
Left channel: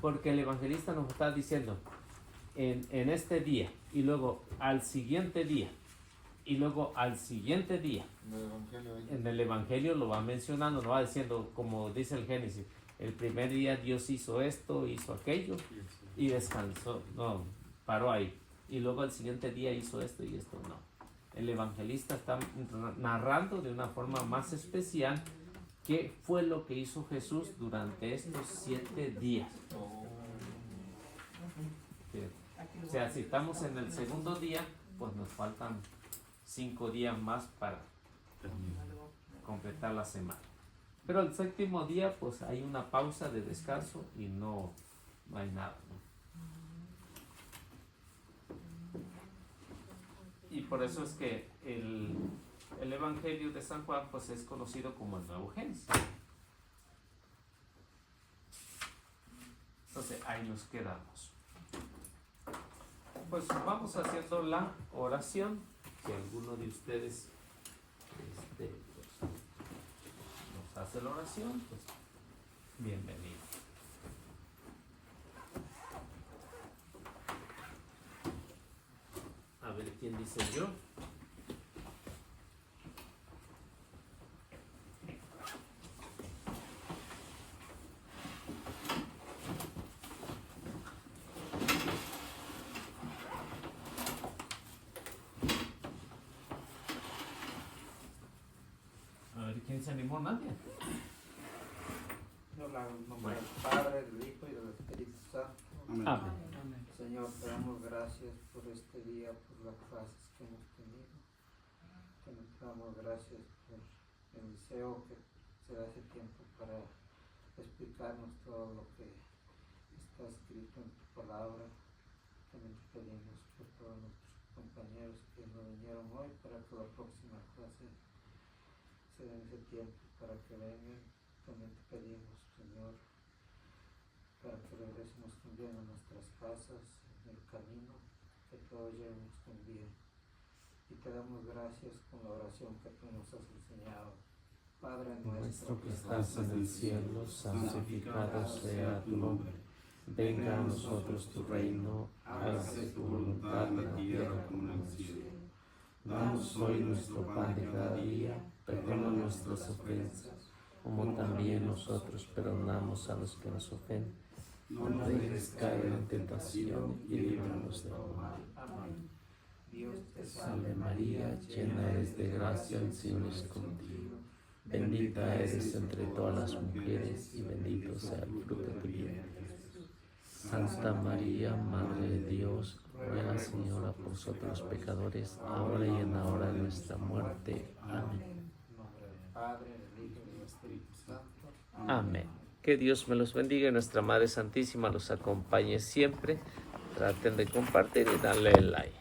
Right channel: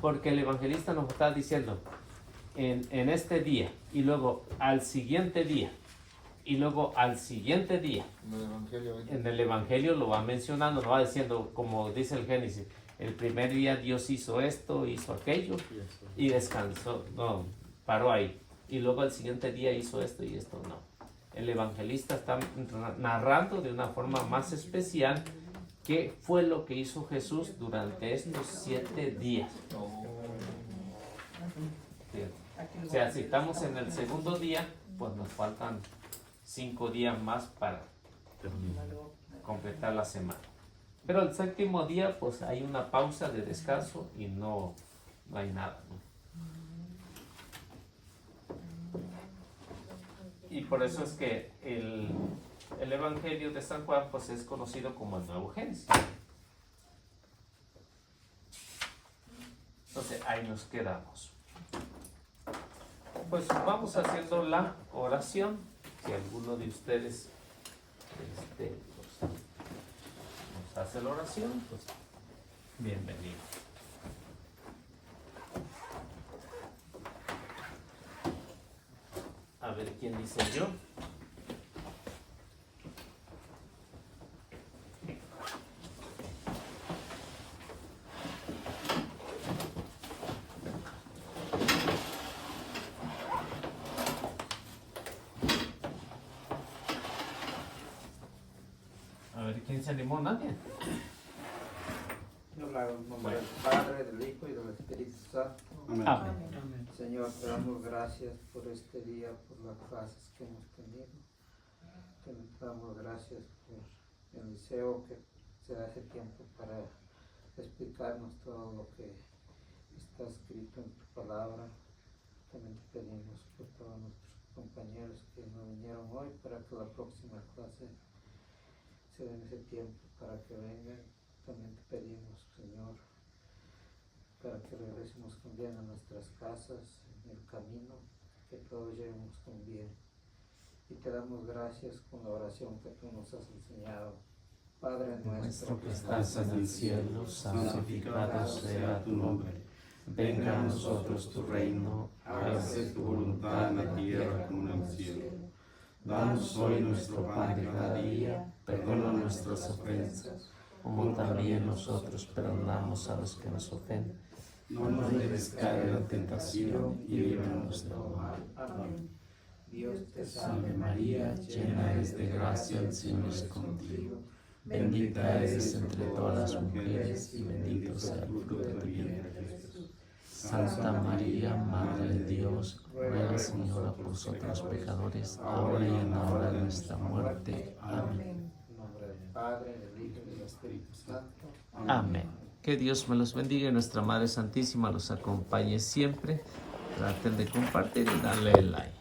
porque el evangelista nos está diciendo en este día, y luego al siguiente día, y luego al siguiente día. En el evangelio. En el evangelio lo va mencionando, no va diciendo, como dice el Génesis, el primer día Dios hizo esto, hizo aquello, y descansó, no, paró ahí. Y luego al siguiente día hizo esto y esto, no. El evangelista está narrando de una forma más especial ¿Qué fue lo que hizo Jesús durante estos 7 días? O sea, si estamos en el segundo día, pues nos faltan 5 días más para completar la semana. Pero el séptimo día, pues hay una pausa de descanso y no hay nada, ¿no? Y por eso es que el Evangelio de San Juan pues es conocido como el Nuevo Génesis. Entonces ahí nos quedamos. Pues vamos haciendo la oración. Si alguno de ustedes pues, nos hace la oración, pues bienvenido. A ver quién dice yo. A ver quién se animó, nadie. Yo la hago en nombre del Padre, del Hijo y del Espíritu Santo. Amén. Amén. Señor, te damos gracias por este día, por las clases que hemos tenido. Te damos gracias por el deseo que se da ese tiempo para explicarnos todo lo que está escrito en tu palabra. También te pedimos por todos nuestros compañeros que no vinieron hoy para que la próxima clase se den ese tiempo para que vengan. También te pedimos, Señor, para que regresemos con bien a nuestras casas, en el camino, que todos lleguemos con bien. Y te damos gracias con la oración que tú nos has enseñado. Padre nuestro Que estás en el cielo, santificado sea tu nombre. Venga a nosotros tu reino, hágase tu voluntad en la tierra como en el cielo. Danos hoy nuestro pan de cada día, perdona nuestras ofensas, como también nosotros perdonamos a los que nos ofenden. No nos dejes caer en la tentación y líbranos de todo mal. Amén. Dios te Salve María, llena eres de gracia, el Señor es contigo. Bendita eres entre todas las mujeres y bendito es el fruto de tu vientre, Jesús. Santa María, Madre de Dios, ruega, Señora, por nosotros pecadores, ahora y en la hora de nuestra muerte. Amén. En nombre del Padre, del Hijo y del Espíritu Santo. Amén. Que Dios me los bendiga y nuestra Madre Santísima los acompañe siempre. Traten de compartir y darle el like.